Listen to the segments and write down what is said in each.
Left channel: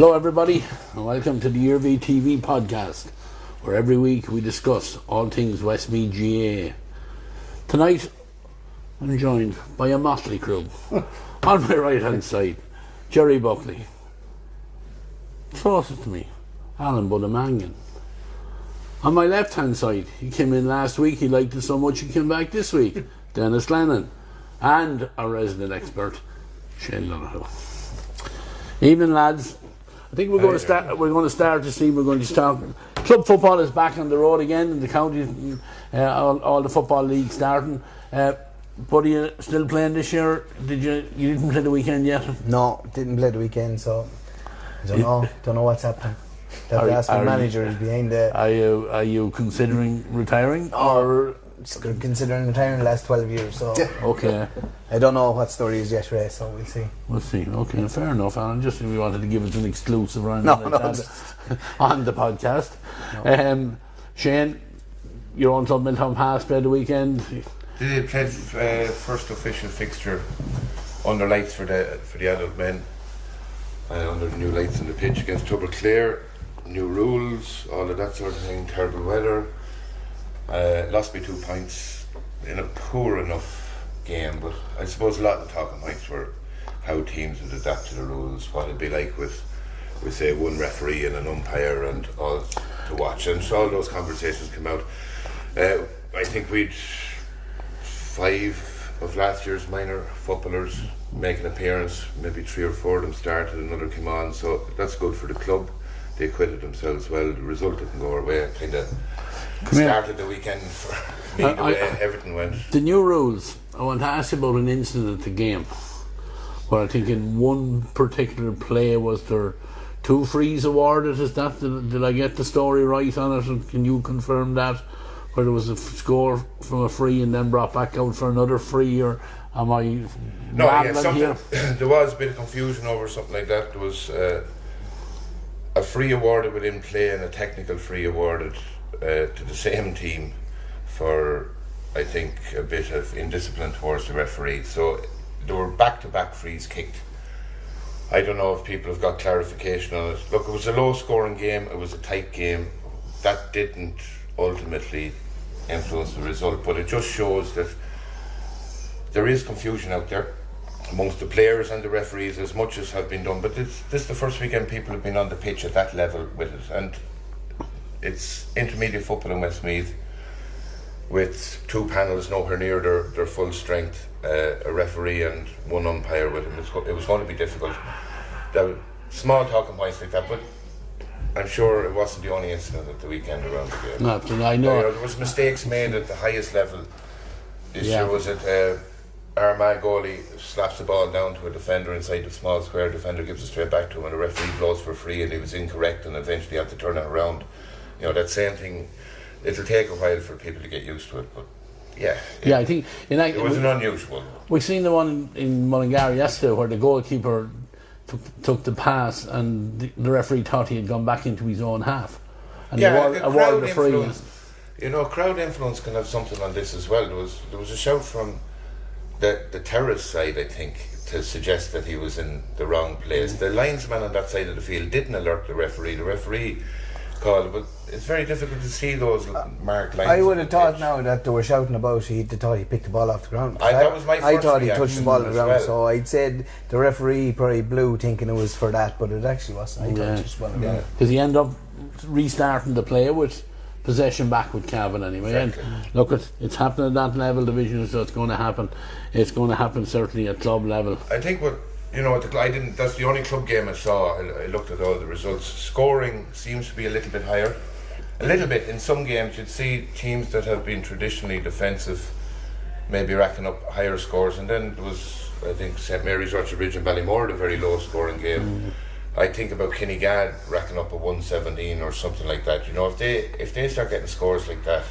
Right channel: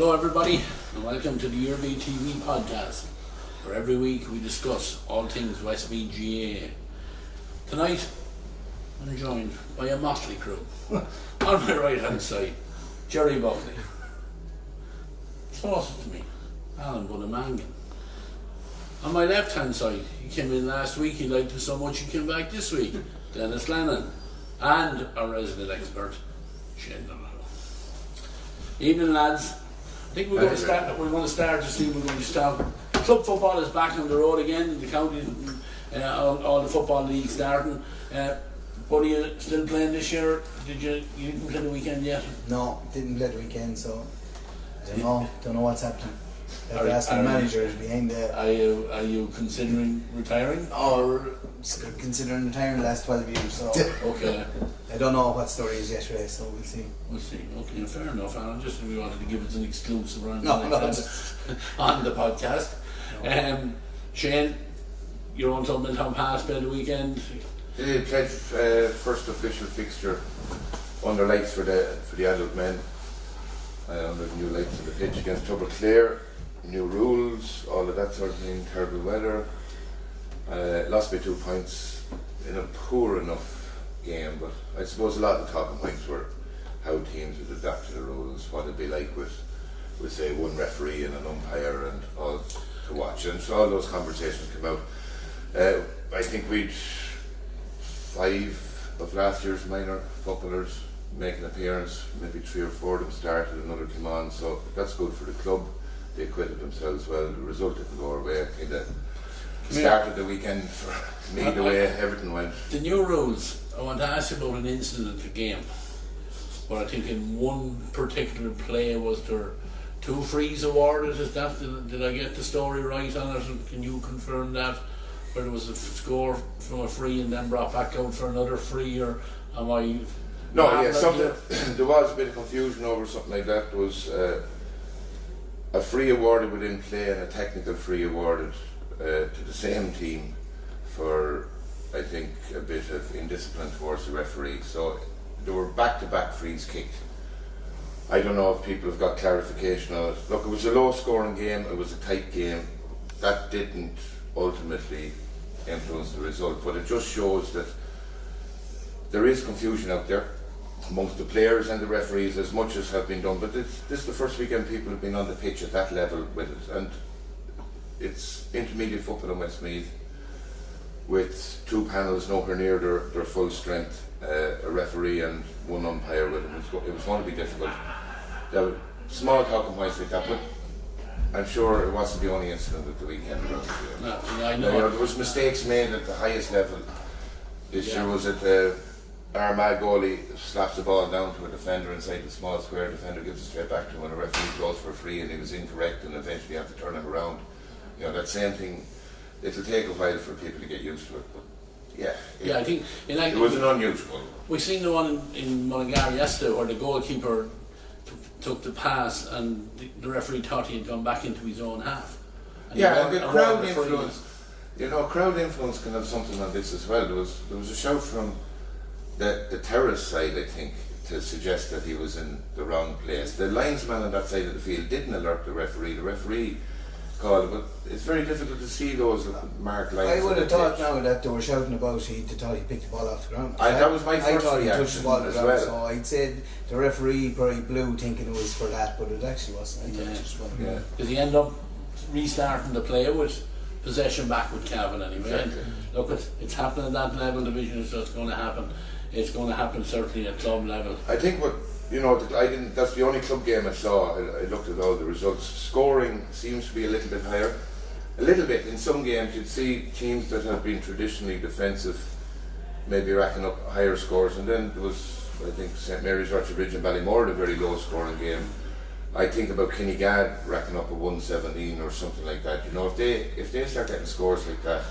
Hello everybody, and welcome to the Iarmhi TV podcast, where every week we discuss all things Westmeath GAA. Tonight, I'm joined by a motley crew. On my right hand side, Gerry Buckley. Closest to me, Alan Mangan. On my left hand side, he came in last week, he liked it so much he came back this week, Denis Glennon. And our resident expert, Donoghue. Evening lads. I think we're going to start this evening. We're going to start. Club football is back on the road again in the county. All the football leagues starting. But are you still playing this year? You didn't play the weekend yet? No, didn't play the weekend, so I don't know what's happening. The manager is behind the. Are you considering retiring or? Considering retiring the last 12 years, so okay. I don't know what story is yet, Ray, so we'll see. We'll see. Okay, fair enough, Alan. Just if you wanted to give us an exclusive on the podcast. No. Shane, your own something Tom Pass played the weekend. They played first official fixture under lights for the adult men, under the new lights in the pitch against Clear, new rules, all of that sort of thing, terrible weather. Lost by 2 points in a poor enough game, but I suppose a lot of the talking points were how teams would adapt to the rules, what it'd be like with say one referee and an umpire and all to watch, and so all those conversations came out. I think we'd 5 of last year's minor footballers make an appearance, maybe 3 or 4 of them started, another came on, so that's good for the club. They acquitted themselves well. The result didn't go our way. Kind of started the weekend for me the way everything went. The new rules, I want to ask you about an incident at the game where I think in one particular play was there 2 frees awarded. Did I get the story right on it, and can you confirm that, where there was a score from a free and then brought back out for another free, or am I something there was a bit of confusion over something like that. There was a free awarded within play and a technical free awarded to the same team for, I think, a bit of indiscipline towards the referee. So there were back-to-back frees kicked. I don't know if people have got clarification on it. Look, it was a low-scoring game, it was a tight game. That didn't ultimately influence the result, but it just shows that there is confusion out there amongst the players and the referees, as much as have been done. But this is the first weekend people have been on the pitch at that level with it, and it's intermediate football in Westmeath with 2 panels nowhere near their full strength, a referee and 1 umpire with it. It was going to be difficult. There were small talking points like that, but I'm sure it wasn't the only incident at the weekend around the game. No, I know. There was mistakes made at the highest level. This year was it Iarmhi goalie slaps the ball down to a defender inside the small square, defender gives it straight back to him, and the referee blows for free, and he was incorrect, and eventually have to turn it around. You know, that same thing, it'll take a while for people to get used to it, but yeah, I think it was an unusual one. We've seen the one in Mangan yesterday where the goalkeeper took the pass and the referee thought he had gone back into his own half. And crowd influence. Crowd influence can have something on this as well. There was a shout from the terrace side, I think, to suggest that he was in the wrong place. The linesman on that side of the field didn't alert the referee. The referee called, but it's very difficult to see those marked lines. I would have thought now that they were shouting about they thought he picked the ball off the ground. That was my first I thought he reaction touched the ball off the ground, well. so I'd said the referee probably blew thinking it was for that, but it actually wasn't. I thought it just wasn't. Because he ended up restarting the play with possession back with Cavan anyway. Exactly. And look, it's happening at that level division, so it's going to happen. It's going to happen certainly at club level. I think that's the only club game I saw. I looked at all the results. Scoring seems to be a little bit higher. A little bit. In some games you'd see teams that have been traditionally defensive maybe racking up higher scores, and then there was, I think, St Mary's, Ridge and Ballymore, a very low scoring game. I think about Kinnegad racking up a 117 or something like that. If they start getting scores like that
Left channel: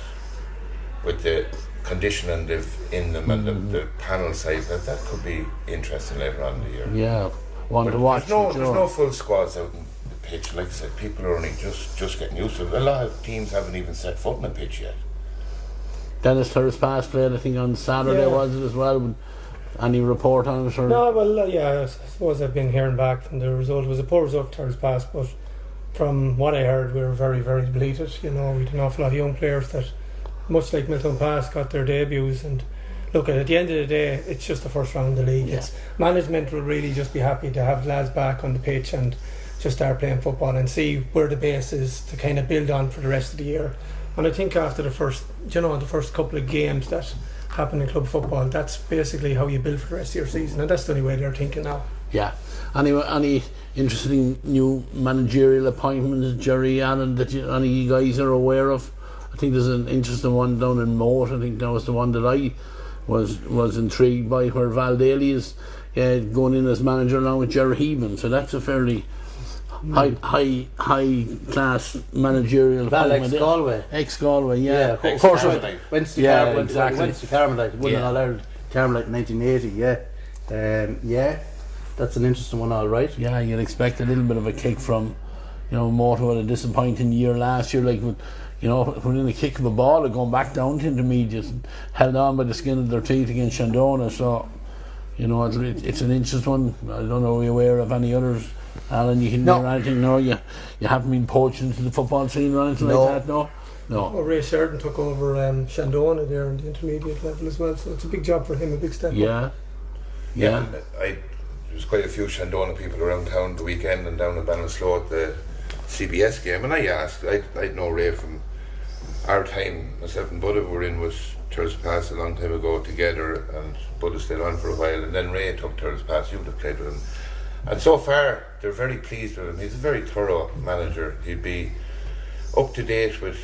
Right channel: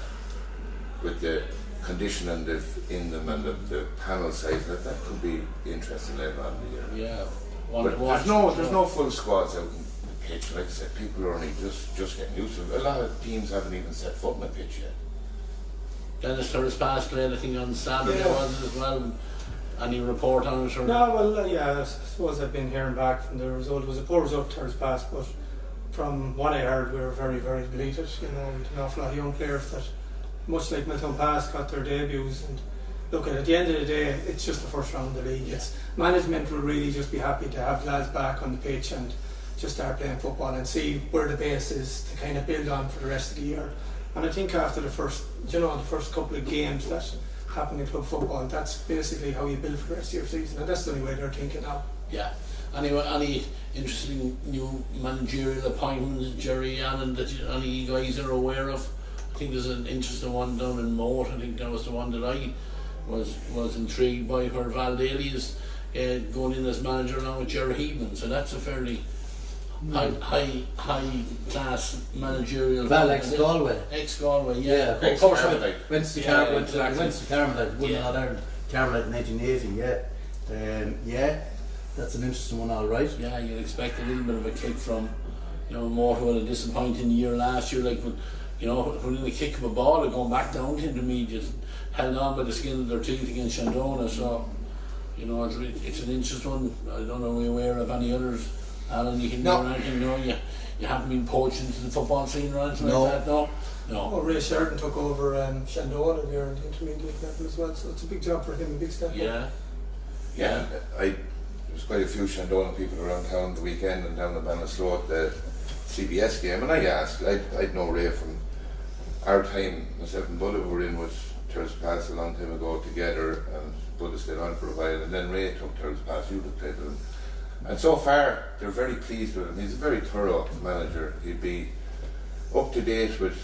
with the conditioning in them and the panel size, that could be interesting later on in the year. Yeah, one to watch. There's no full squads out in the pitch. Like I said, people are only just getting used to it. A lot of teams haven't even set foot in the pitch yet. Denis first pass played, I think, on Saturday was it as well. Any report on it? Or? No, well, yeah, I suppose I've been hearing back from the result. It was a poor result Thursday past, but from what I heard, we were very, very delighted. You know, we had an awful lot of young players that, much like Milton Pass, got their debuts. And look, at the end of the day, it's just the first round of the league. Yeah. Management will really just be happy to have lads back on the pitch and just start playing football and see where the base is to kind of build on for the rest of the year. And I think after the first couple of games that happen in club football, that's basically how you build for the rest of your season, and that's the only way they're thinking now. Yeah. Anyway, any interesting new managerial appointments, Gerry, Alan, that any of you guys are aware of? I think there's an interesting one down in Moat. I think that was the one that I was intrigued by, where Val Daly is going in as manager along with Gerry. So that's a fairly high class managerial. Val ex-Galway. Ex-Galway, yeah. Of course, went to Carmelite, won an All-Ireland Carmelite in 1980, yeah, that's an interesting one, all right. Yeah, you'd expect a little bit of a kick from, Moat, who had a disappointing year last year, like, within a kick of a ball and going back down to intermediate, held on by the skin of their teeth against Shandona. So, it's an interesting one. I don't know, are you aware of any others? Alan, you can hear anything? No, you haven't been poached into the football scene or anything like that, no? No. Oh, Ray Sheridan took over Shandona there in the intermediate level as well, so it's a big job for him, a big step up. Yeah. There was quite a few Shandona people around town the weekend and down in Ballinasloe at the CBS game, and I asked, I'd know Ray from our time. Myself and Budda were in with Thursday Pass a long time ago together, and Budda stayed on for a while, and then Ray took Thursday Pass. You'd have played with him. And so far, they're very pleased with him. He's a very thorough manager. He'd be up to date with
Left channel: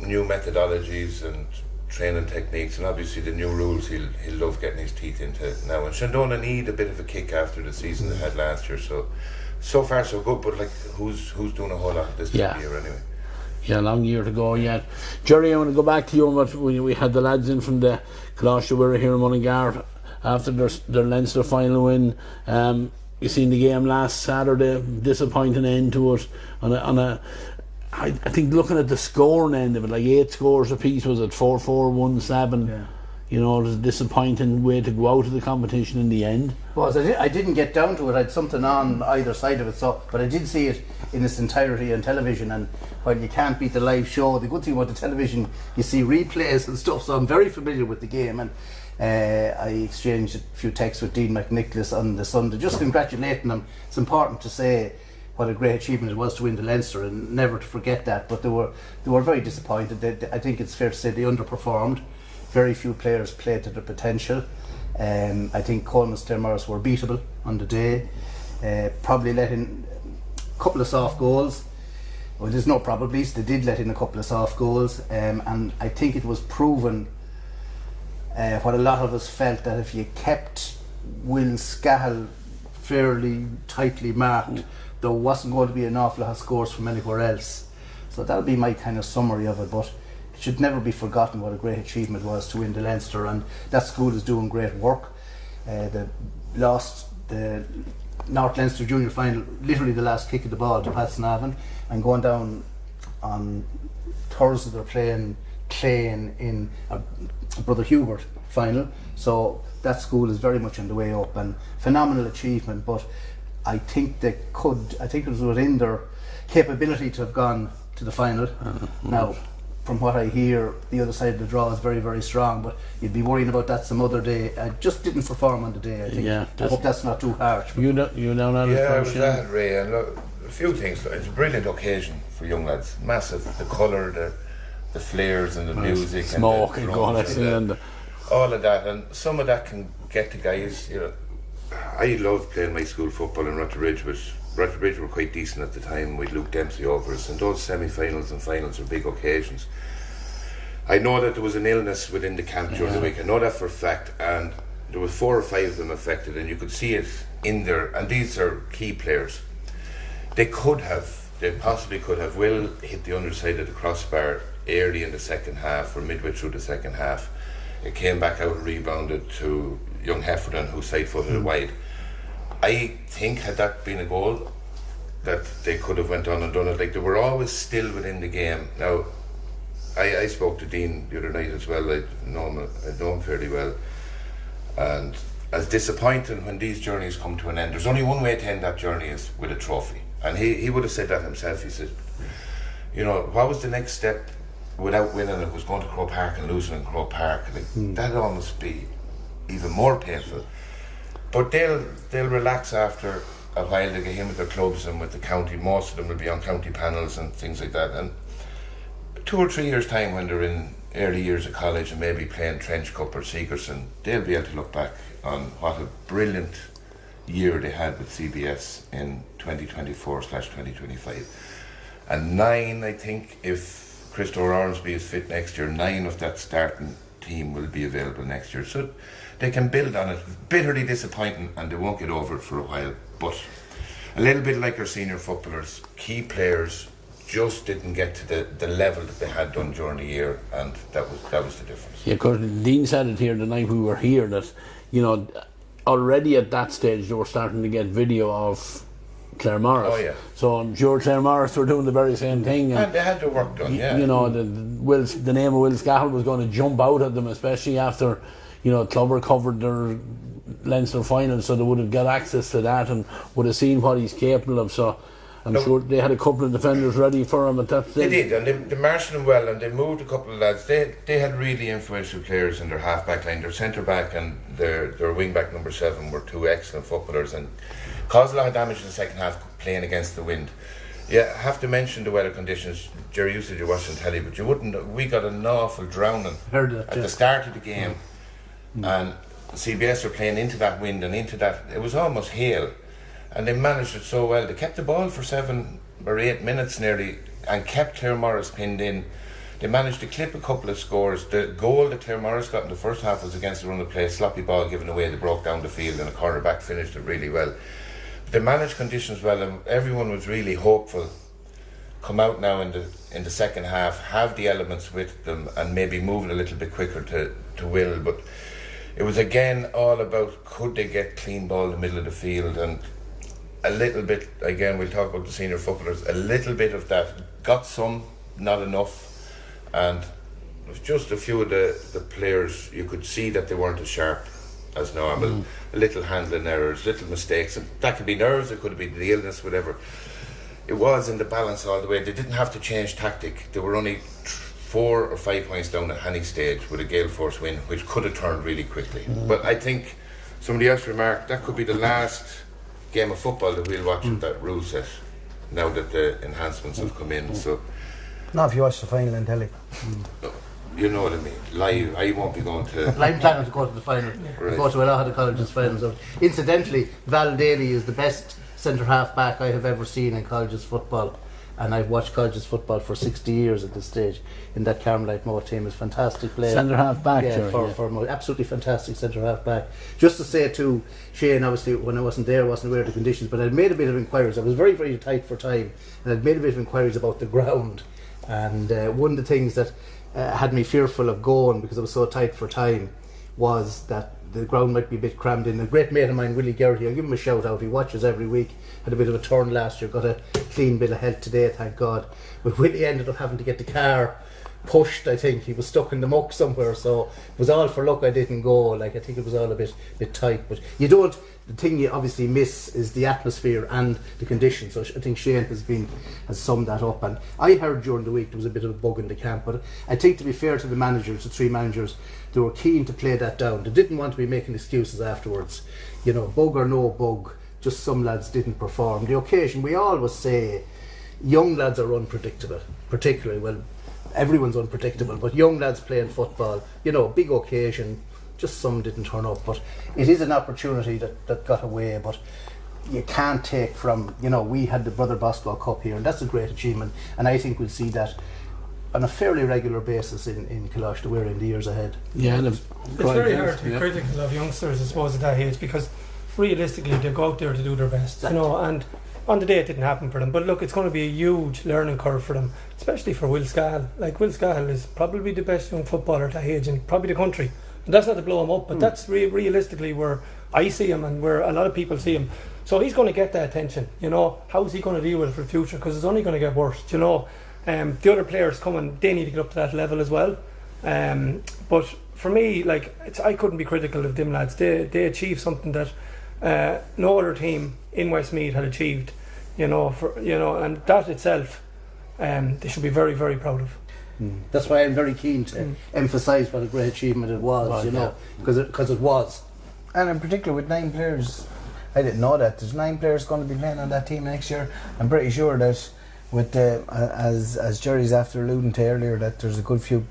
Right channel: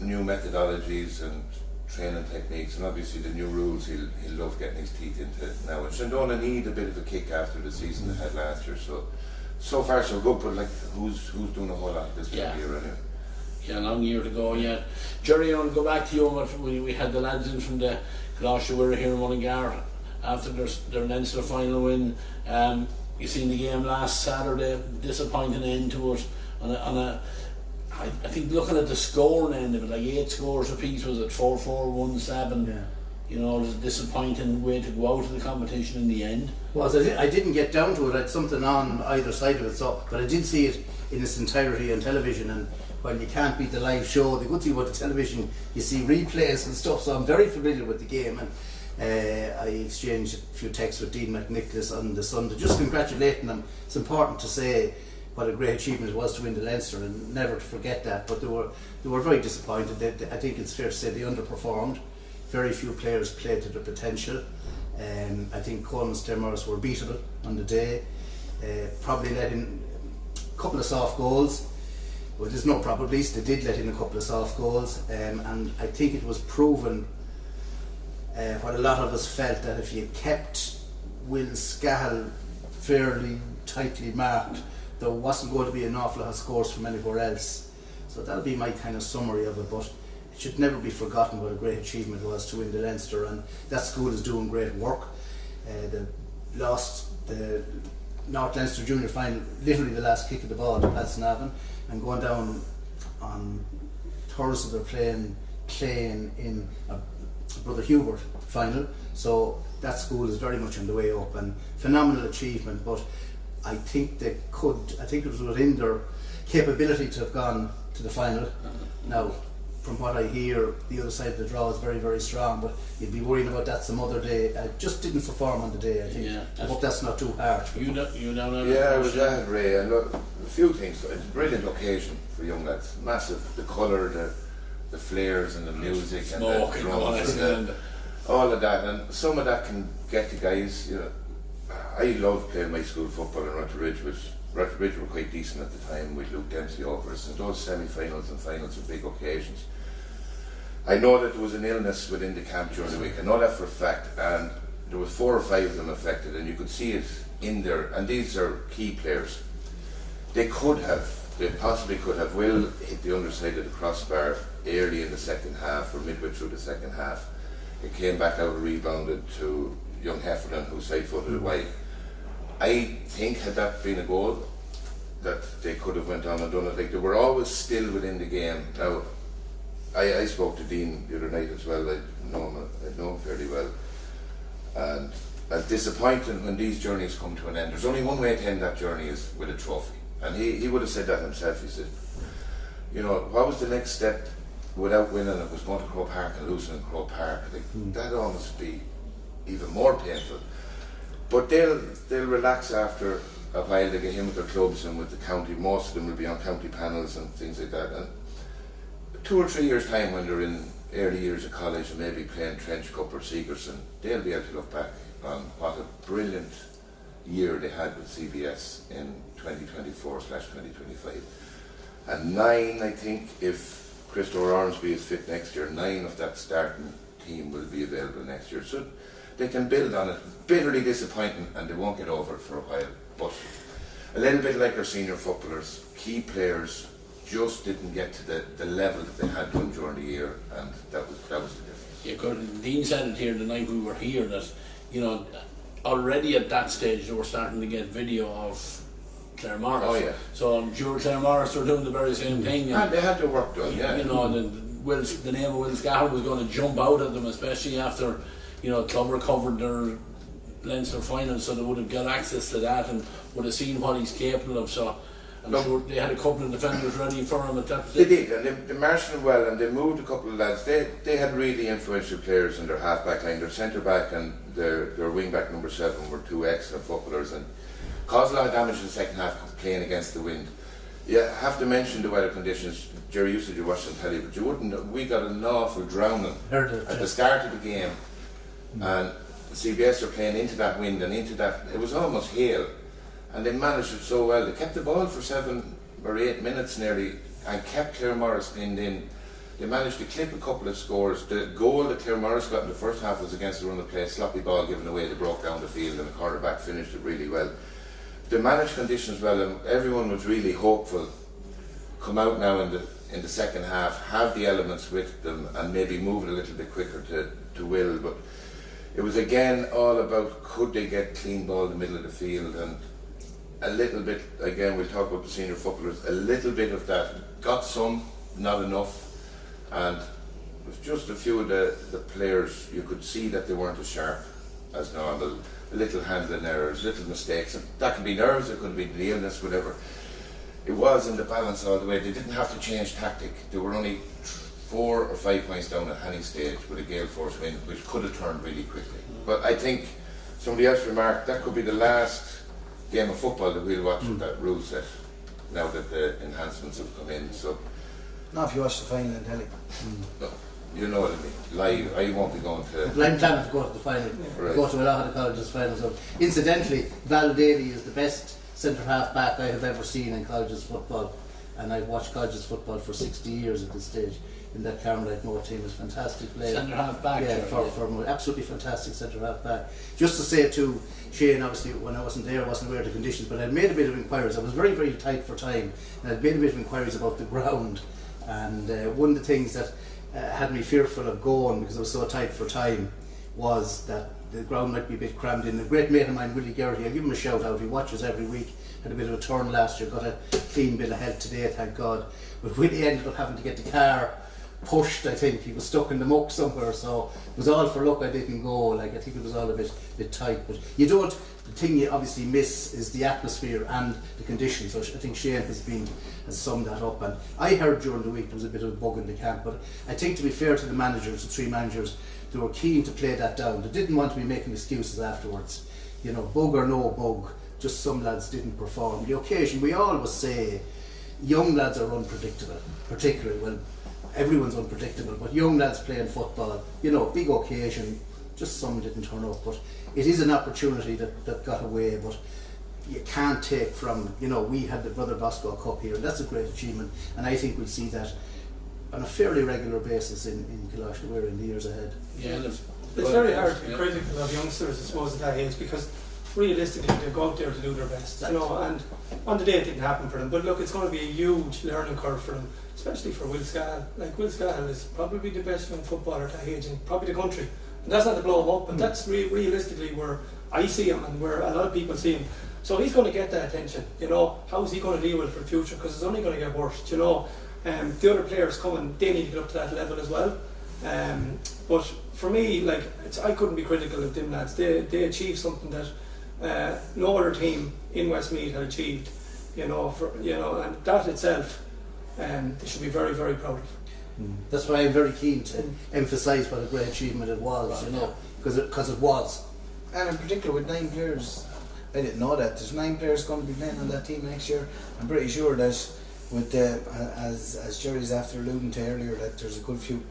new methodologies and training techniques, and obviously the new rules he'll love getting his teeth into now. And Shandona need a bit of a kick after the season they had last year. So far so good, but who's doing a whole lot this year anyway? Yeah, long year to go yet. Gerry, I want to go back to you on what we had the lads in from the Colossia. We were here in Mullingar after their Leinster final win. You seen the game last Saturday, disappointing end to it. I think looking at the scoring end of it, like 8 scores apiece, was it 4-4, 1-7? Yeah. It was a disappointing way to go out of the competition in the end. I didn't get down to it. I had something on either side of it, but I did see it in its entirety on television. And while you can't beat the live show, the good thing about the television, you see replays and stuff. So I'm very familiar with the game, and I exchanged a few texts with Dean McNicholas on the Sunday, just congratulating them. It's important to say what a great achievement it was to win the Leinster, and never to forget that. But they were very disappointed. I think it's fair to say they underperformed. Very few players played to their potential. I think Coleman Stenmars were beatable on the day. Probably let in a couple of soft goals. Well, there's no probably. They did let in a couple of soft goals, and I think it was proven what a lot of us felt, that if you kept Will Scahill fairly tightly marked, there wasn't going to be an awful lot of scores from anywhere else. So that'll be my kind of summary of it, but it should never be forgotten what a great achievement it was to win the Leinster, and that school is doing great work. They lost the North Leinster Junior final, literally the last kick of the ball to Patsnavan, and going down on Thursday they're playing Clane in a Brother Hubert final. So that school is very much on the way up, and phenomenal achievement. But I think it was within their capability to have gone to the final. Now, from what I hear, the other side of the draw is very, very strong, but you'd be worried about that some other day. I just didn't perform on the day, I think. Yeah, I hope that's not too hard. You down on I was that, Ray. And look, a few things. It's a brilliant occasion for young lads. Massive. The colour, the flares and the music, smoke and all of that. And some of that can get the guys, I loved playing my school football in Rutteridge. Rutteridge were quite decent at the time with Luke Dempsey over us, and those semi-finals and finals were big occasions. I know that there was an illness within the camp during the week. I know that for a fact, and there was 4 or 5 of them affected, and you could see it in there. And these are key players. They possibly could have. Will hit the underside of the crossbar early in the second half, or midway through the second half. It came back out and rebounded to young Heffernan, who side-footed it wide. I think had that been a goal, that they could have went on and done it. Like, they were always still within the game. Now, I spoke to Dean the other night as well. I'd known him fairly well, and as disappointing when these journeys come to an end. There's only one way to end that journey, is with a trophy. And he would have said that himself. He said, you know, what was the next step without winning? It was going to Croke Park and losing in Croke Park. Like, that'd almost be even more painful. But they'll relax after a while. They get in with their clubs and with the county. Most of them will be on county panels and things like that. And 2 or 3 years' time, when they're in early years of college and maybe playing Trench Cup or Segerson, they'll be able to look back on what a brilliant year they had with CBS in 2024/2025. And 9, I think, if Christopher Ormsby is fit next year, 9 of that starting team will be available next year. So they can build on it. Bitterly disappointing, and they won't get over it for a while. But a little bit like our senior footballers, key players just didn't get to the level that they had done during the year, and that was the difference. Yeah, of course, Dean said it here the night we were here, that, you know, already at that stage they were starting to get video of Clare Morris. Oh, yeah. So I'm sure Clare Morris were doing the very same thing. And they had their work done, yeah. You know, the name of Will Scott was going to jump out at them, especially after, you know, Clover covered their Leinster final, so they would have got access to that and would have seen what he's capable of. So I'm sure they had a couple of defenders ready for him at that stage. They did, and they marshalled him well, and they moved a couple of lads. They had really influential players in their half-back line. Their centre-back and their wing-back number 7 were 2 excellent footballers and caused a lot of damage in the second half playing against the wind. Yeah, I have to mention the weather conditions. Gerry, you said you watched on telly, but you wouldn't. We got an awful drowning at the start of the game, and CBS were playing into that wind and into that. It was almost hail. And they managed it so well. They kept the ball for 7 or 8 minutes nearly and kept Clare Morris pinned in. They managed to clip a couple of scores. The goal that Clare Morris got in the first half was against the run of play, sloppy ball given away. They broke down the field and the cornerback finished it really well. They managed conditions well, and everyone was really hopeful. Come out now in the second half, have the elements with them, and maybe move it a little bit quicker to Will. But it was again all about, could they get clean ball in the middle of the field, and a little bit, again, we'll talk about the senior footballers, a little bit of that. Got some, not enough. And just a few of the players, you could see that they weren't as sharp as normal. Little handling errors, little mistakes. And that could be nerves, it could be the illness, whatever. It was in the balance all the way. They didn't have to change tactic. They were only 4 or 5 points down at Hanning stage with a gale force win, which could have turned really quickly. But I think somebody else remarked that could be the last game of football that we'll watch with that rule set now that the enhancements have come in. So Not if you watch the final in telly. you know what I mean. Live, I won't be going to. I'm planning to go to the final. Right. Go to a lot of the colleges' finals. Incidentally, Val Daly is the best centre half back I have ever seen in colleges football, and I've watched colleges football for 60 years at this stage. In that Carmelite Moore team is fantastic player. Centre half back, yeah, for absolutely fantastic centre half back. Just to say to Shane, obviously when I wasn't there, I wasn't aware of the conditions, but I'd made a bit of inquiries. I was very, very tight for time, and I'd made a bit of inquiries about the ground. And one of the things that had me fearful of going, because I was so tight for time, was that the ground might be a bit crammed in. A great mate of mine, Willie Gerry, I'll give him a shout out, he watches every week, had a bit of a turn last year, got a clean bit ahead today, thank God. But Willie ended up having to get the car pushed, I think. He was stuck in the muck somewhere, so it was all for luck I didn't go. Like, I think it was all a bit tight. But you don't, the thing you obviously miss is the atmosphere and the conditions. So I think Shane has summed that up. And I heard during the week there was a bit of a bug in the camp, but I think, to be fair to the managers, the 3 managers, they were keen to play that down. They didn't want to be making excuses afterwards. You know, bug or no bug, just some lads didn't perform. The occasion, we always say young lads are unpredictable, particularly, well, everyone's unpredictable, but young lads playing football, you know, big occasion, just some didn't turn up. But it is an opportunity that got away, but you can't take from, you know, we had the Brother Bosco Cup here, and that's a great achievement, and I think we'll see that on a fairly regular basis in Kalash to wear in the years ahead. Yeah, it's very hard to be critical of youngsters, I suppose, at that age, because realistically they go out there to do their best, you know, and on the day it didn't happen for them. But look, it's going to be a huge learning curve for them, especially for Will Scahill. Like, Will Scahill is probably the best young footballer at that age in probably the country. And that's not to blow him up, but that's realistically where I see him and where a lot of people see him. So he's going to get that attention, you know. How's he going to deal with it for the future? Because it's only going to get worse, you know. The other players coming, they need to get up to that level as well. But for me, like, I couldn't be critical of them lads. They achieved something that no other team in Westmeath had achieved, and that itself, they should be very, very proud of. That's why I'm very keen to emphasise what a great achievement it was, because it was. And in particular with 9 players, I didn't know that there's 9 players going to be playing on that team next year. I'm pretty sure that with the as Gerry's after alluding to earlier, that there's a good few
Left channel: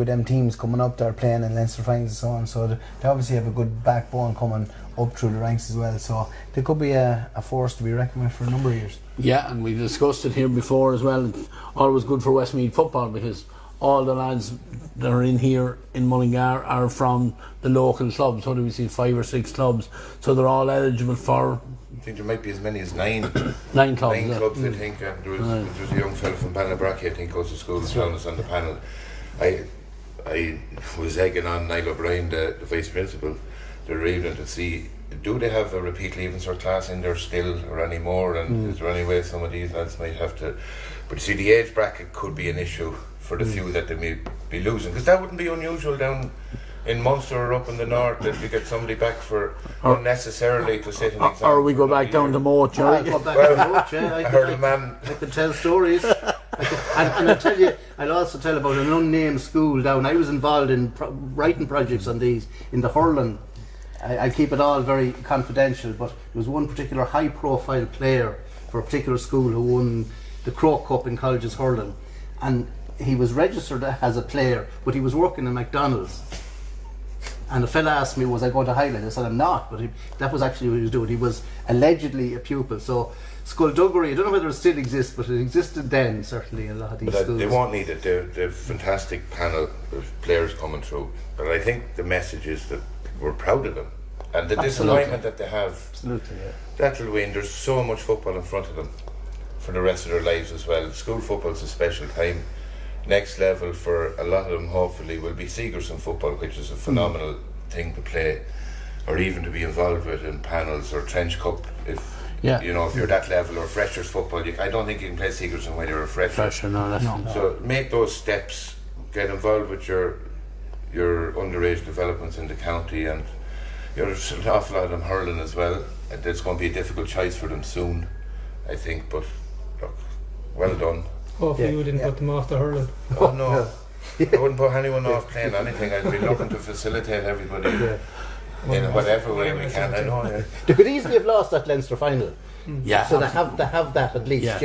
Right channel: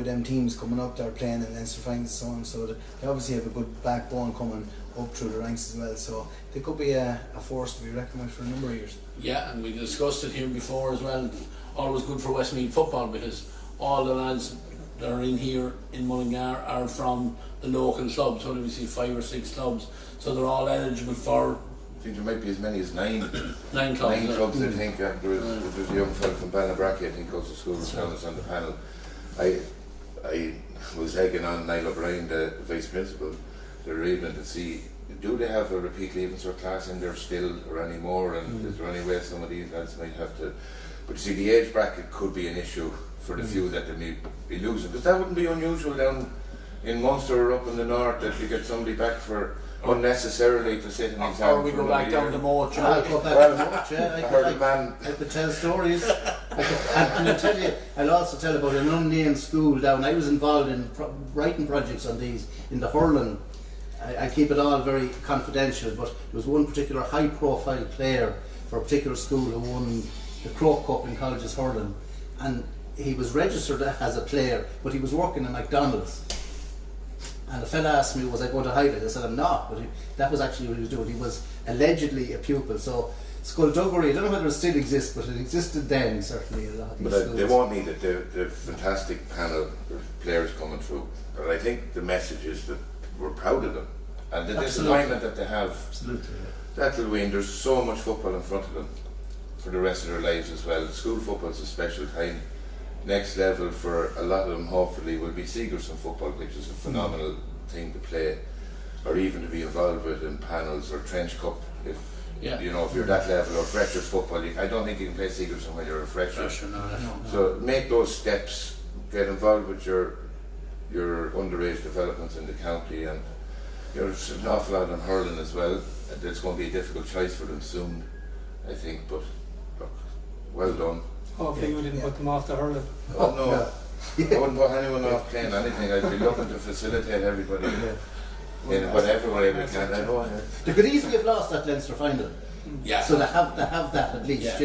of them teams coming up that are playing in Leinster finals and so on. So they obviously have a good backbone coming up through the ranks as well. So they could be a force to be reckoned with for a number of years. Yeah, and we discussed it here before as well. Always good for Westmeath football because all the lads that are in here in Mullingar are from the local clubs. What do we see? 5 or 6 clubs. So they're all eligible for. I think there might be as many as 9. 9 clubs. 9 clubs, I think. There's a young fellow from Bannabracky, I think, goes to school down us on the panel. I was egging on Niall O'Brien, the vice principal, the evening to see, do they have a repeat leaving cert class in there still or any more, and is there any way some of these lads might have to, but see, the age bracket could be an issue for the few that they may be losing, because that wouldn't be unusual down in Munster or up in the north, that we get somebody back for unnecessarily to sit an exam. Or we go back down to Moat. I go back to Moat, I heard a man. I could tell stories. And I'll tell you, I'd also tell about an unnamed school down. I was involved in writing projects on these in the Hurling. I keep it all very confidential, but there was one particular high-profile player for a particular school who won the Crow Cup in colleges hurling, and he was registered as a player, but he was working in McDonald's. And the fella asked me, was I going to highlight? I said, I'm not, but that was actually what he was doing. He was allegedly a pupil. So Skullduggery, I don't know whether it still exists, but it existed then, certainly, in a lot of these schools. They won't need it. They're fantastic panel of players coming through. But I think the message is that we're proud of them. And the disappointment that they have, that'll win. There's so much football in front of them for the rest of their lives as well. School football is a special time. Next level for a lot of them hopefully will be Sigerson football, which is a phenomenal thing to play, or even to be involved with in panels or Trench Cup if you're that level, or Freshers football. I don't think you can play Sigerson when you're a Fresher. No. So make those steps, get involved with your underage developments in the county, and there's an awful lot of them hurling as well. It's going to be a difficult choice for them soon, I think, but look, well done. Hopefully you didn't put them off the hurling. Oh no, I wouldn't put anyone off playing anything. I'd be looking to facilitate everybody in whatever way we can. I know. They could easily have lost that Leinster final. Yeah. So they have that at least,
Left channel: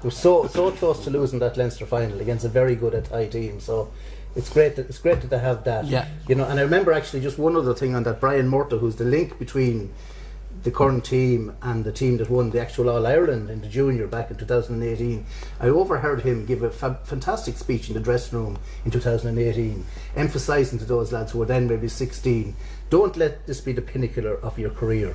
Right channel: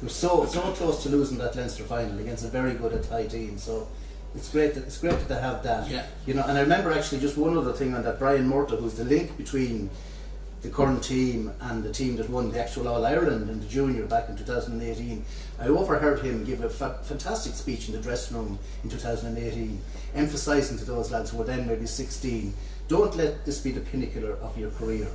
We're so close to losing that Leinster final against a very good Athy team. So it's great that they have that. Yeah. And I remember actually just one other thing on that, Brian Murta, who's the link between the current team and the team that won the actual All-Ireland in the junior back in 2018. I overheard him give a fantastic speech in the dressing room in 2018, emphasising to those lads who were then maybe 16, don't let this be the pinnacle of your career.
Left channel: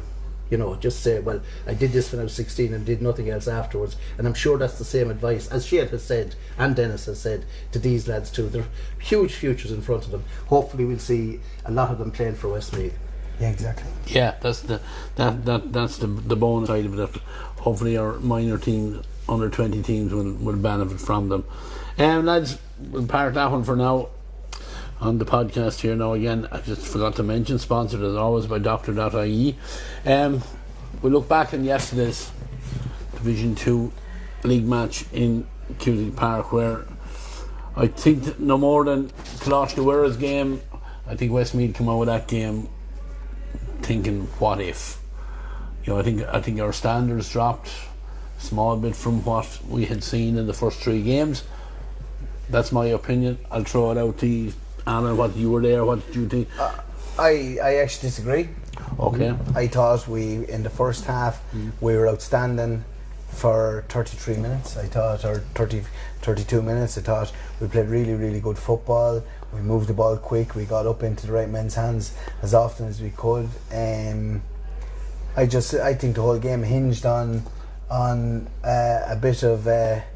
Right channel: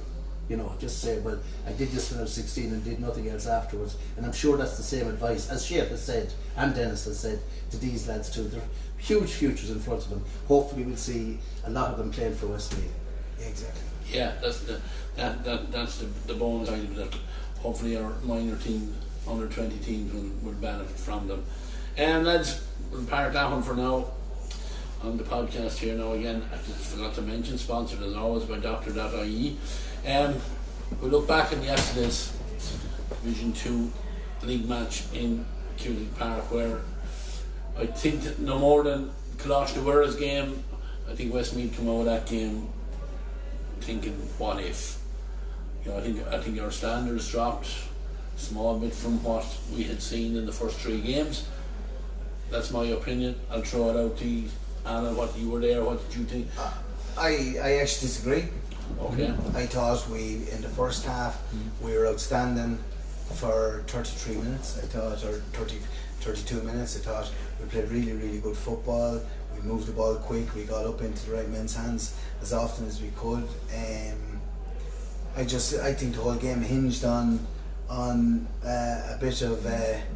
Just say, well, I did this when I was 16 and did nothing else afterwards. And I'm sure that's the same advice, as Shane has said, and Denis has said, to these lads too. They're huge futures in front of them. Hopefully we'll see a lot of them playing for Westmeath. Yeah, exactly. Yeah, that's the bonus side of it. That hopefully our minor teams, under 20 teams, will benefit from them. Lads, we'll park that one for now on the podcast here. Now again, I just forgot to mention, sponsored as always by Dooctor.ie. We look back on yesterday's Division 2 league match in Cutie Park, where I think no more than Colosh Nawera's game, I think Westmeath came out with that game thinking, what if? I think our standards dropped a small bit from what we had seen in the first 3 games. That's my opinion. I'll throw it out to you, Anna. What you were there? What did you think? I actually disagree. Okay. I thought in the first half we were outstanding for 33 minutes. I thought, or 32 minutes. I thought we played really, really good football. We moved the ball quick. We got up into the right men's hands as often as we could. I think the whole game hinged on a bit of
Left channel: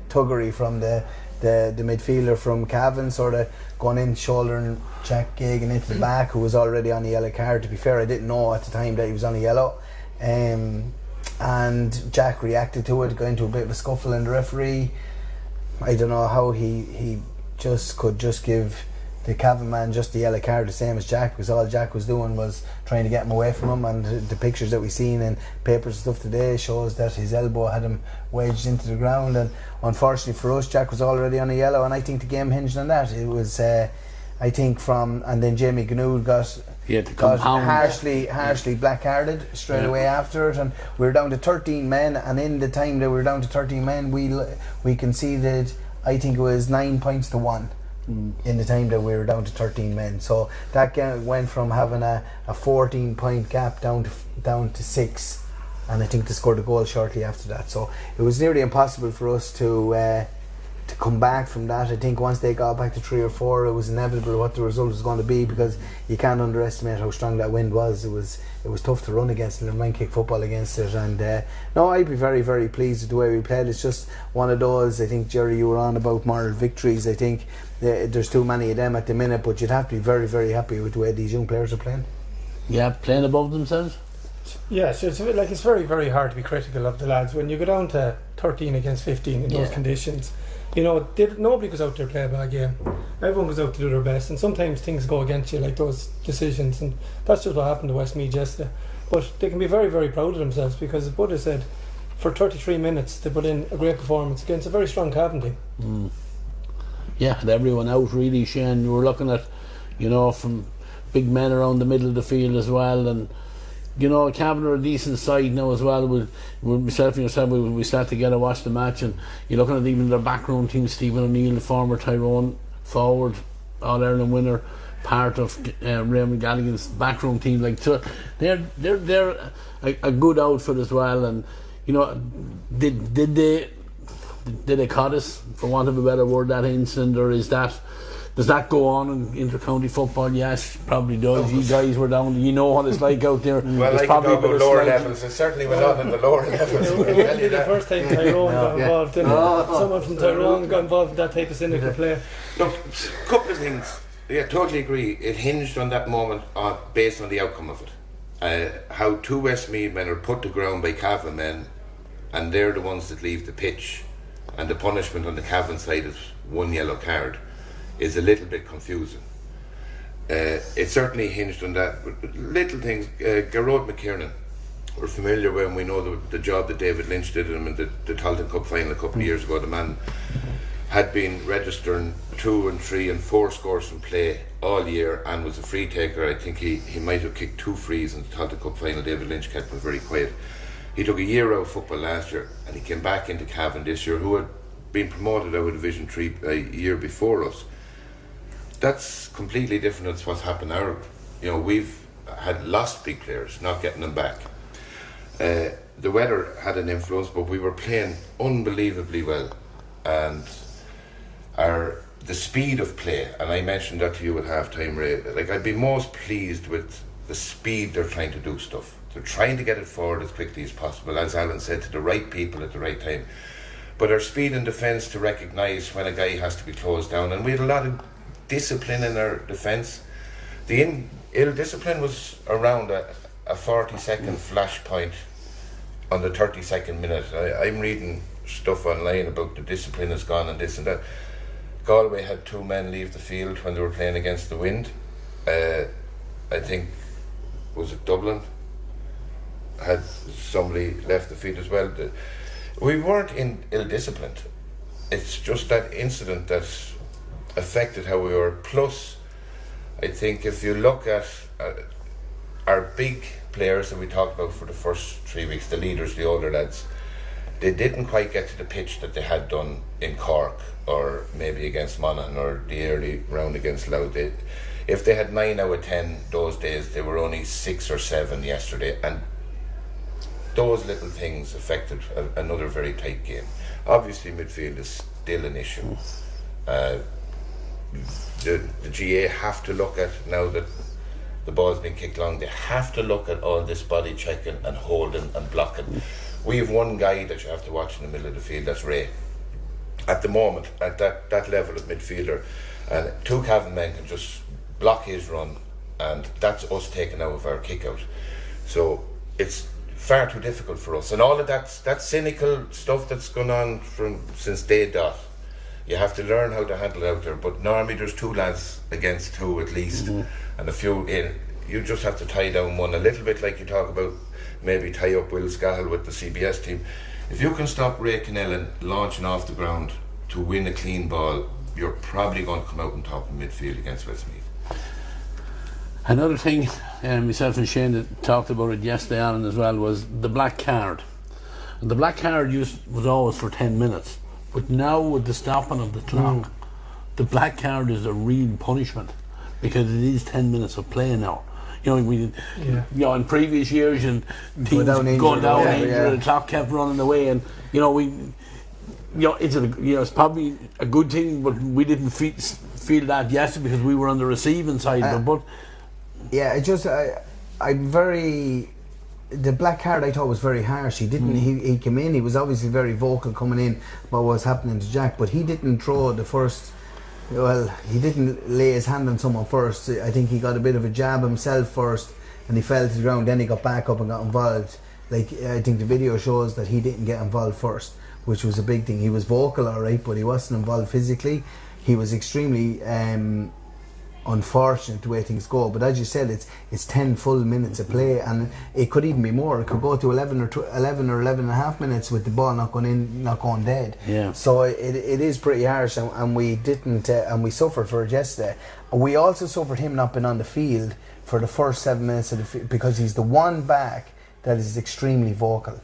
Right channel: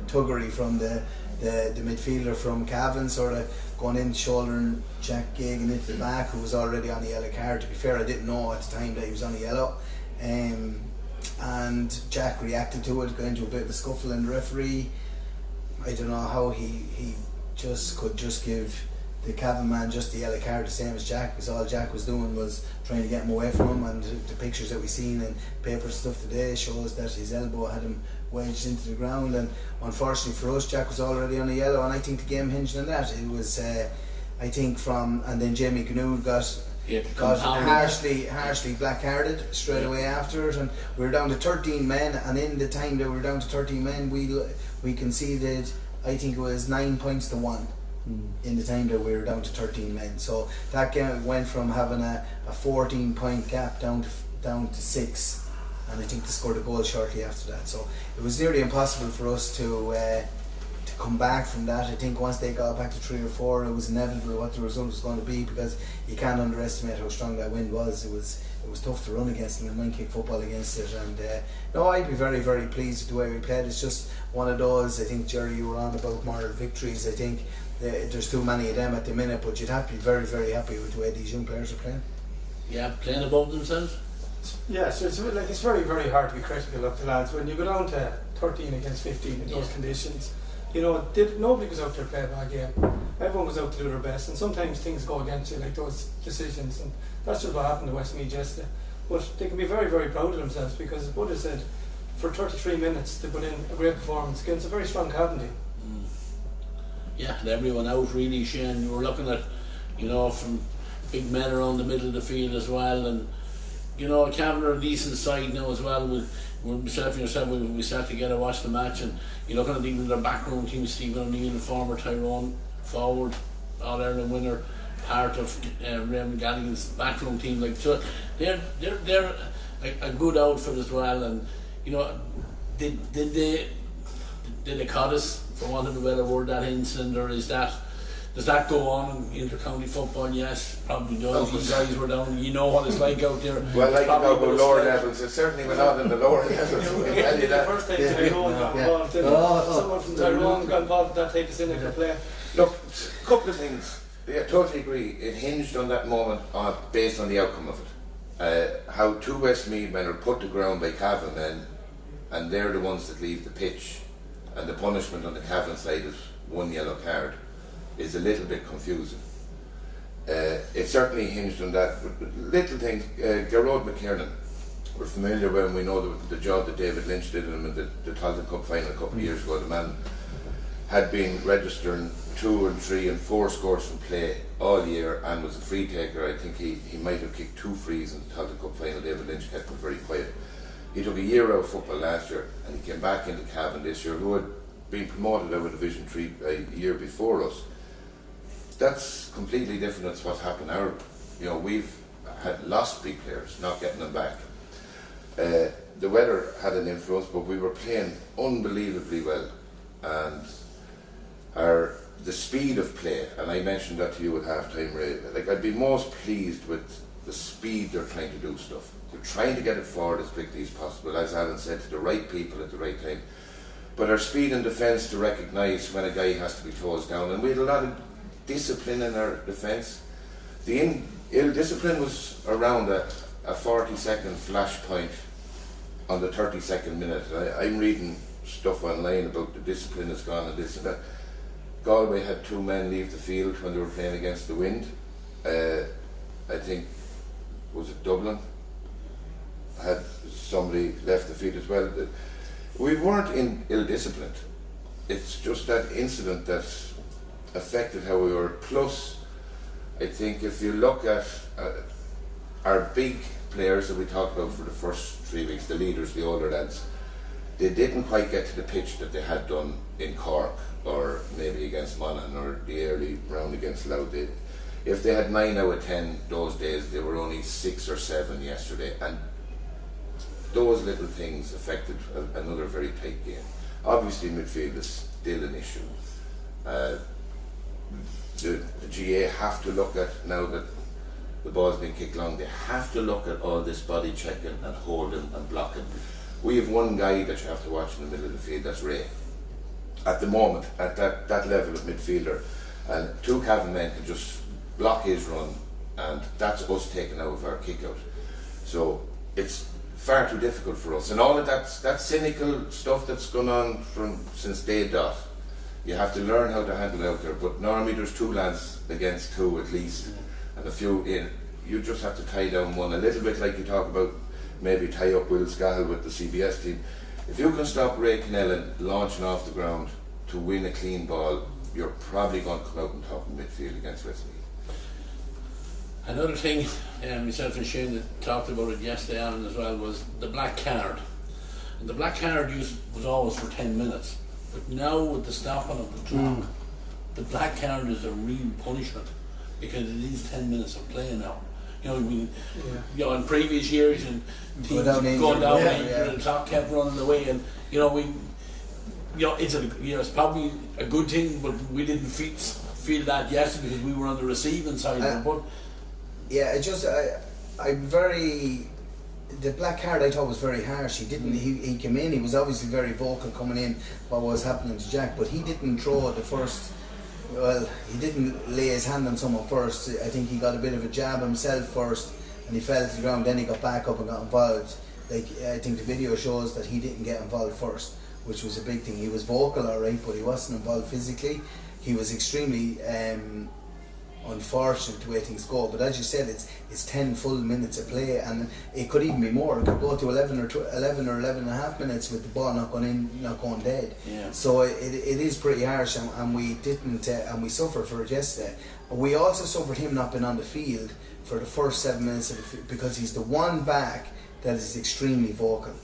tuggery from the midfielder from Cavan, sort of going in, shouldering Jack Gagan into the back, who was already on a yellow card. To be fair, I didn't know at the time that he was on a yellow. And Jack reacted to it, got into a bit of a scuffle, and the referee, I don't know how he could just give the Cavan man just the yellow card, the same as Jack. Because all Jack was doing was trying to get him away from him, and the pictures that we seen in papers and stuff today shows that his elbow had him wedged into the ground. And unfortunately for us, Jack was already on a yellow, and I think the game hinged on that. It was I think and then Jamie Gnood got harshly black-carded straight away after it, and we were down to 13 men, and in the time that we were down to 13 men, we conceded, I think it was 9 points to 1 in the time that we were down to 13 men. So that game went from having a 14-point gap down to 6, and I think they scored a goal shortly after that. So it was nearly impossible for us to come back from that. I think once they got back to 3 or 4, it was inevitable what the result was going to be, because you can't underestimate how strong that wind was. It was tough to run against it and run kick football against it. And no, I'd be very, very pleased with the way we played. It's just one of those, I think, Gerry, you were on about moral victories. I think there's too many of them at the minute, but you'd have to be very, very happy with the way these young players are playing. Yeah, playing above themselves. Yes, it's very, very hard to be critical of the lads when you go down to 13 against 15 in those conditions. You know, nobody goes out there to play a bad game. Everyone goes out to do their best, and sometimes things go against you, like those decisions, and that's just what happened to Westmeath yesterday. But they can be very, very proud of themselves, because as Bud has said, for 33 minutes they put in a great performance against a very strong Cavan team. Yeah, and everyone out really, Shane. You were looking at, you know, from big men around the middle of the field as well, and you know, Cavan are a decent side now as well. With myself and yourself, we sat together, watched the match, and you're looking at even their backroom team, Stephen O'Neill, the former Tyrone forward, All-Ireland winner, part of Raymond Gallagher's backroom team. Like, so they're a good outfit as well. And you know, did they cut us, for want of a better word, that incident, or does that go on in intercounty football? Yes, probably does. You guys were down, you know what it's like out there. Well, I can talk about lower levels. It certainly went on in the lower levels. The first time Tyrone got involved, someone from Tyrone got involved in that type of cynical play. Look, a couple of things. Yeah, totally agree. It hinged on that moment based on the outcome of it. How 2 Westmeath men are put to ground by Cavan men, and they're the ones that leave the pitch, and the punishment on the Cavan side is 1 yellow card. Is a little bit confusing. It certainly hinged on that. Little things. Garrod McKiernan, we're familiar when we know the job that David Lynch did in the Talton Cup final a couple of years ago. The man had been registering 2 and 3 and 4 scores from play all year, and was a free taker. I think he might have kicked 2 frees in the Talton Cup final. David Lynch kept him very quiet. He took a year out of football last year, and he came back into Cavan this year, who had been promoted out of Division 3 a year before us. That's completely different to what's happened now. You know, we've had lost big players, not getting them back. The weather had an influence, but we were playing unbelievably well, and the speed of play, and I mentioned that to you at half-time, Ray, like, I'd be most pleased with the speed they're trying to do stuff. They're trying to get it forward as quickly as possible, as Alan said, to the right people at the right time. But our speed in defence to recognise when a guy has to be closed down, and we had a lot of discipline in our defence. The ill discipline was around a 40-second flash point on the 32nd minute. I'm reading stuff online about the discipline has gone and this and that. Galway had 2 men leave the field when they were playing against the wind. I think, was it Dublin? Had somebody left the field as well. We weren't ill-disciplined. It's just that incident that affected how we were. Plus, I think if you look at our big players that we talked about for the first 3 weeks, the leaders, the older lads, they didn't quite get to the pitch that they had done in Cork, or maybe against Mangan, or the early round against Louth. If they had 9 out of 10 those days, they were only 6 or 7 yesterday, and those little things affected another very tight game. Obviously midfield is still an issue. The GAA have to look at, now that the ball's been kicked long, they have to look at all this body checking and holding and blocking. We have one guy that you have to watch in the middle of the field, that's Ray. At the moment, at that level of midfielder, and 2 Cavan men can just block his run, and that's us taking out of our kick out. So it's far too difficult for us, and all of that cynical stuff that's gone on since day dot, You have to learn how to handle it out there. But normally there's 2 lads against 2 at least, and a few in. You just have to tie down one, a little bit like you talk about maybe tie up Will Scahill with the CBS team. If you can stop Ray Kennellan launching off the ground to win a clean ball, you're probably going to come out on top of midfield against Westmeath. Another thing, myself and Shane talked about it yesterday on as well, was the black card. And the black card was always for 10 minutes, but now with the stopping of the clock, the black card is a real punishment because it is 10 minutes of play now. You know, in previous years, and teams going down injured, the clock kept running away, and it's probably a good thing, but we didn't feel that yesterday because we were on the receiving side of it. But the black card I thought was very harsh. He didn't. He came in. He was obviously very vocal coming in what was happening to Jack, but he didn't draw the first. Well, he didn't lay his hand on someone first. I think he got a bit of a jab himself first, and he fell to the ground. Then he got back up and got involved. Like, I think the video shows that he didn't get involved first, which was a big thing. He was vocal, all right, but he wasn't involved physically. He was extremely unfortunate the way things go. But as you said, it's 10 full minutes of play, and it could even be more. It could go to 11 or 11 and a half minutes with the ball not going in, not going dead. Yeah. So it is pretty harsh, and we didn't, and we suffered for it yesterday. We also suffered him not being on the field for the first 7 minutes of the because he's the one back that is extremely vocal.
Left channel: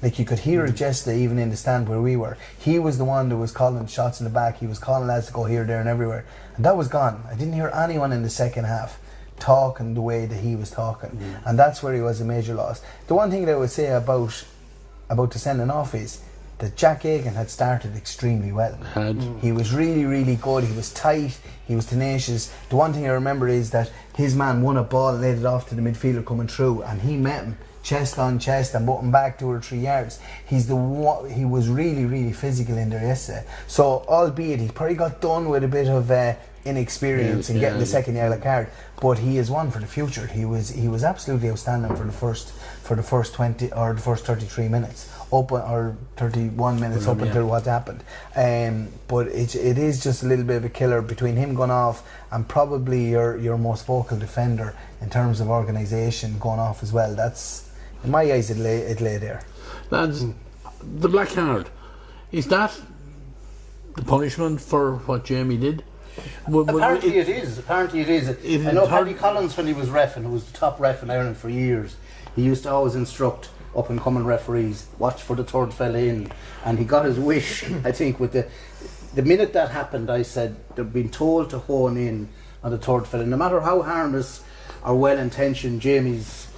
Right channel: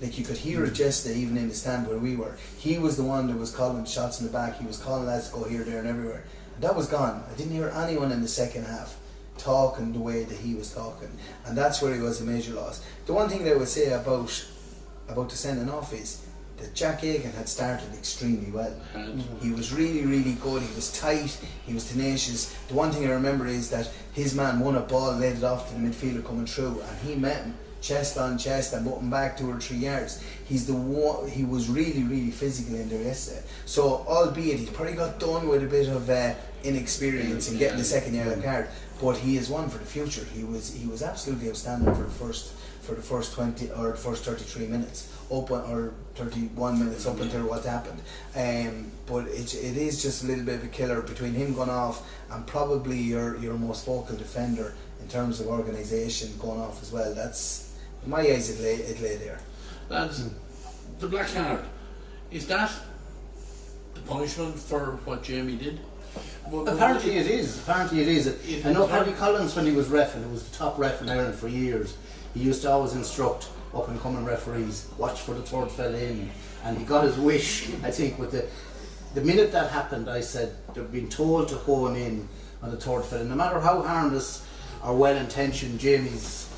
Like, you could hear it yesterday, even in the stand where we were. He was the one that was calling shots in the back. He was calling lads to go here, there, and everywhere. And that was gone. I didn't hear anyone in the second half talking the way that he was talking, and that's where he was a major loss. The one thing that I would say about the sending off is that Jack Aiken had started extremely well. He was really, really good. He was tight. He was tenacious. The one thing I remember is that his man won a ball and laid it off to the midfielder coming through, and he met him chest on chest and put him back 2 or 3 yards. He was really, really physical in there yesterday. So, albeit he probably got done with a bit of inexperience in getting the second yellow card, but he is one for the future. He was absolutely outstanding for the first 20 or the first 33 minutes or 31 minutes up until what happened. But it is just a little bit of a killer between him going off and probably your most vocal defender in terms of organisation going off as well. That's, in my eyes, it lay there. Lads, the black card, is that the punishment for what Jamie did? Apparently it is. I know Paddy Collins, when he was ref, and who was the top ref in Ireland for years, he used to always instruct up and coming referees, watch for the third fella in, and he got his wish. I think with the minute that happened, I said they've been told to hone in on the third fella. No matter how harmless or well intentioned Jamie's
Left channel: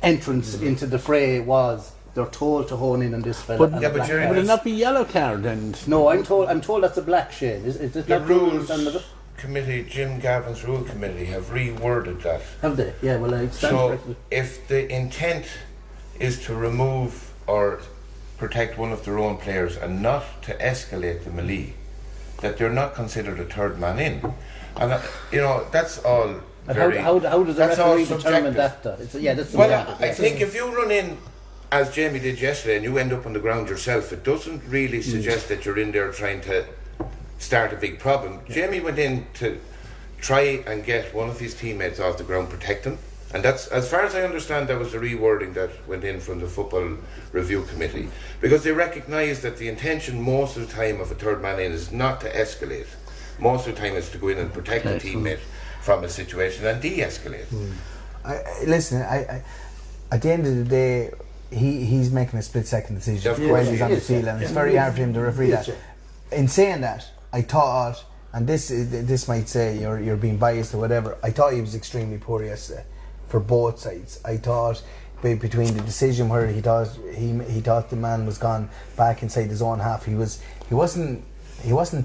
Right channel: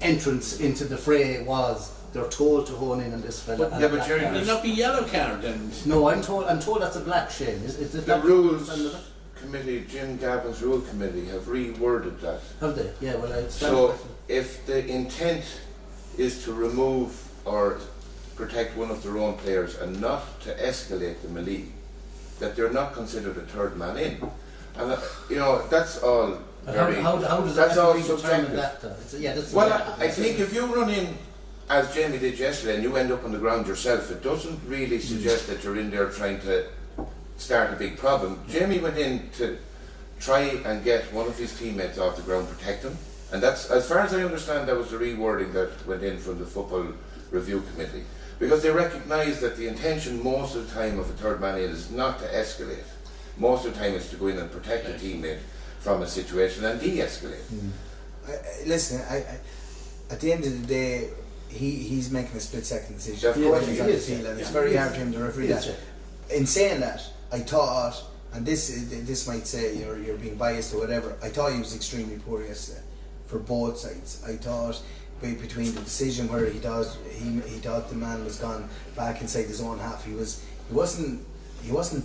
entrance into the fray was, they're told to hone in on this fella. But would it not be yellow card then? No, I'm told that's a black shade. Is it the rules committee, Jim Gavin's rule committee, have reworded that. Have they? Yeah, well, I so if the intent is to remove or protect one of their own players and not to escalate the melee, that they're not considered a third man in. And that's all very... How does that determine that? I think if you run in as Jamie did yesterday and you end up on the ground yourself, it doesn't really suggest that you're in there trying to start a big problem. Jamie went in to try and get one of his teammates off the ground, protect him, and that's, as far as I understand, that was the rewording that went in from the football review committee, because they recognise that the intention most of the time of a third man in is not to escalate. Most of the time it's to go in and protect a teammate from a situation and de-escalate. Listen, at the end of the day, he's making a split-second decision when he's on the field, and it's very hard for him to referee that. In saying that, I thought, and this might say you're being biased or whatever, I thought he was extremely poor yesterday for both sides. I thought between the decision where he thought the man was gone back inside his own half, he wasn't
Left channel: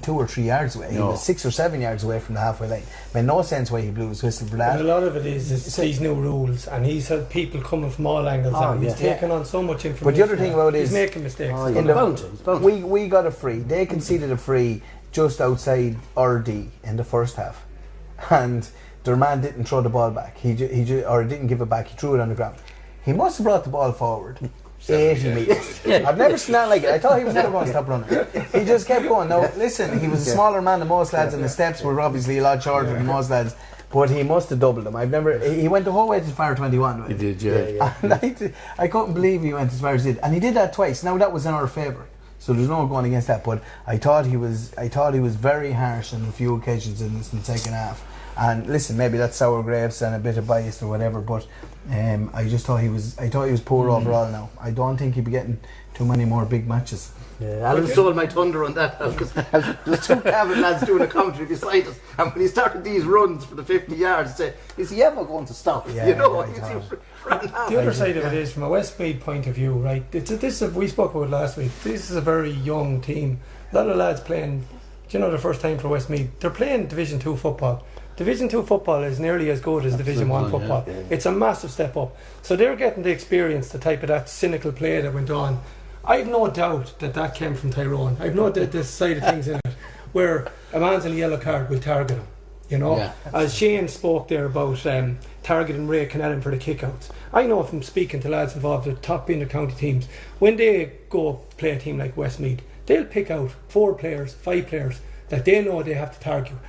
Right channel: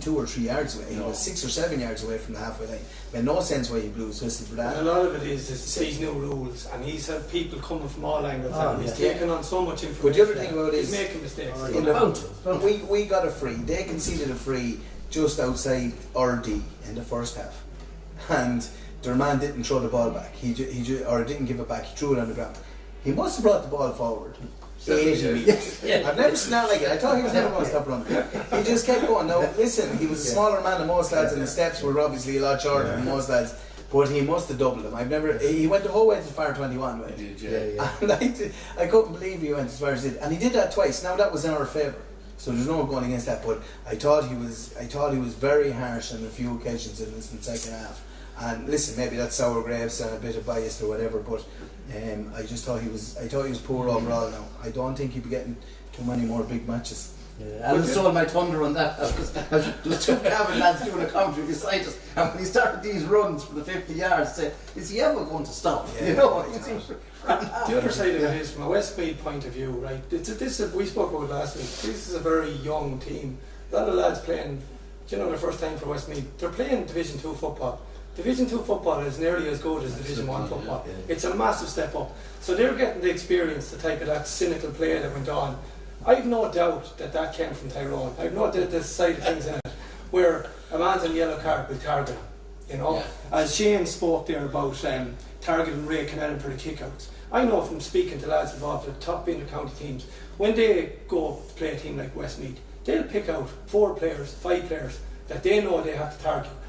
2 or 3 yards away. He was 6 or 7 yards away from the halfway line. It made no sense why he blew his whistle for that. A lot of it is these new rules, and he's had people coming from all angles. He's taken on so much information. But the other thing about it is he's making mistakes. We got a free. They conceded a free just outside RD in the first half, and their man didn't throw the ball back. He didn't give it back. He threw it on the ground. He must have brought the ball forward 80 metres. I've never seen that like it. I thought he was never going to stop running. He just kept going. Now, listen, he was a smaller man than most lads, and the steps were obviously a lot shorter than most lads. But he must have doubled them. He went the whole way to fire 21. Right? He did, yeah. And I couldn't believe he went as far as he did. And he did that twice. Now that was in our favour. So there's no going against that. But I thought he was very harsh on a few occasions in the second half. And listen, maybe that's sour grapes and a bit of bias or whatever, but I just thought he was poor overall now. I don't think he'd be getting too many more big matches. Yeah, Alan stole my thunder on that because the two Cavan lads doing a commentary beside us, and when he started these runs for the 50 yards, I said, is he ever going to stop? Yeah, you know, the other side of it is, from a Westmeath point of view, right? We spoke about it last week. This is a very young team. A lot of lads playing, their first time for Westmeath. They're playing Division 2 football. Division 2 football is nearly as good as Division 1 football. Yeah. It's a massive step up. So they're getting to experience the type of that cynical play that went on. I've no doubt that came from Tyrone. I've no doubt this side of things in it, where a man's on a yellow card will target him. Yeah. As Shane spoke there about targeting Ray Connellan for the kickouts. I know from speaking to lads involved in top Intercounty teams, when they go play a team like Westmeath, they'll pick out 4 players, 5 players that they know they have to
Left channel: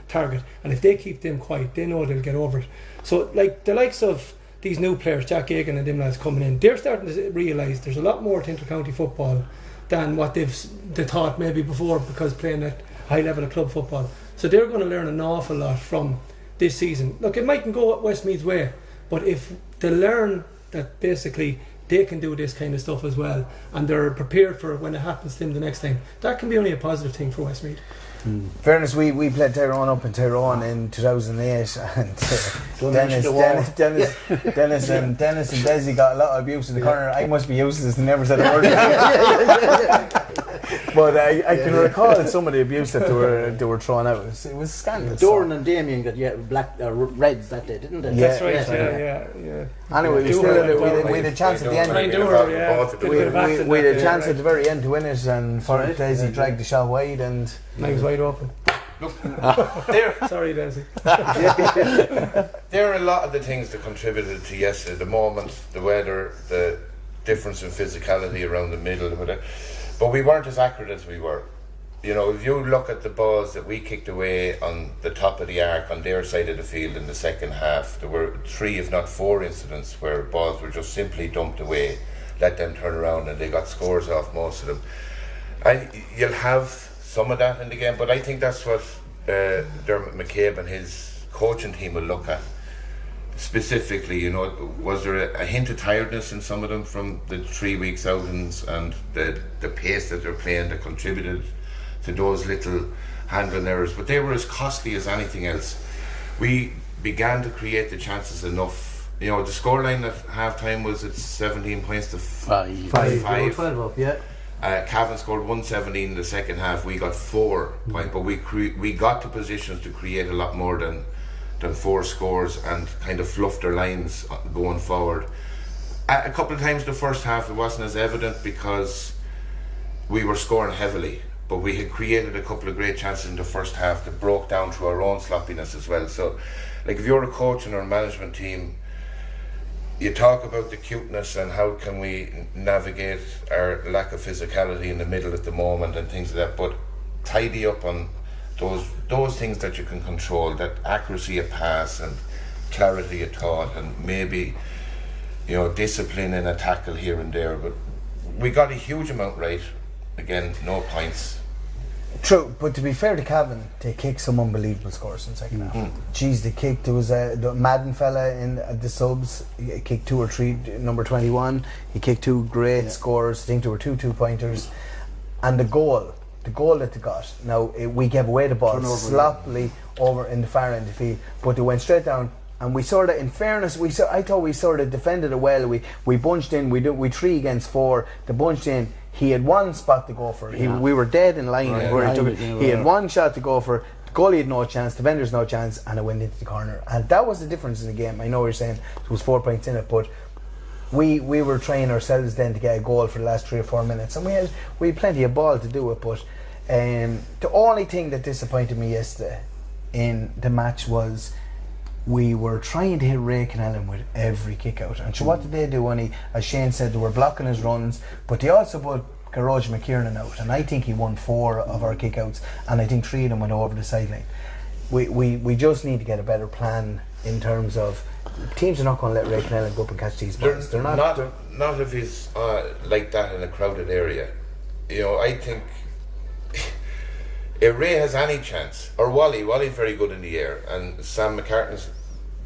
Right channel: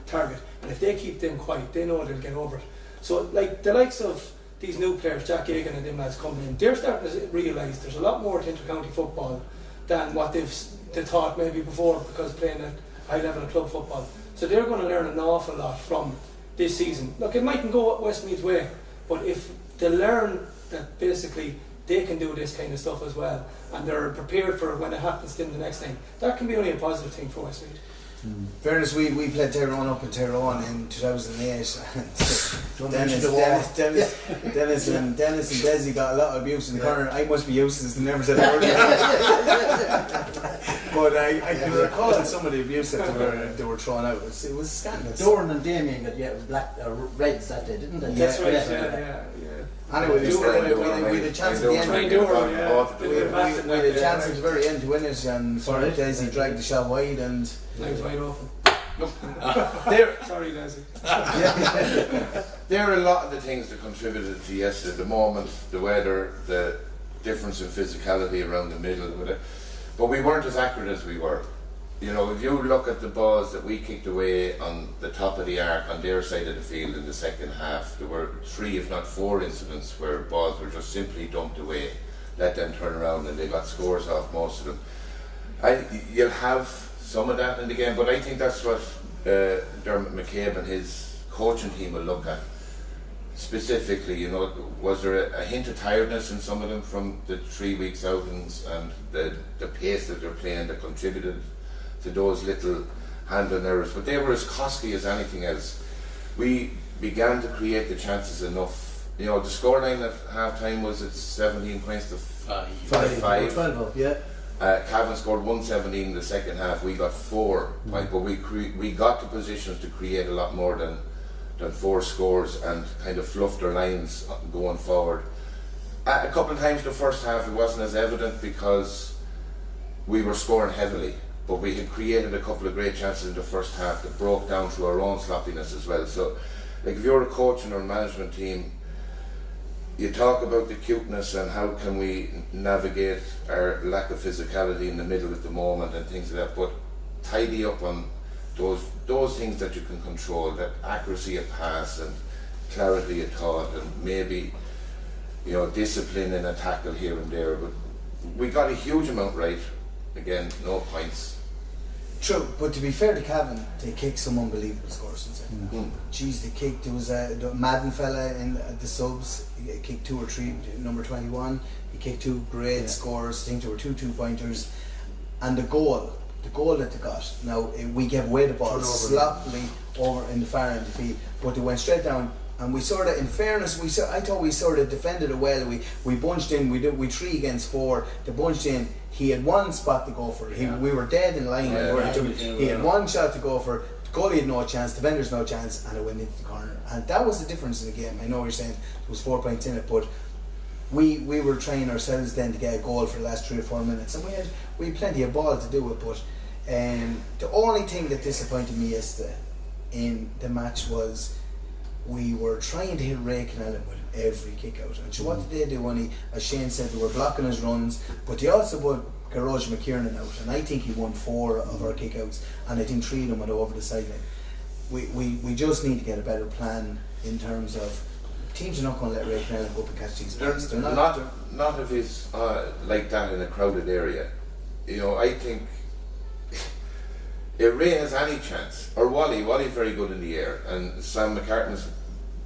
target, and if they keep them quiet, they know they'll get over it. So, like the likes of these new players, Jack Egan and them lads coming in, they're starting to realise there's a lot more to intercounty football than what they thought maybe before, because playing at high level of club football. So they're going to learn an awful lot from this season. Look, it mightn't go Westmeath's way, but if they learn that basically they can do this kind of stuff as well, and they're prepared for when it happens to them the next time, that can be only a positive thing for Westmeath. Fairness, we played Tyrone up in Tyrone in 2008, and Denis and Desi got a lot of abuse in the corner. I must be useless and never said a word. But I can recall some of the abuse that they were throwing out. It was scandalous. Doran and Damien got reds that day, didn't they? That's right. Yeah. Anyway, we had a chance at the end. We had a chance at the very end to win it, and Desi dragged the shot wide, and I was wide open. Sorry, Desi. There are a lot of the things that contributed to yesterday. The moment, the weather, the difference in physicality around the middle, but we weren't as accurate as we were. If you look at the balls that we kicked away on the top of the arc on their side of the field in the second half, there were 3 if not 4 incidents where balls were just simply dumped away, let them turn around, and they got scores off most of them. You'll have some of that in the game, but I think that's what Dermot McCabe and his coaching team will look at. Specifically, was there a hint of tiredness in some of them from the 3 weeks outings and the pace that they're playing that contributed to those little handling errors? But they were as costly as anything else. We began to create the chances enough. The scoreline at half time was at 17 points to 5. Yeah. Cavan scored 117 in the second half. We got 4, but we got to positions to create a lot more than 4 scores and kind of fluffed their lines going forward. A couple of times in the first half it wasn't as evident because we were scoring heavily, but we had created a couple of great chances in the first half that broke down through our own sloppiness as well. So, like, if you're a coach in our management team, you talk about the cuteness and how can we navigate our lack of physicality in the middle at the moment and things like that, but tidy up on those things that you can control, that accuracy of pass and clarity of thought, and maybe discipline in a tackle here and there. But we got a huge amount right. Again, no points. True, but to be fair to Cavan, they kicked some unbelievable scores in the second half. Jeez, they kicked. There was the Madden fella in the subs. He kicked 2 or 3. Number 21. He kicked 2 great scores. I think there were 2 2-pointers, and the goal that they got. Now we gave away the ball sloppily over in the far end of the field, but they went straight down. And we sort of, in fairness, I thought we sort of defended it well. We bunched in. We 3 against 4. They bunched in. He had 1 spot to go for. We were dead in line. He had 1 shot to go for. The goalie had no chance. The defender's no chance, and it went into the corner. And that was the difference in the game. I know you're saying there was 4 points in it, but we were trying ourselves then to get a goal for the last 3 or 4 minutes, and we had plenty of ball to do it. But the only thing that disappointed me yesterday in the match was we were trying to hit Ray Canellan with every kick out. And so what did they do? As Shane said, they were blocking his runs, but they also put Garage McKiernan out, and I think he won 4 of our kick outs, and I think 3 of them went over the sideline. We just need to get a better plan in terms of teams are not going to let Ray Canellan go up and catch these balls. They're not if he's like that in a crowded area. I think if Ray has any chance, or Wally's very good in the air, and Sam McCartney's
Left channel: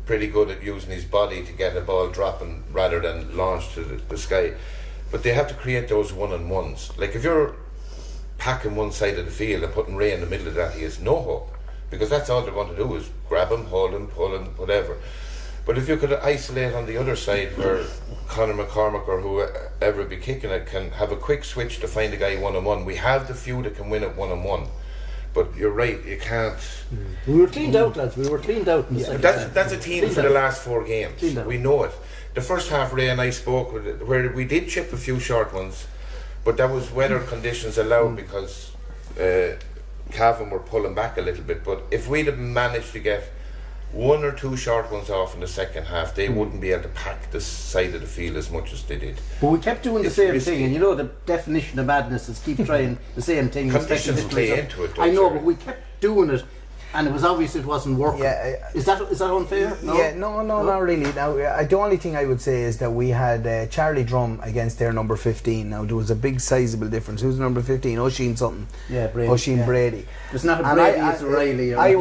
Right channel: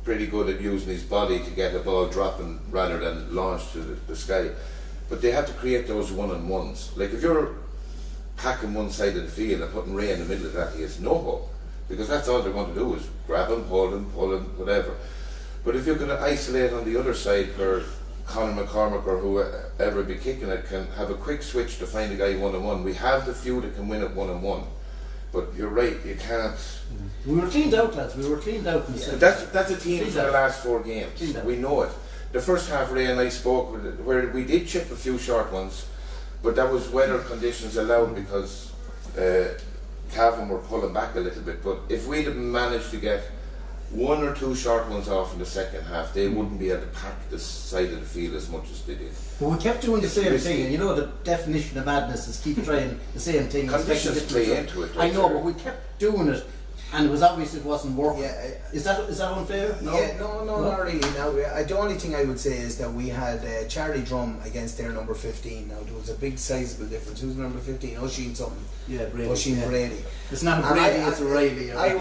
pretty good at using his body to get a ball dropping rather than launched to the sky. But they have to create those one-on-ones. Like if you're packing one side of the field and putting Ray in the middle of that, he has no hope, because that's all they're going to do is grab him, hold him, pull him, whatever. But if you could isolate on the other side where Conor McCormick or whoever be kicking it can have a quick switch to find a guy one-on-one. We have the few that can win it one-on-one. But you're right, you can't. We were cleaned out, lads. We were cleaned out. That's a team for the last 4 games. We know it. The first half, Ray and I spoke where we did chip a few short ones, but that was weather conditions allowed because Cavan were pulling back a little bit. But if we'd have managed to get 1 or 2 short ones off in the second half, they wouldn't be able to pack the side of the field as much as they did. But we kept doing the same thing, and the definition of madness is keep trying the same thing. Conditions play into it. I know, but we kept doing it, and it was obvious it wasn't working. Is that unfair? No? Yeah, no, not really. Now, the only thing I would say is that we had Charlie Drum against their number 15. Now, there was a big sizable difference. Who's number 15? Oisin something. Yeah, Brady. Oisin Brady. It's not a Brady, it's a Riley. I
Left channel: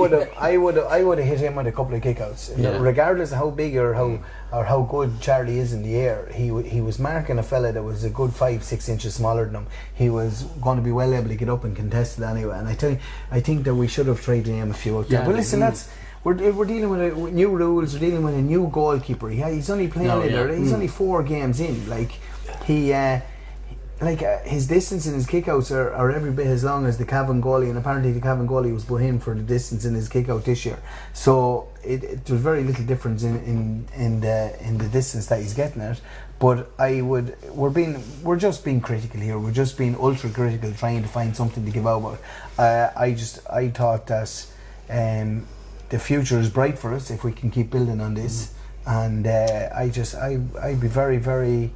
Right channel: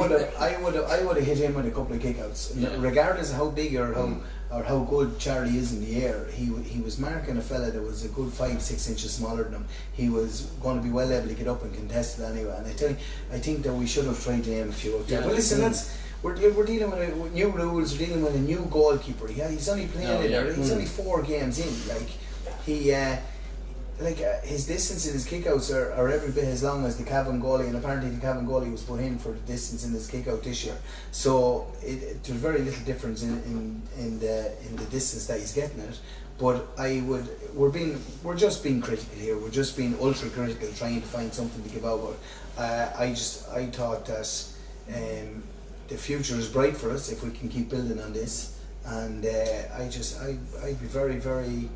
would have hit him with a couple of kickouts. Regardless of how big or how good Charlie is in the air, he was marking a fella that was a good 5-6 inches smaller than him. He was going to be well able to get up and contest it anyway. And I think that we should have tried to name a few out there. But listen, we're dealing with new rules. We're dealing with a new goalkeeper. He's only playing. He's only 4 games in. His distance and his kickouts are every bit as long as the Cavan goalie, and apparently the Cavan goalie was put in for the distance in his kickout this year. So there's very little difference in the distance that he's getting at. But we're just being critical here. We're just being ultra critical, trying to find something to give out about. I thought that the future is bright for us if we can keep building on this, and I'd be very, very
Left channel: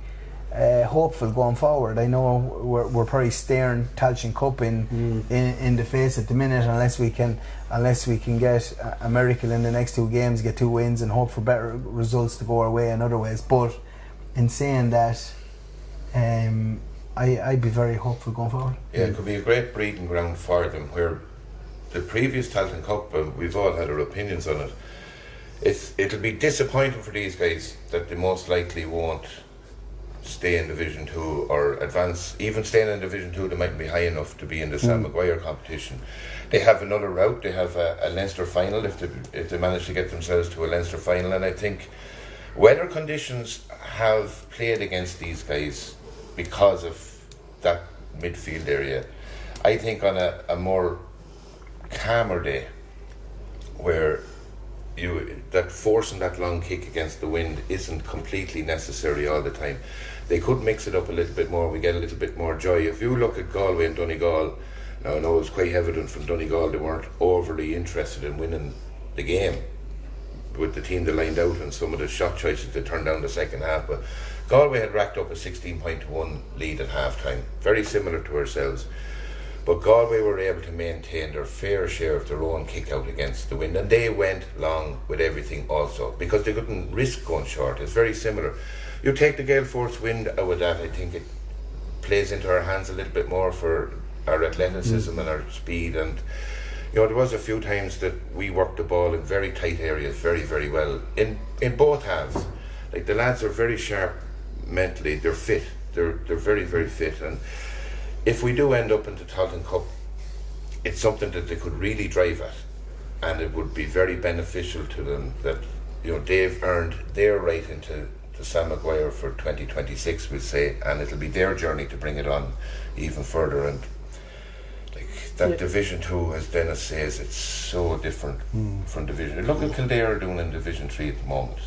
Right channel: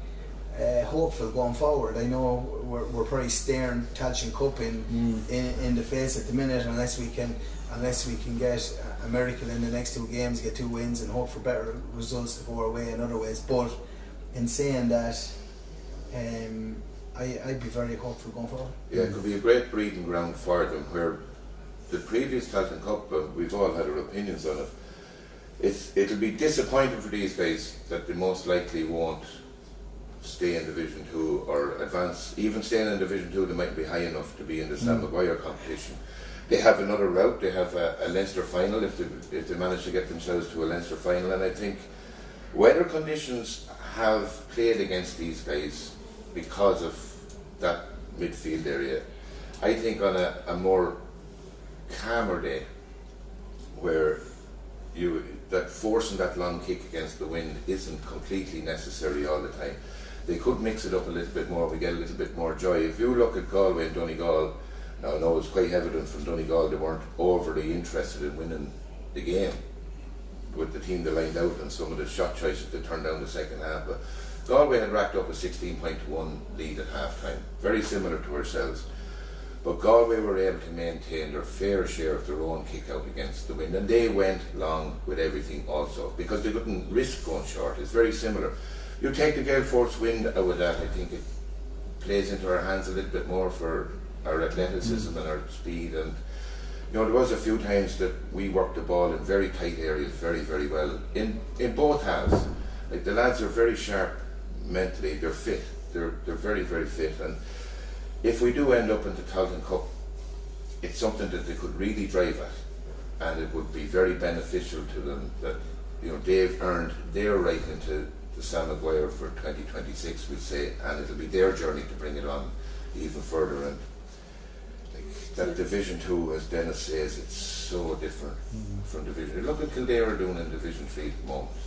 hopeful going forward. I know we're probably staring Tailteann Cup in the face at the minute unless we can get a miracle in the next 2 games, get 2 wins and hope for better results to go our way in other ways. But in saying that, I'd be very hopeful going forward. Yeah, it could be a great breeding ground for them, where the previous Tailteann Cup, we've all had our opinions on it. It'll be disappointing for these guys that they most likely won't stay in Division 2 or advance. Even staying in Division 2, they might be high enough to be in the Sam Maguire competition. They have another route. They have a Leinster final if they manage to get themselves to a Leinster final. And I think weather conditions have played against these guys because of that midfield area. I think on a more calmer day, where that forcing that long kick against the wind isn't completely necessary all the time. They could mix it up a little bit more. We get a little bit more joy. If you look at Galway and Donegal, I know it's quite evident from Donegal they weren't overly interested in winning the game with the team they lined out and some of the shot choices they turned down the second half. But Galway had racked up a 16-1 lead at half time, very similar to ourselves. But Galway were able to maintain their fair share of their own kick out against the wind, and they went long with everything also because they couldn't risk going short. It's very similar. You take the gale force wind out with that, I think it plays into our hands a little bit more for our athleticism and our speed. And there was a few times that we worked the ball in very tight areas very, very well in both halves. Like, the lads are very sharp mentally. They're fit. They're very, very fit. And if we do end up in the Tailteann Cup, it's something that they could really drive at, and it would be very beneficial to them that they've earned their right into the Sam Maguire for 2026, we'll say, and it'll be their journey to bring it on even further. And that Division 2, as Denis says, it's so different from Division. Look at Kildare doing in Division 3 at the moment.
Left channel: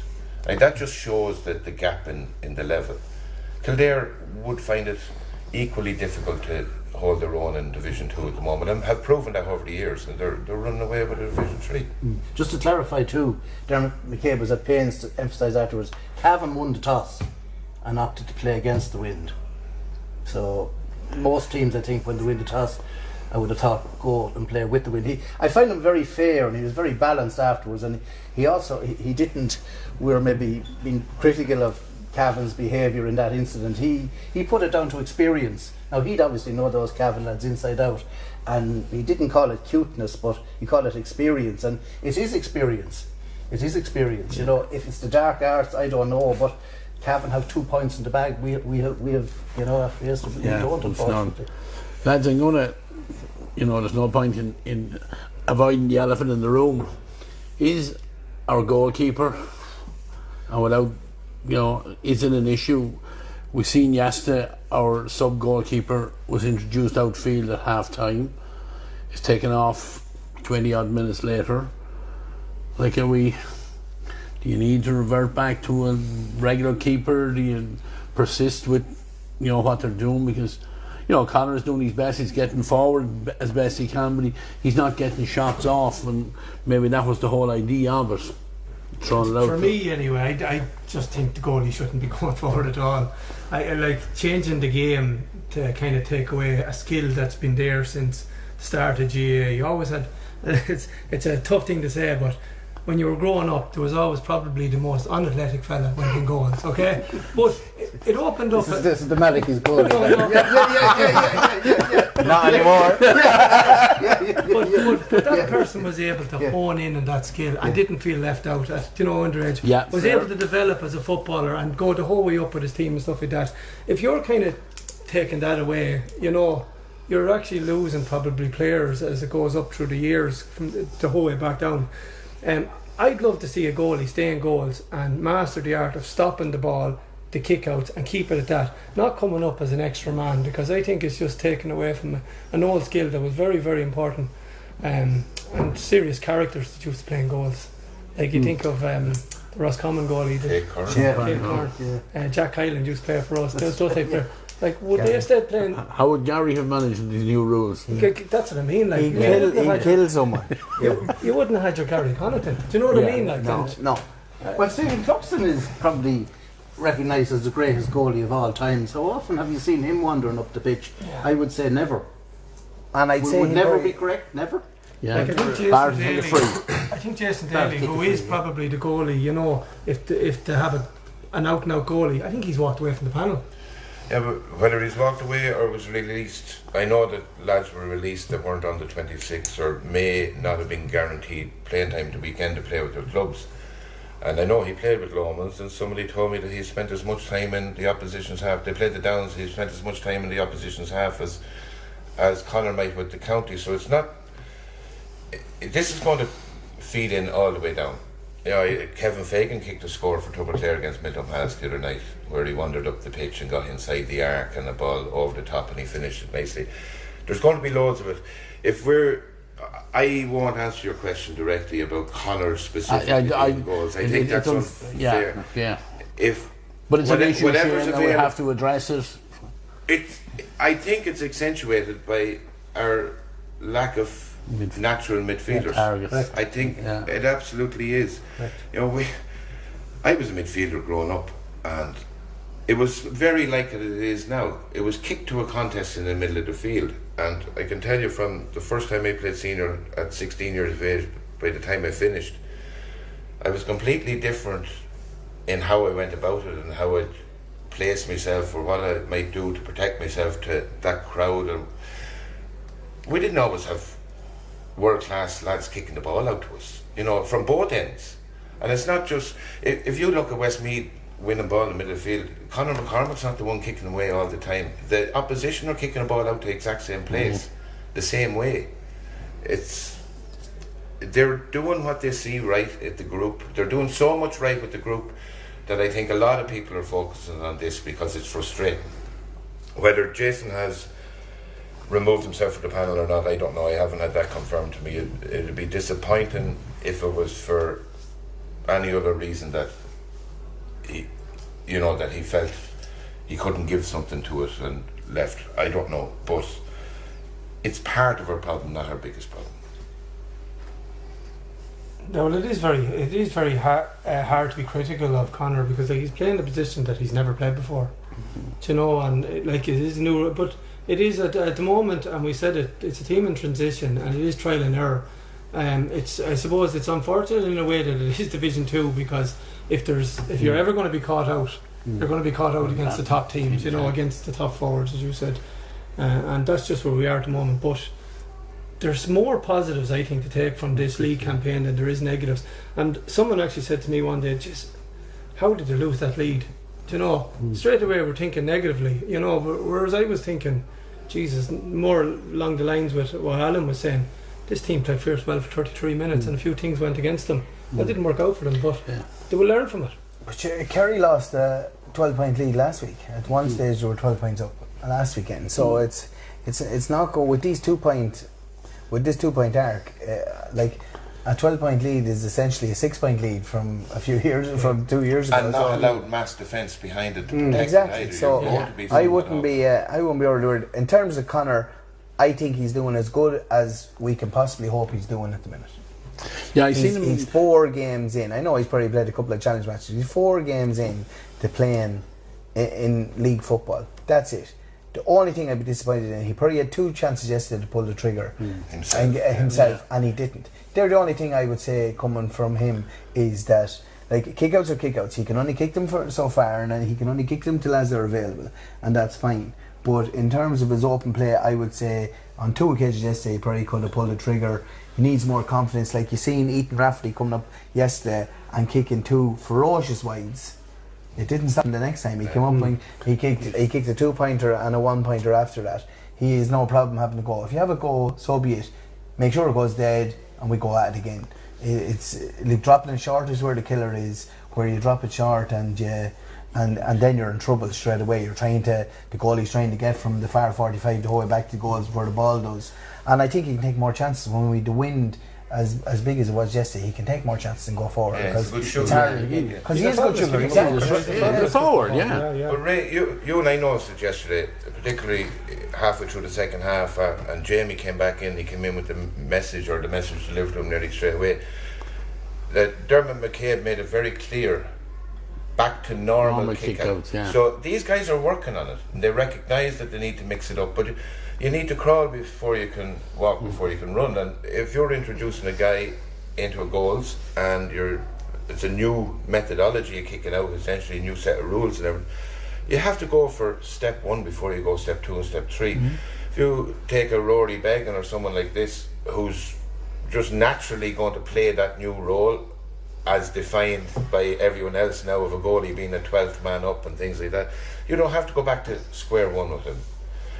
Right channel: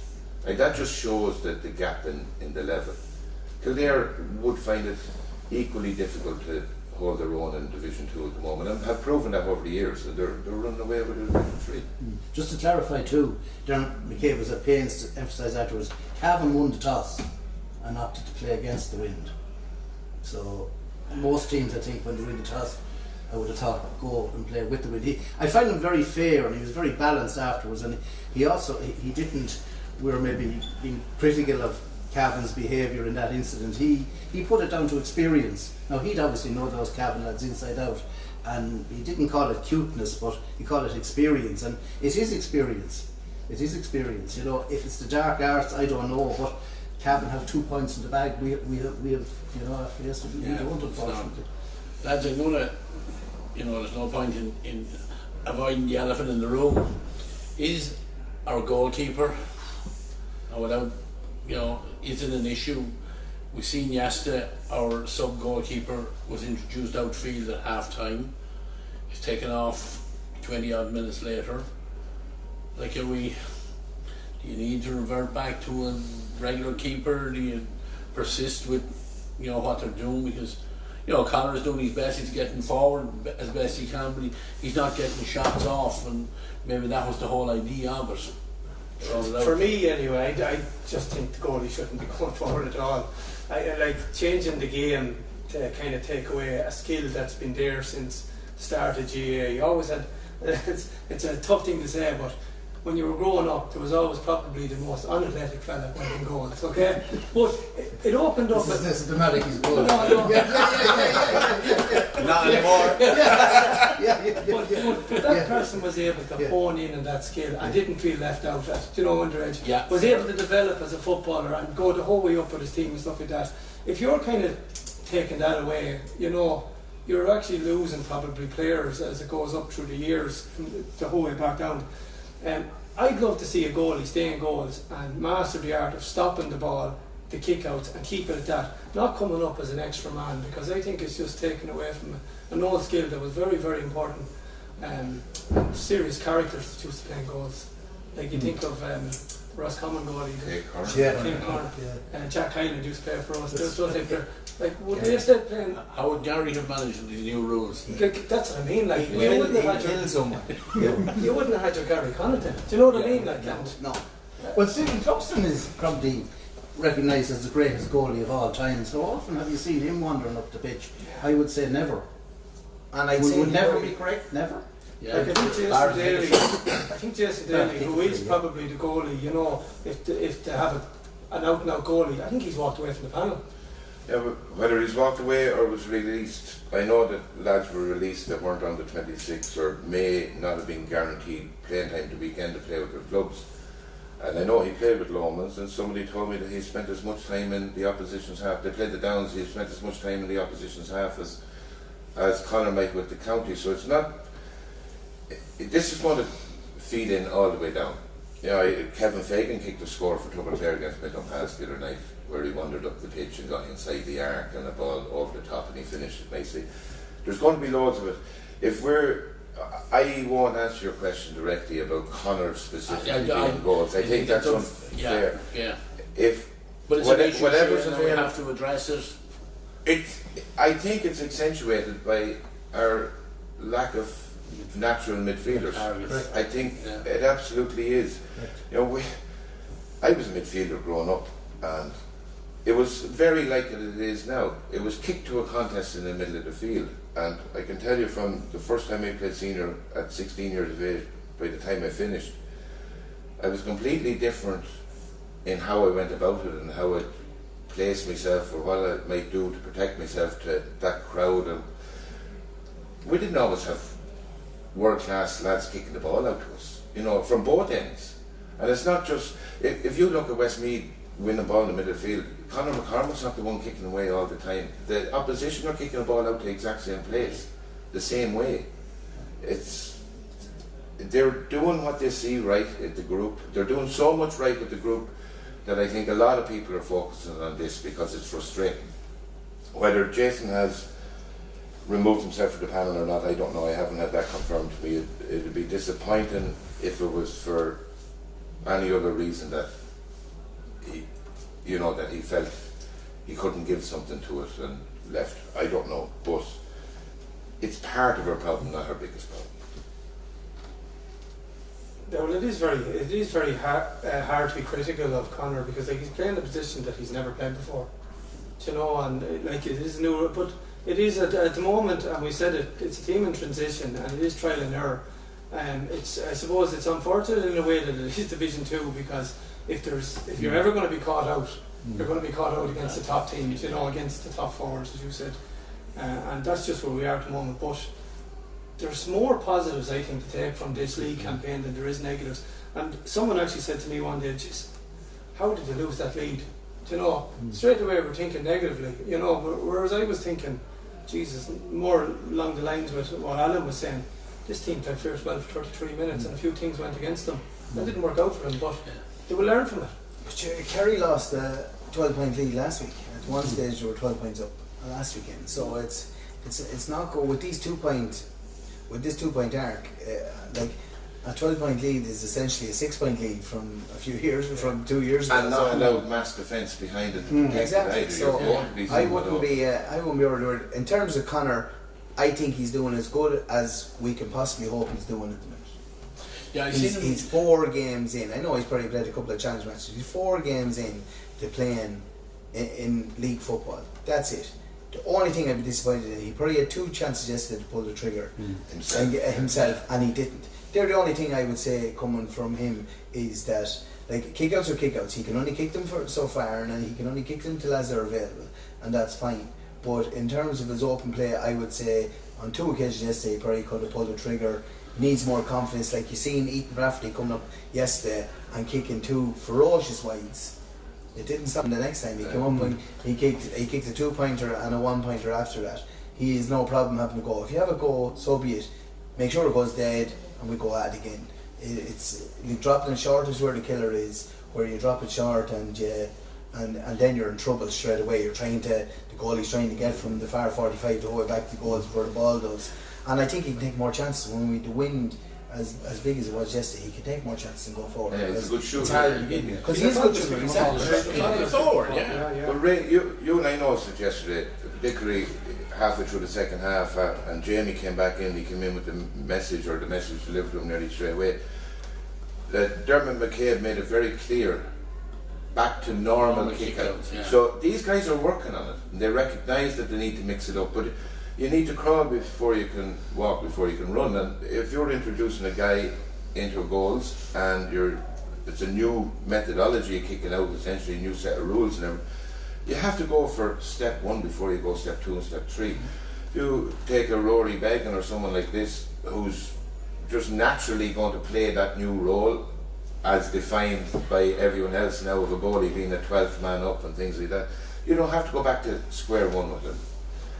That just shows that the gap in the level. Kildare would find it equally difficult to hold their own in Division 2 at the moment, and have proven that over the years, and they're running away with Division 3. Just to clarify too, Dermot McCabe was at pains to emphasise afterwards, Cavan won the toss and opted to play against the wind. So most teams, I think, when they win the toss, I would have thought go and play with the wind. I find him very fair, and he was very balanced afterwards, and he also he didn't. We were maybe being critical of Cavan's behaviour in that incident. He put it down to experience. Now he'd obviously know those Cavan lads inside out, and he didn't call it cuteness, but he called it experience, and it is experience. It is experience. You know, if it's the dark arts, I don't know, but Cavan have 2 points in the bag. We have, you know, after yesterday, we don't, unfortunately. Lads, I'm gonna, you know, there's no point in avoiding the elephant in the room. Is our goalkeeper, and without, you know, is it an issue? We've seen yesterday our sub goalkeeper was introduced outfield at half time. He's taken off 20 odd minutes later. Like, do you need to revert back to a regular keeper? Do you persist with, you know, what they're doing? Because, you know, Connor's doing his best, he's getting forward as best he can, but he's not getting shots off, and maybe that was the whole idea of it. For me, anyway, I just think the goalie shouldn't be going forward at all. I like changing the game to kind of take away a skill that's been there since the start of GAA. You always had, it's a tough thing to say, but when you were growing up, there was always probably the most unathletic fella winning goals, okay? But it opened up. This is the medic he's good. Not anymore. But that person was able to hone in on that skill and didn't feel left out at, you know, underage. Yeah. Was able to develop as a footballer and go the whole way up with his team and stuff like that. If you're kind of taking that away, you know, you're actually losing probably players as it goes up through the years from the whole way back down. I'd love to see a goalie stay in goals and master the art of stopping the ball, the kick-outs, and keep it at that. Not coming up as an extra man, because I think it's just taken away from an old skill that was very, very important. And serious characters that used to playing goals. Like you think of Roscommon goalie, Jack Hyland used to play for us. Those type of, like, would they still playing? How would Gerry have managed with these new rules? Like, that's what I mean. Like, He'd kill someone. You wouldn't have had your Gary Connaughton. Do you know what I mean? Like, No. Well, Stephen Cluxton is probably recognised as the greatest goalie of all time. So often have you seen him wandering up the pitch? Yeah. I would say never. And I'd say would never be correct. Never. Yeah. Like, I think Jason Daly, who is probably the goalie, you know, if they have an out-and-out goalie, I think he's walked away from the panel. Yeah, but whether he's walked away or was released, I know that lads were released that weren't under 26 or may not have been guaranteed playing time the weekend to play with their clubs. And I know he played with Lomans, and somebody told me that he spent as much time in the opposition's half. They played the Downs, he spent as much time in the opposition's half as Conor might with the county. So it's not. This is going to feed in all the way down. Yeah, Kevin Fagan kicked a score for Double Clare against Midland Pass the other night, where he wandered up the pitch and got inside the arc and a ball over the top, and he finished it nicely. There's going to be loads of it. I won't answer your question directly about Conor specifically goals. I think that's unfair. Yeah. But it's an issue and we have to address it. I think it's accentuated by our lack of natural midfielders. I think it absolutely is. You know, I was a midfielder growing up, and it was very like it is now. It was kicked to a contest in the middle of the field, and I can tell you from the first time I played senior at 16 years of age, by the time I finished, I was completely different in how I went about it and how I placed myself or what I might do to protect myself to that crowd. And we didn't always have world-class lads kicking the ball out to us, you know, from both ends. And it's not just, if you look at Westmeath winning ball in the middle of the field, Conor McCormick's not the one kicking away all the time. The opposition are kicking the ball out to the exact same place, the same way. They're doing what they see right at the group. They're doing so much right with the group that I think a lot of people are focusing on this because it's frustrating. Whether Jason has removed himself from the panel or not, I don't know. I haven't had that confirmed to me. It'd be disappointing if it was for any other reason that he felt he couldn't give something to it and left. I don't know, but it's part of our problem, not our biggest problem. No, well, it is very hard to be critical of Conor, because he's playing a position that he's never played before. You know, and it is new, but it is at the moment, and we said it's a team in transition, and it is trial and error. I suppose it's unfortunate in a way that it is Division 2, because if you're ever going to be caught out, you're going to be caught out against the top teams, you know, against the top forwards, as you said, and that's just where we are at the moment. But there's more positives, I think, to take from this league campaign than there is negatives. And someone actually said to me one day, just how did they lose that lead? You know, straight away we're thinking negatively, you know, whereas I was thinking, Jesus, more along the lines with what Alan was saying. This team played fierce well for 33 minutes and a few things went against them. That didn't work out for them, but they will learn from it. But Kerry lost a 12-point lead last week. At one stage they were 12 points up last weekend. So it's not good with these 2 point, with this 2 point arc. Like a 12-point lead is essentially a 6-point lead from a few years, from 2 years ago. And not allowed mass defence behind it to protect exactly. it either. So I wouldn't be worried. In terms of Conor, I think he's doing as good as we can possibly hope he's doing at the minute. Yeah, he's 4 games in. I know he's probably played a couple of challenge matches. He's 4 games in to playing in league football. That's it. The only thing I'd be disappointed in, he probably had 2 chances yesterday to pull the trigger himself, and he didn't. They're the only thing I would say coming from him is that, like, kickouts are kickouts. He can only kick them for so far, and he can only kick them till as they're available, and that's fine. But in terms of his open play, I would say on 2 occasions yesterday he probably could have pulled the trigger. He needs more confidence. Like you seen Ethan Rafferty coming up yesterday and kicking 2 ferocious wides. It didn't stop him the next time. He came up and he kicked a 2-pointer and a 1-pointer after that. He has no problem having a go. If you have a go, so be it. Make sure it goes dead and we go at it again. It's like dropping it short is where the killer is, where you drop it short and then you're in trouble straight away. The goalie's trying to get from the far 45 the whole way back to goals where the ball does. And I think he can take more chances when the wind as big as it was yesterday. He can take more chances and go forward. Yeah, he's a good shooter. It's hard because he is a good shooter. He's forward, Well, Ray, you and I noticed it yesterday, particularly halfway through the second half, and Jamie came back in. He came in with the message delivered to him nearly straight away. That Dermot McCabe made it very clear. Back to normal kickouts. Yeah. So these guys are working on it. And they recognise that they need to mix it up, but you need to crawl before you can walk, before you can run. And if you're introducing a guy into a goals and it's a new methodology of kicking out, essentially a new set of rules and everything, you have to go for step 1 before you go step 2 and step 3. If you take a Rory Beggan or someone like this who's just naturally going to play that new role as defined by everyone else now, of a goalie being a 12th man up and things like that, you don't have to go back to square one with him.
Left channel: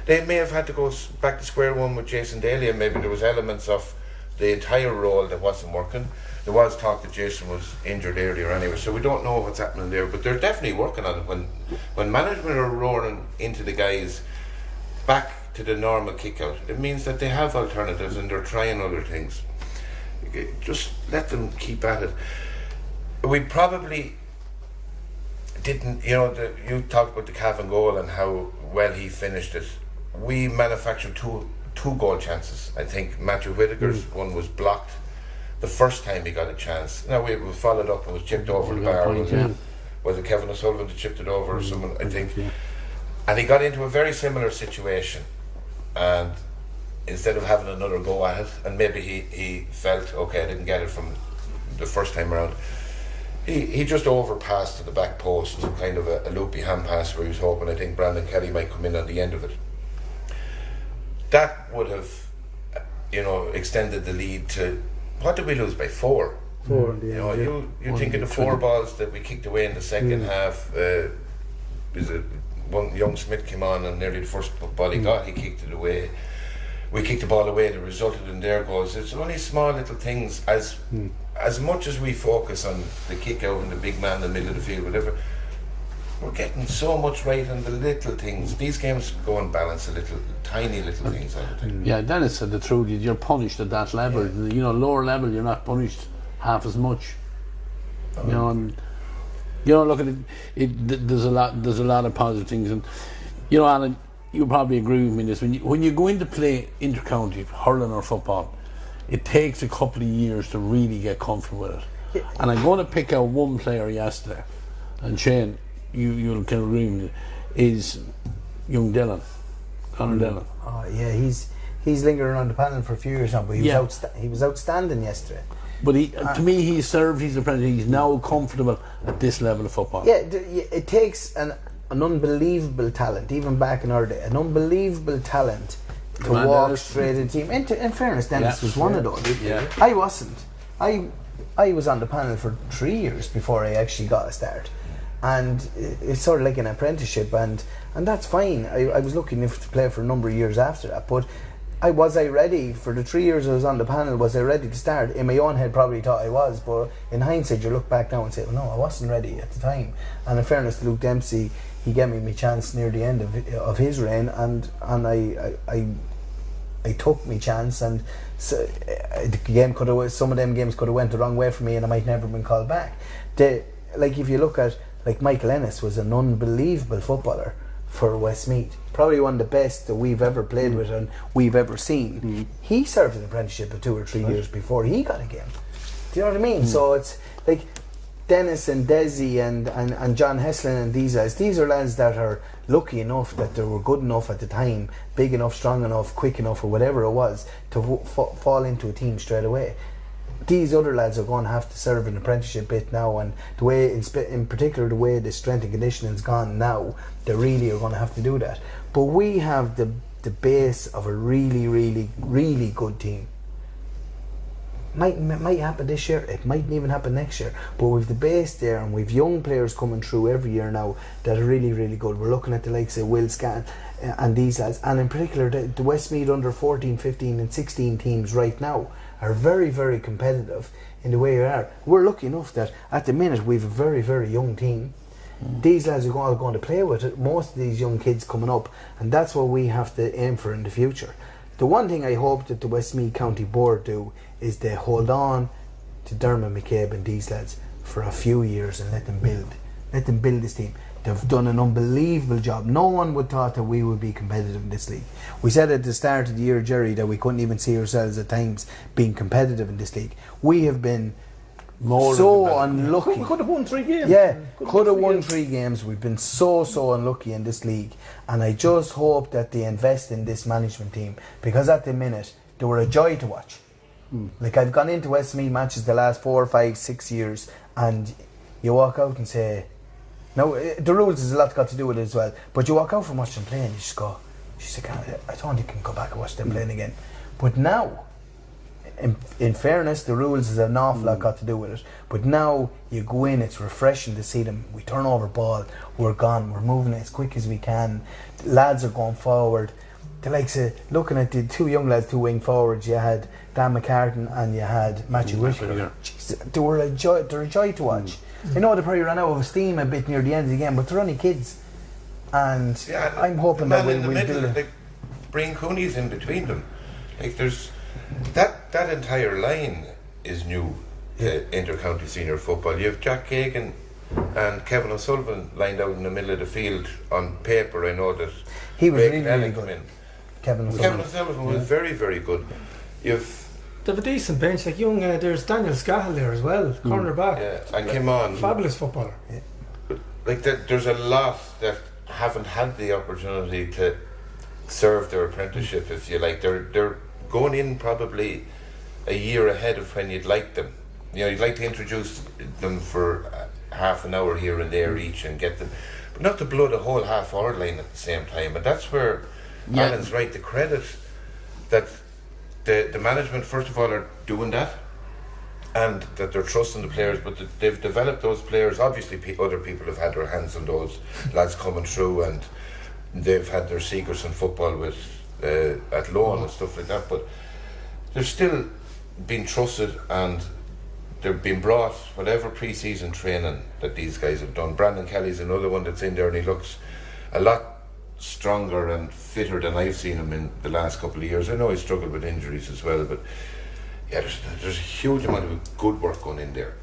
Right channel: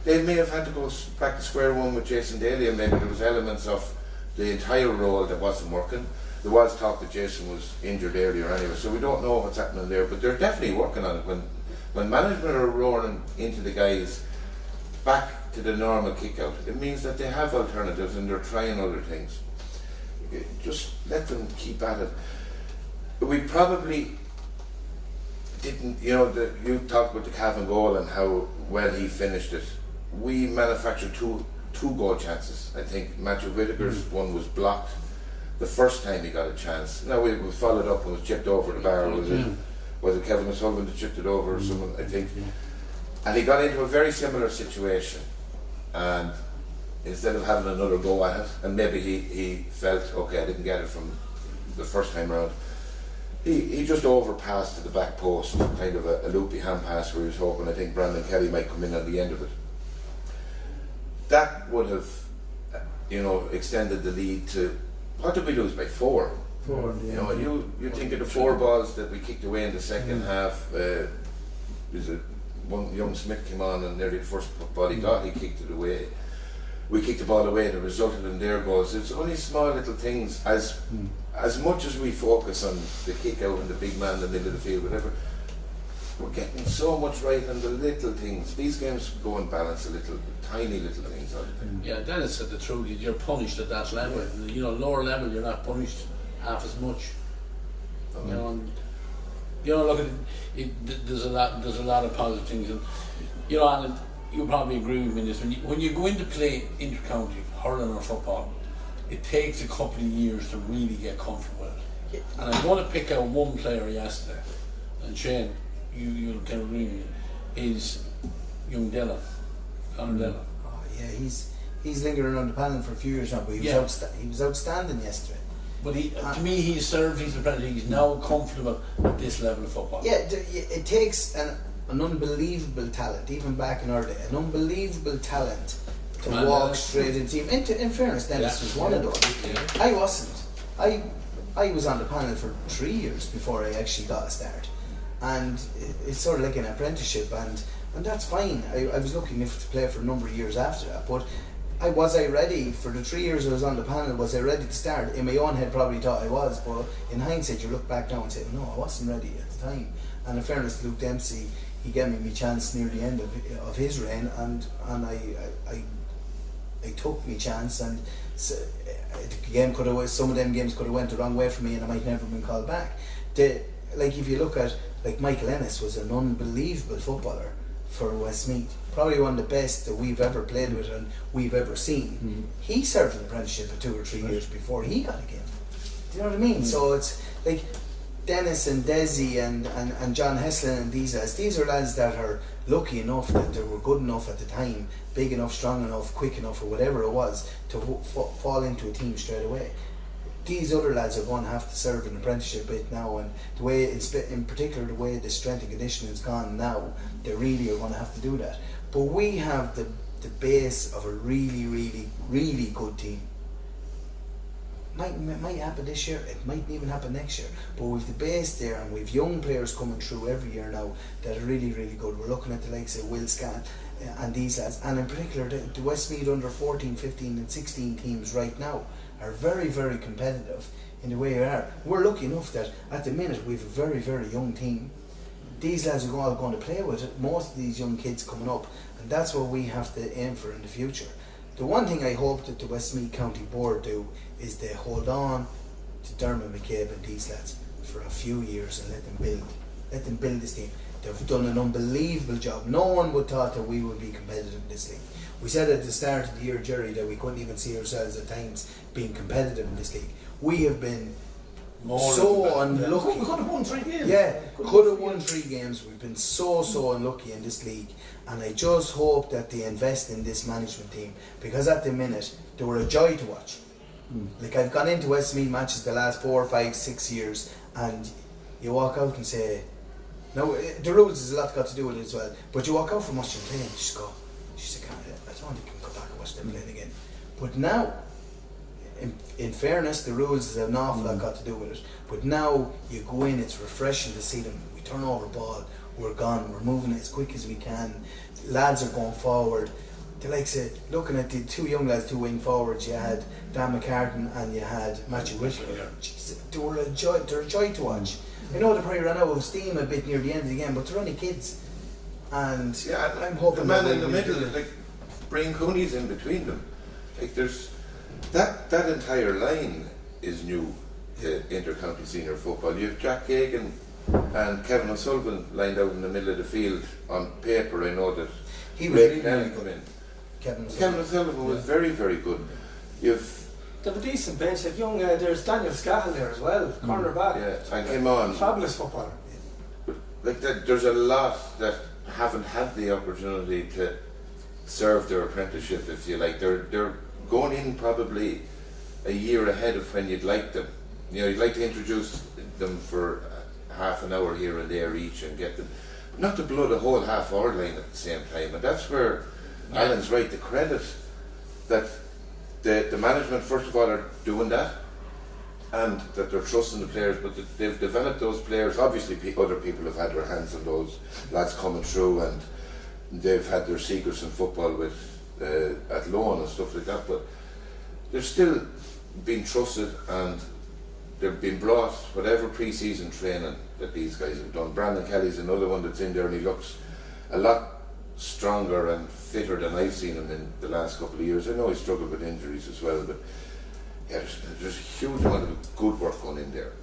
They may have had to go back to square one with Jason Daly, and maybe there was elements of the entire role that wasn't working. There was talk that Jason was injured earlier anyway, so we don't know what's happening there, but they're definitely working on it. When management are roaring into the guys back to the normal kick out, it means that they have alternatives and they're trying other things. Just let them keep at it. But we probably didn't, you talked about the Cavan goal and how well he finished it. We manufactured two goal chances. I think Matthew Whittaker's one was blocked the first time he got a chance. Now we followed up and was chipped over the bar. Was it Kevin O'Sullivan that chipped it over or someone, I think? And he got into a very similar situation, and instead of having another go at it, and maybe he felt, okay, I didn't get it from the first time around, he just overpassed to the back post, kind of a loopy hand pass where he was hoping, I think, Brandon Kelly might come in at the end of it. That would have, extended the lead to, what did we lose by? 4? 4. You think of the 4 balls that we kicked away in the second half. One young Smith came on and nearly the first ball he got, he kicked it away. We kicked the ball away that resulted in their goals. It's only small little things. As much as we focus on the kick out and the big man in the middle of the field, whatever, we're getting so much right on the little things. These games go and balance tiny little things all the time. Yeah, Denis said the truth. You're punished at that level. Lower level, you're not punished half as much. Look at it. There's a lot of positive things, and Alan, you probably agree with me in this. When you go in to play intercounty hurling or football, it takes a couple of years to really get comfortable with it. Yeah. And I'm going to pick out one player yesterday, and Shane, you'll kind of agree with me, is young Dylan, Conor Dillon. Oh yeah, he's lingering on the panel for a few years now, but he was outstanding yesterday. But to me, he's served his apprentice. He's now comfortable at this level of football. Yeah, it takes an unbelievable talent, even back in our day, an unbelievable talent to walk straight into team. In fairness, Denis was one of those. Yeah. I wasn't. I was on the panel for 3 years before I actually got a start, and it's sort of like an apprenticeship, and that's fine. I was lucky enough to play for a number of years after that, but was I ready for the 3 years I was on the panel? Was I ready to start? In my own head, probably thought I was, but in hindsight, you look back now and say, well, no, I wasn't ready at the time. And in fairness to Luke Dempsey, he gave me my chance near the end of his reign, and I took my chance, and so, the game some of them games could have went the wrong way for me, and I might never have been called back. Like if you look at Michael Ennis was an unbelievable footballer for Westmeath, probably one of the best that we've ever played with and we've ever seen. He served an apprenticeship for 2 or 3 years before he got a game. Do you know what I mean? So it's like Denis and Desi and John Heslin and these are lads that are lucky enough that they were good enough at the time, big enough, strong enough, quick enough, or whatever it was, to fall into a team straight away. These other lads are going to have to serve an apprenticeship bit now, and the way, in particular, the way the strength and conditioning has gone now, they really are going to have to do that. But we have the base of a really, really, really good team. Might happen this year, it might even happen next year, but we've the base there, and we've young players coming through every year now that are really, really good. We're looking at the likes of Will Scan and these lads, and in particular the Westmeath under 14, 15 and 16 teams right now are very, very competitive in the way they are. We're lucky enough that at the minute we've a very, very young team. These lads are all going to play with it, most of these young kids coming up, and that's what we have to aim for in the future. The one thing I hope that the Westmeath County Board do is they hold on to Dermot McCabe and these lads for a few years and let them build this team. They've done an unbelievable job. No one would thought that we would be competitive in this league. We said at the start of the year, Gerry, that we couldn't even see ourselves at times being competitive in this league. We have been so unlucky. We could have won 3 games. Yeah, could have won 3 games. We've been so unlucky in this league, and I just hope that they invest in this management team, because at the minute they were a joy to watch. Like, I've gone into Westmeath matches the last 4, 5, 6 years, and you walk out and say, now the rules has a lot got to do with it as well, but you walk out from watching them play and you just go, I don't think I can go back and watch them playing again. But now, in fairness, the rules has an awful lot got to do with it, but now you go in, it's refreshing to see them. We turn over ball, we're gone, we're moving as quick as we can, the lads are going forward. They like looking at the 2 young lads, 2 wing forwards, you had Dan McCartan and you had Matthew Whitaker. They're a joy to watch. I know they probably ran out of steam a bit near the end of the game, but they're only kids, and I'm hoping that we'll do it. Like Brian Cooney's in between them. Like, there's that entire line is new to intercounty senior football. You have Jack Gagan and Kevin O'Sullivan lined out in the middle of the field. On paper, I know that he was really good. Kevin O'Sullivan was very, very good. They have a decent bench, like young, there's Daniel Scahill there as well, cornerback. Yeah, and came on. Fabulous footballer. Yeah. But like that, there's a lot that haven't had the opportunity to serve their apprenticeship, if you like. They're going in probably a year ahead of when you'd like them. You know, you'd like to introduce them for half an hour here and there each and get them, but not to blow the whole half-hour line at the same time. And that's where Alan's right, the credit that the management, first of all, are doing that, and that they're trusting the players, but they've developed those players. Obviously, other people have had their hands on those lads coming through, and they've had their secrets in football with at loan and stuff like that, but they're still being trusted, and they're being brought whatever pre-season training that these guys have done. Brandon Kelly's another one that's in there, and he looks a lot stronger and fitter than I've seen him in the last couple of years. I know he struggled with injuries as well, but yeah, there's a huge amount of good work going in there.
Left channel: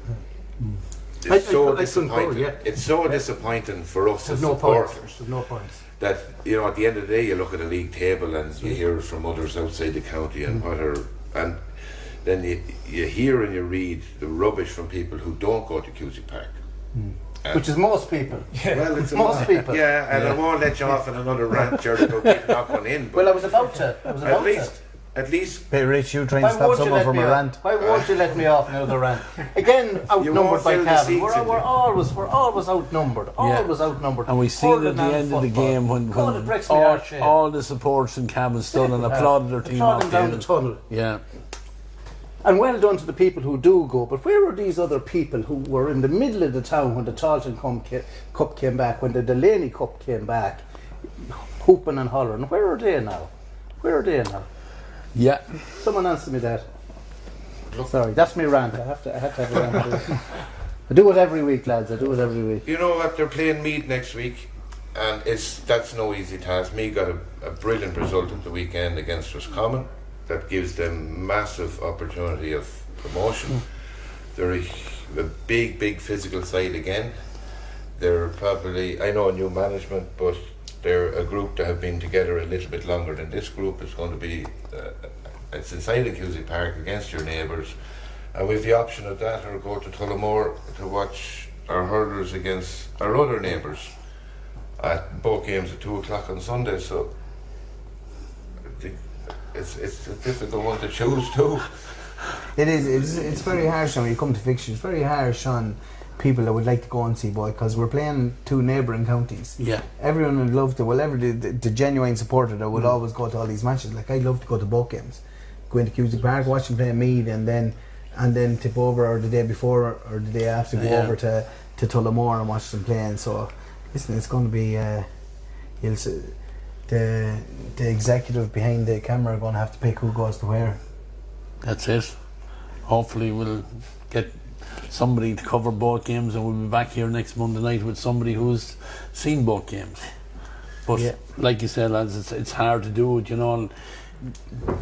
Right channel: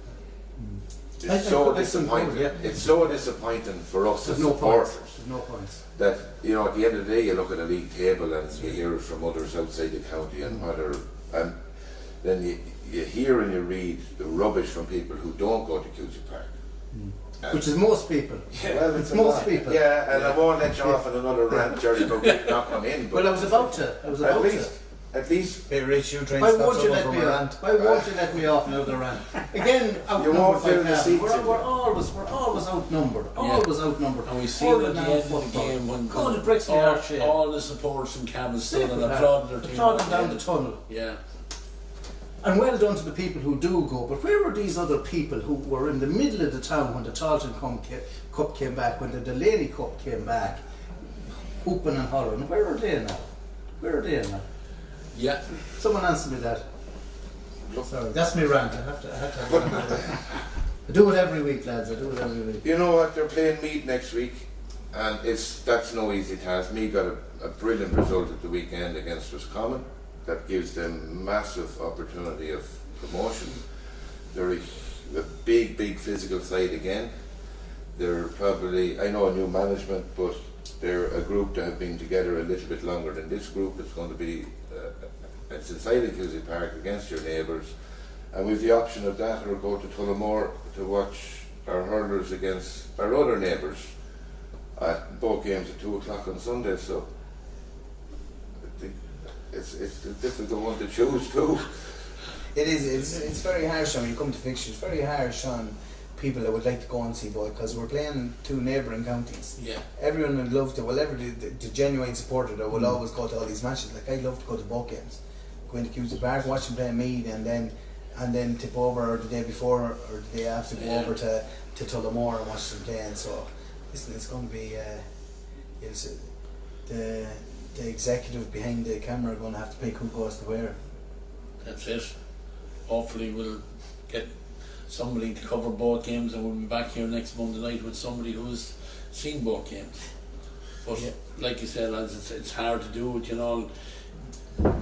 it's so that's disappointing. yeah. It's so disappointing for us as There's no points. supporters There's no points. that, you know, at the end of the day you look at a league table and you hear it from others outside the county and and then you hear and you read the rubbish from people who don't go to Cusack Park. Which is most people. Well, it's most people. Yeah, and I won't let you off in another rant, Gerry, about getting that one in. Well, I was about to. At least Hey Rich, you try and Why stop won't you someone let from me a off? rant. Why won't you let me off another rant? Again, outnumbered won't by fill the Cavan. seats We're in. always outnumbered. Always outnumbered. And we see it at the Hurling end of the football. game when God, it breaks my heart, Shane. all the supporters in Cavan stood and applauded their team Applauding off down the the tunnel. Yeah. And well done to the people who do go. But where were these other people who were in the middle of the town when the Taunton Cup came back, when the Delaney Cup came back, hooping and hollering? Where are they now? Where are they now? Yeah. Someone answer me that. Sorry, that's my rant. I have to have a rant. I do it every week, lads. I do it every week. you know what, they're playing Meath next week, and that's no easy task. Meath got a brilliant result at the weekend against Roscommon that gives them massive opportunity of promotion. They're a big physical side again. They're probably, I know, new management, but they're a group that have been together a little bit longer than this group. It's going to be it's inside the Cusack Park against your neighbours, and we've the option of that, or go to Tullamore to watch our hurlers against our other neighbours at both games at 2 o'clock on Sunday. So I think it's a difficult one to choose too. It is. It's very harsh when you come to fixtures. It's very harsh on people that would like to go and see ball because we're playing two neighbouring counties. Yeah. Everyone would love to. Well, the genuine supporter that will always go to all these matches. Like, I'd love to go to both games, go into Cusack Park, watch them play Meath, and then tip over, or the day before or the day after, go over to Tullamore and watch them playing. So listen, it's going to be the executive behind the camera are going to have to pick who goes to where. That's it. Hopefully we'll get somebody to cover both games, and we'll be back here next Monday night with somebody who's seen both games. But like you said, lads, it's hard to do it, you know.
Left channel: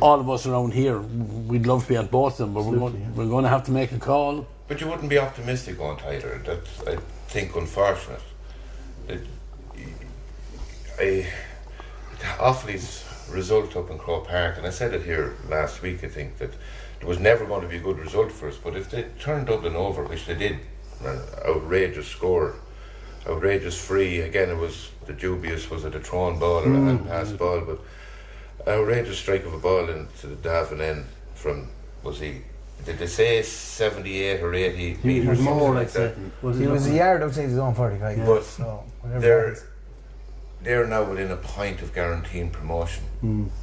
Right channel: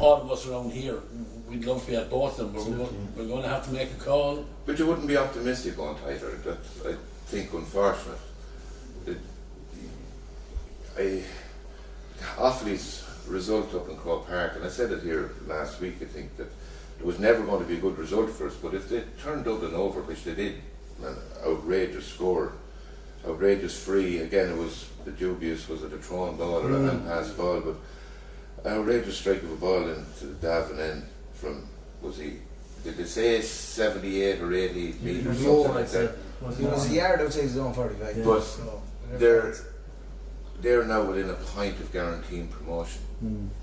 All of us around here, we'd love to be at both of them, but we're going to have to make a call. But you wouldn't be optimistic on it either. That's, I think, unfortunate. Offaly's result up in Croke Park, and I said it here last week, I think, that it was never going to be a good result for us, but if they turned Dublin over, which they did, an outrageous score, outrageous free, again it was the dubious, was it a thrown ball or a hand pass ball, but outrageous strike of a ball into the Gavin end from, did they say 78 or 80 metres, something like that. He was a yard outside his own 45. Yeah. But they're now within a point of guaranteeing promotion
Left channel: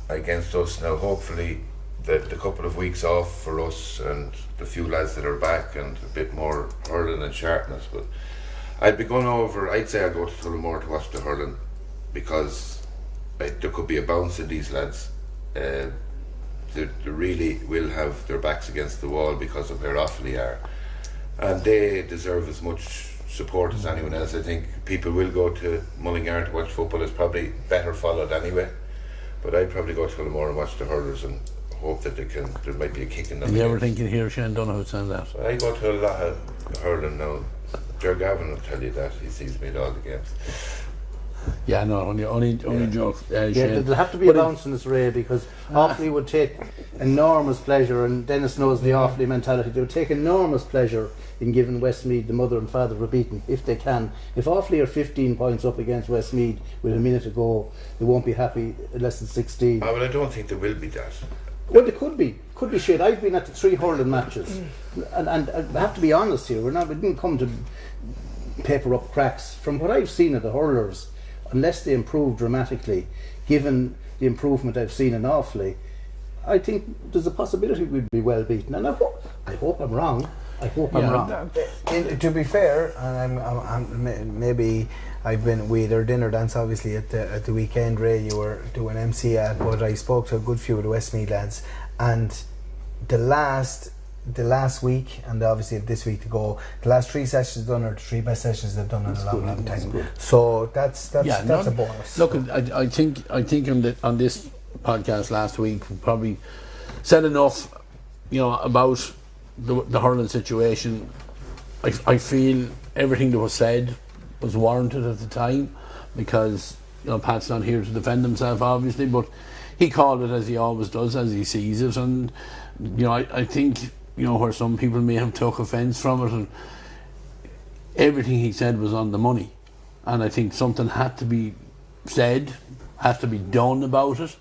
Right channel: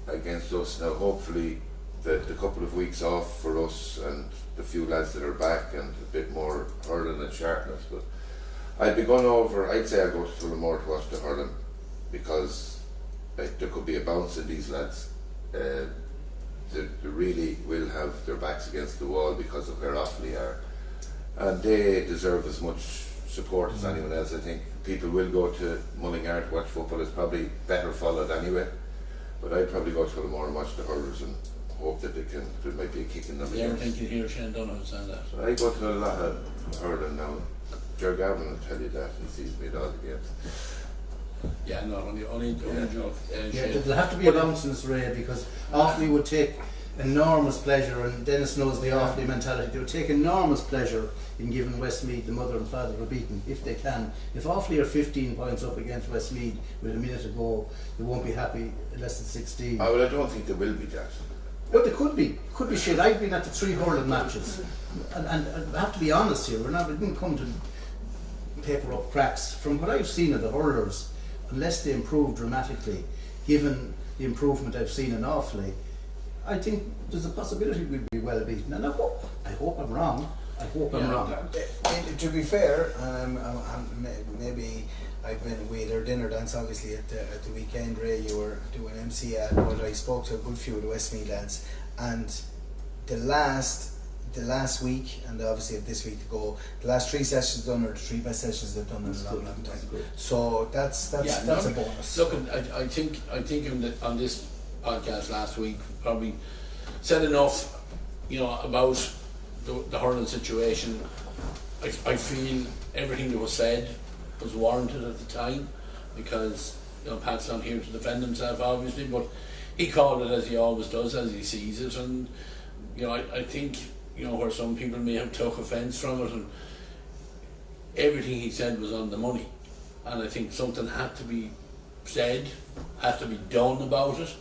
against us. Now hopefully the couple of weeks off for us and the few lads that are back and a bit more hurling and sharpness, but I'd be going over, I'd say I'd go to Tullamore to watch the hurling, because there could be a bounce in these lads. They really will have their backs against the wall because of where Offaly are, and they deserve as much support as anyone else. I think people will go to Mullingar to watch football. It's probably better followed anyway, but I'd probably go to Tullamore and watch the hurlers and hope that there might be a kick in them. Do you ever think you'd hear Shane Donoghue saying that? I go to a lot of hurling now. Gavin will tell you that. He sees me at all the games. Yeah, no, only joke. There'll have to be a bounce in this Ray, because Offaly would take enormous pleasure, and Denis knows the Offaly mentality. They would take enormous pleasure in giving Westmeath the mother and father of beating, if they can. If Offaly are 15 points up against Westmeath with a minute to go, they won't be happy at less than 16. But I don't think there will be that. Well, they could be. Could be shit. I've been at the 3 hurling matches, and I have to be honest here. We didn't come to paper up cracks. From what I've seen of the hurlers, unless they improve dramatically, given the improvement I've seen in Offaly, I think there's a possibility we'd be well beaten. And I hope I'm wrong. I hope I'm wrong. To be fair, and maybe we had our dinner dance obviously at the weekend. Ray, you were doing MC at, but I spoke to a good few of the Westmeath lads, and the last week, and obviously this week to go, the last 3 sessions done are the 3 best sessions they've done in a long time. So that's a bonus. Look, I think on this podcast last week we probably said enough, about the hurling situation. I feel everything that was said was warranted at the time, because Pat's not here to defend himself, obviously, but he called it as he always does, as he sees it, and I think where some people may have took offence from it, and everything he said was on the money, and I think something had to be said, had to be done about it.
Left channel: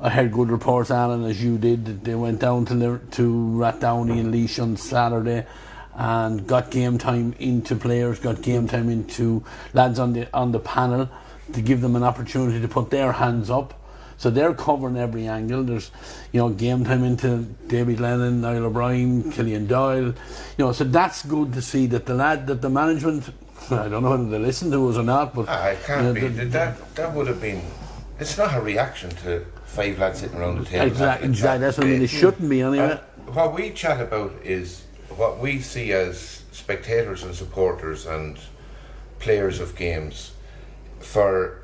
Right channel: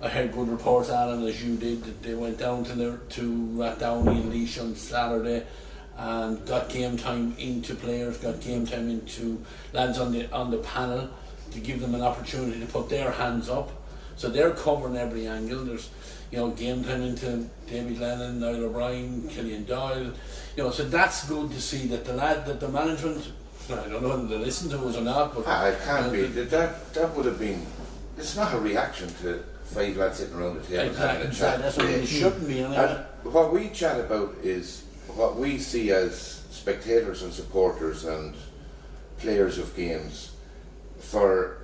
I heard good reports, Alan, as you did, that they went down to Rathdowney and Laois on Saturday and got game time into players, got game time into lads on the panel, to give them an opportunity to put their hands up. So they're covering every angle. There's game time into David Glennon, Niall O'Brien, Killian Doyle. So that's good to see that the management, I don't know whether they listen to us or not, but it can't be. That would have been. It's not a reaction to 5 lads sitting around the table. Exactly. That's what it shouldn't be anyway. What we chat about is what we see as spectators and supporters and players of games for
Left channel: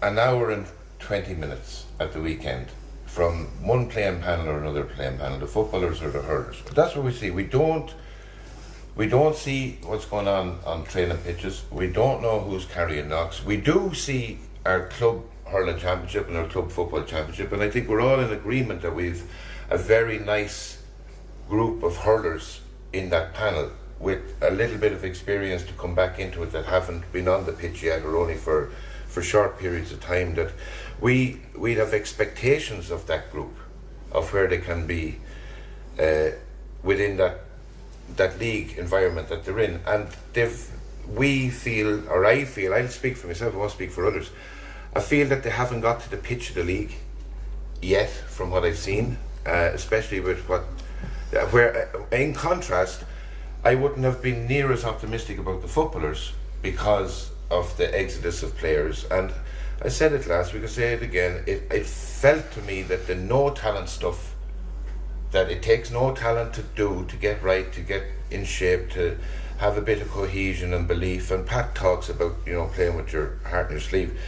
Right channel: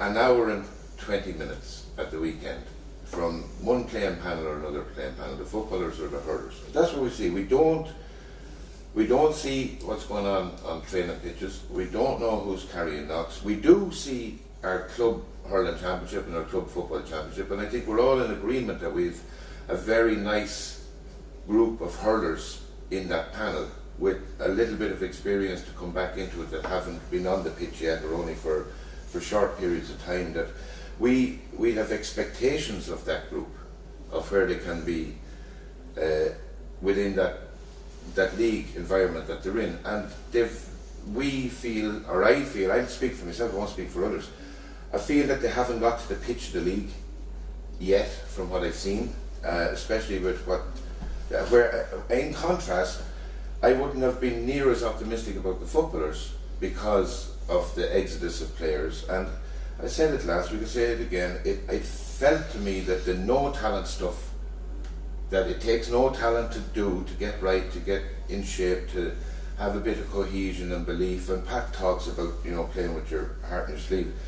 an hour and 20 minutes at the weekend, from one playing panel or another playing panel, the footballers or the hurlers. That's what we see. We don't see what's going on training pitches. We don't know who's carrying knocks. We do see our club hurling championship and our club football championship, and I think we're all in agreement that we've a very nice group of hurlers in that panel with a little bit of experience to come back into it, that haven't been on the pitch yet, or only for short periods of time, that we'd have expectations of that group, of where they can be within that league environment that they're in. And we feel, or I feel, I'll speak for myself, I won't speak for others, I feel that they haven't got to the pitch of the league yet, from what I've seen, especially with where in contrast, I wouldn't have been near as optimistic about the footballers because of the exodus of players. And I said it last week, I say it again, it felt to me that the no talent stuff, that it takes no talent to do, to get right, to get in shape, to have a bit of cohesion and belief. And Pat talks about playing with your heart in your sleeve.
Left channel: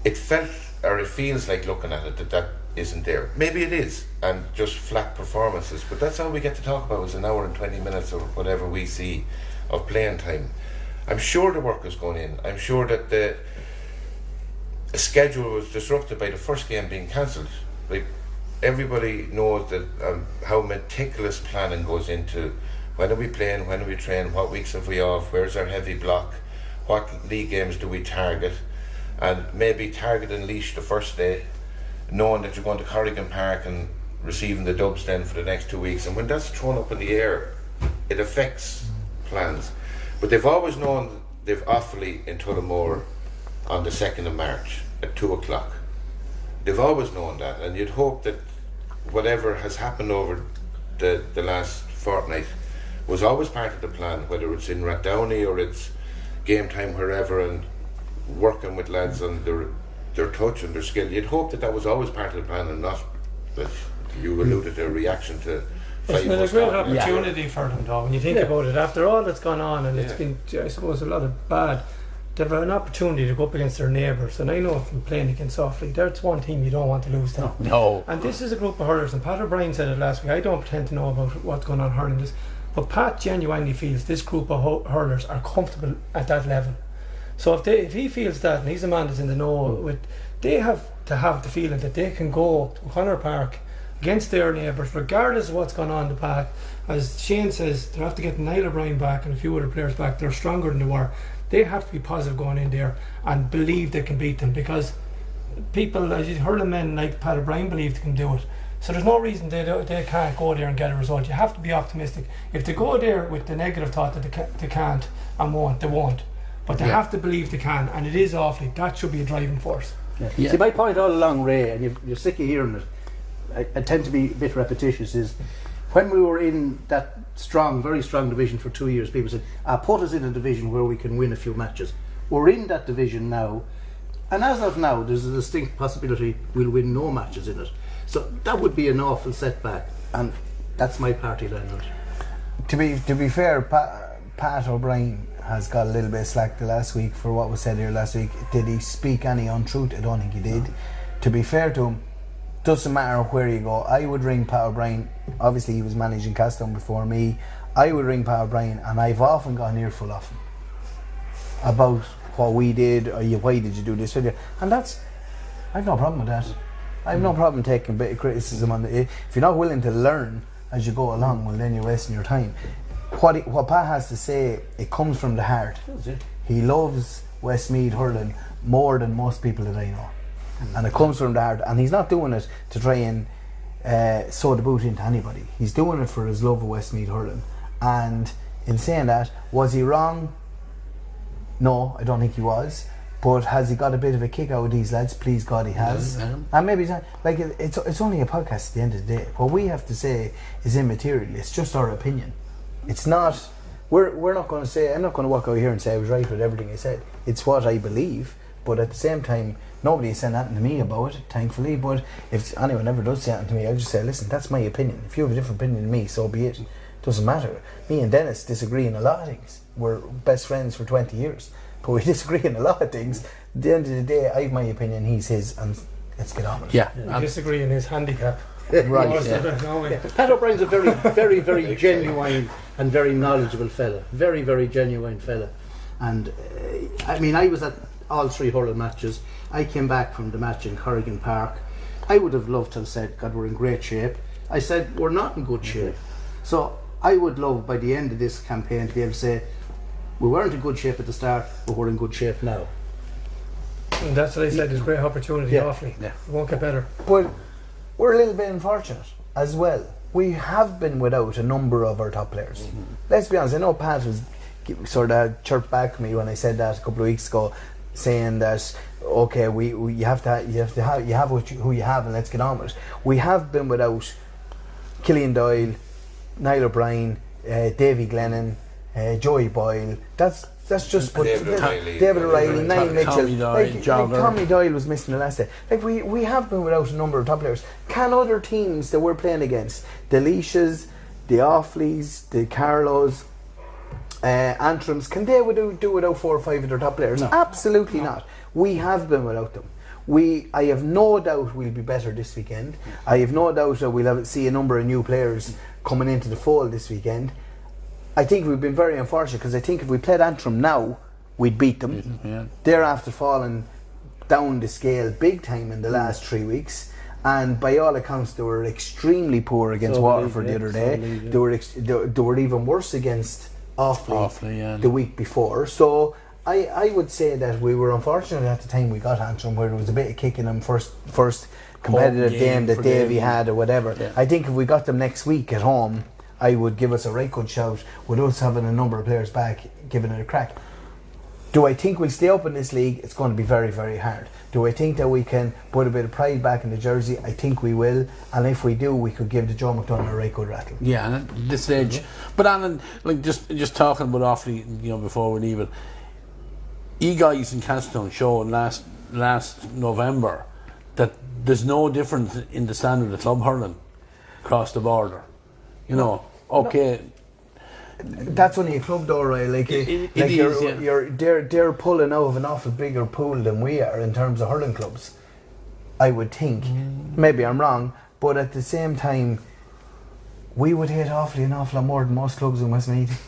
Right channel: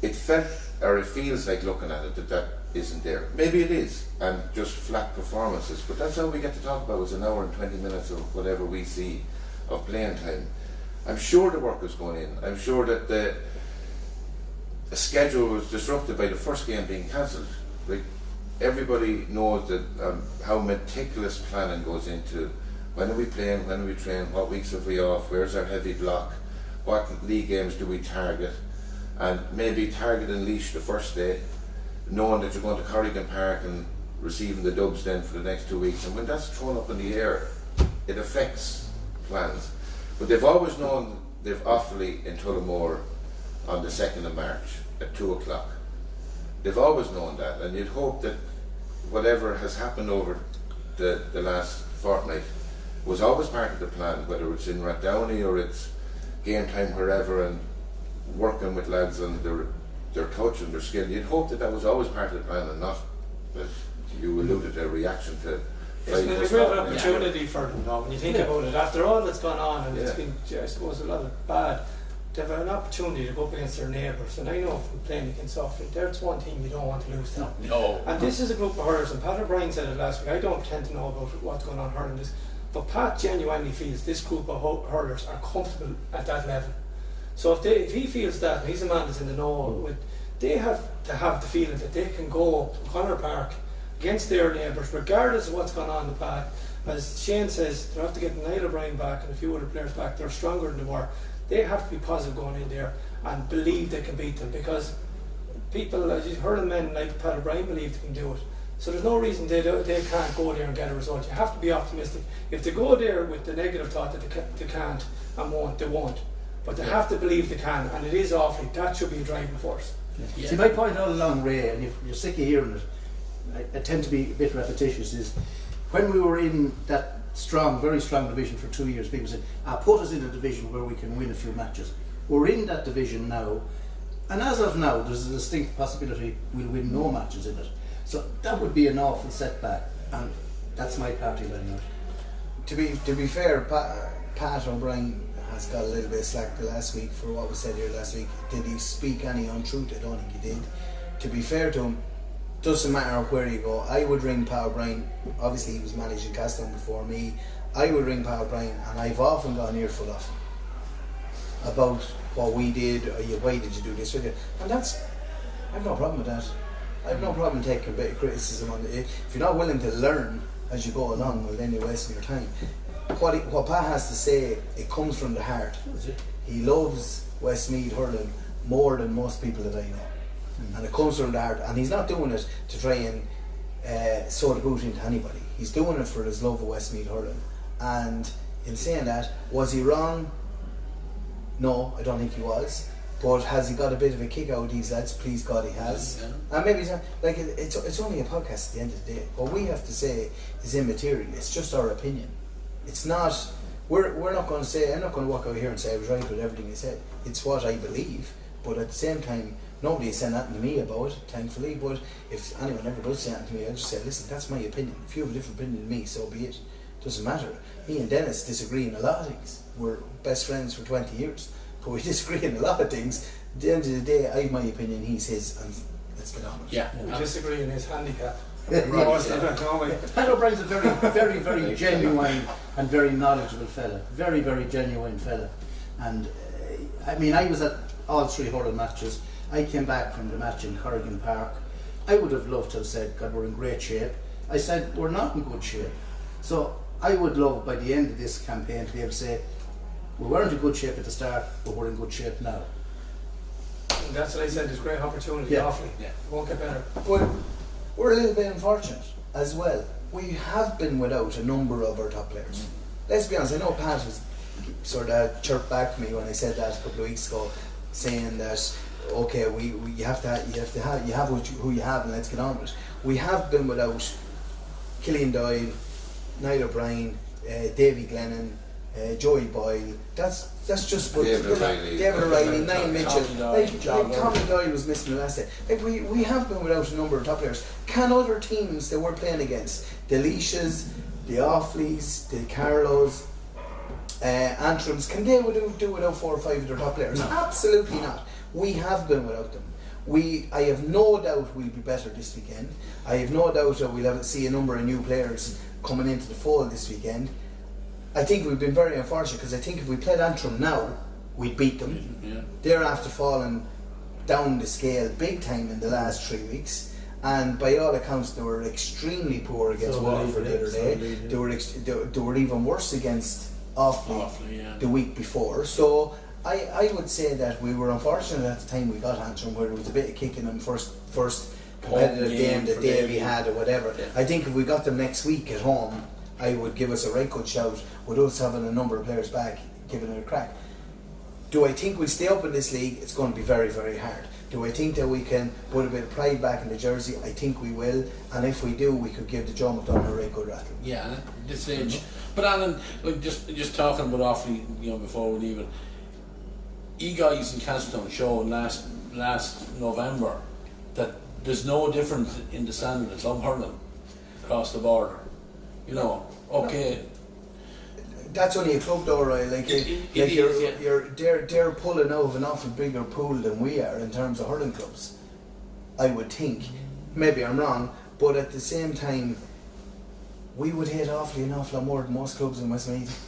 It felt, or it feels like looking at it, that isn't there. Maybe it is, and just flat performances, but that's all we get to talk about, is an hour and 20 minutes or whatever we see of playing time. I'm sure the work is going in. I'm sure that the schedule was disrupted by the first game being cancelled. Like, everybody knows that how meticulous planning goes into when are we playing, when are we training, what weeks have we off, where's our heavy block, what league games do we target, and maybe targeting Laois the first day, knowing that you're going to Corrigan Park and receiving the dubs then for the next 2 weeks. And when that's thrown up in the air, it affects plans. But they've always known they've Offaly in Tullamore on the 2nd of March at 2 o'clock. They've always known that, and you'd hope that whatever has happened over the last fortnight was always part of the plan, whether it's in Rathdowney or it's game time wherever, and working with lads on their touch and their skill. You'd hope that was always part of the plan, and not that you alluded to a reaction to. It's been a great opportunity for them, though, when you think about it. After all that's gone on, and it's been, I suppose, a lot of bad, they've had an opportunity to go up against their neighbours. And I know from playing against Offaly, that's one thing you don't want to lose to. No. And this is a group of hurlers, and Pat O'Brien said it last week. I don't pretend to know about what's going on hurling this, but Pat genuinely feels this group of hurlers are comfortable at that level. So if he feels that, and he's a man that's in the know, they have to have the feeling that they can go to Hurler Park against their neighbours, regardless of what's going on in the back. As Shane says, they have to get Niall O'Brien back and a few other players back. They're stronger than they were. They have to be positive going in there and believe they can beat them, because people, as you heard, men like Pat O'Brien believe they can do it. So there's no reason they can't go there and get a result. You have to be optimistic. If they go there with the negative thought that they can't and won't, they won't. But they have to believe they can, and it is Offaly. That should be a driving force. Yeah. See, my point all along, Ray, and you're sick of hearing it, I tend to be a bit repetitious, is when we were in that strong, very strong division for 2 years, people said, put us in a division where we can win a few matches. We're in that division now, and as of now, there's a distinct possibility we'll win no matches in it. So that would be an awful setback, and that's my party line. To be fair, Pat O'Brien has got a little bit of slack the last week for what was said here last week. Did he speak any untruth? I don't think he did. To be fair to him, doesn't matter where you go. I would ring Pat O'Brien. Obviously he was managing Castleton before me. I would ring Pat O'Brien, and I've often got an earful of him about what we did, or why did you do this video, and I've no problem with that. I've no problem taking a bit of criticism on it. If you're not willing to learn as you go along, well, then you're wasting your time. What Pat has to say, it comes from the heart. He loves Westmeath hurling more than most people that I know, and it comes from the heart. And he's not doing it to try and sow the boot into anybody. He's doing it for his love of Westmeath hurling. And in saying that, was he wrong? No, I don't think he was. But has he got a bit of a kick out of these lads? Please God, he has. And maybe he's not, like, it's only a podcast at the end of the day. What we have to say is immaterial. It's just our opinion. It's not. We're not going to say. I'm not going to walk out here and say I was right with everything he said. It's what I believe. But at the same time, nobody has said nothing to me about it, thankfully. But if anyone ever does say anything to me, I just say, listen, that's my opinion. If you have a different opinion than me, so be it. Doesn't matter. Me and Denis disagree in a lot of things. We're best friends for 20 years. But we disagree in a lot of things. At the end of the day, I have my opinion, he's his, and let's get on with it. Yeah. We disagree in his handicap. Right. Pat O'Brien's a very, very, very genuine and very knowledgeable fella. Very, very genuine fella. And I mean, I was at all 3 hurling matches. I came back from the match in Corrigan Park. I would have loved to have said, God, we're in great shape. I said, we're not in good shape. So I would love, by the end of this campaign, to be able to say, we weren't in good shape at the start, but we're in good shape now. And that's what I said, there's great opportunity, awfully. Yeah. It won't get better. But we're a little bit unfortunate as well. We have been without a number of our top players. Let's be honest, I know Pat was sort of chirped back at me when I said that a couple of weeks ago, saying that okay, you have who you have, and let's get on with it. We have been without Killian Doyle, Niall O'Brien, Davy Glennon, Joey Boyle. That's just what David O'Reilly, Niall Mitchell. Tommy Doyle was missing the last day. Like we have been without a number of top players. Can other teams that we're playing against, the Leashes, the Offleys, the Carlos, Antrims, can they do without 4 or 5 of their top players? No. Absolutely not. We have been without them. I have no doubt we'll be better this weekend. I have no doubt that we'll see a number of new players coming into the fold this weekend. I think we've been very unfortunate, because I think if we played Antrim now, we'd beat them. Yeah. They're after falling down the scale big time in the last 3 weeks. And by all accounts, they were extremely poor against Waterford the other day. They were even worse against Offaly the week before. So I would say that we were unfortunate at the time we got Antrim, where there was a bit of kick in them first competitive game that Davy had or whatever. Yeah. I think if we got them next week at home, I would give us a right good shout with us having a number of players back, giving it a crack. Do I think we'll stay up in this league? It's going to be very, very hard. Do I think that we can put a bit of pride back in the jersey? I think we will, and if we do, we could give the Joe McDonagh a right good rattle. Yeah, and at this stage. But Alan, like just talking about Offaly, before we leave it, guys in Castletown showed last November that there's no difference in the standard of club hurling across the border. Okay. That's only a club though, right? They're pulling out of an awful bigger pool than we are in terms of hurling clubs, I would think. Maybe I'm wrong, but at the same time, we would hate Offaly an awful lot more than most clubs in Westmeath.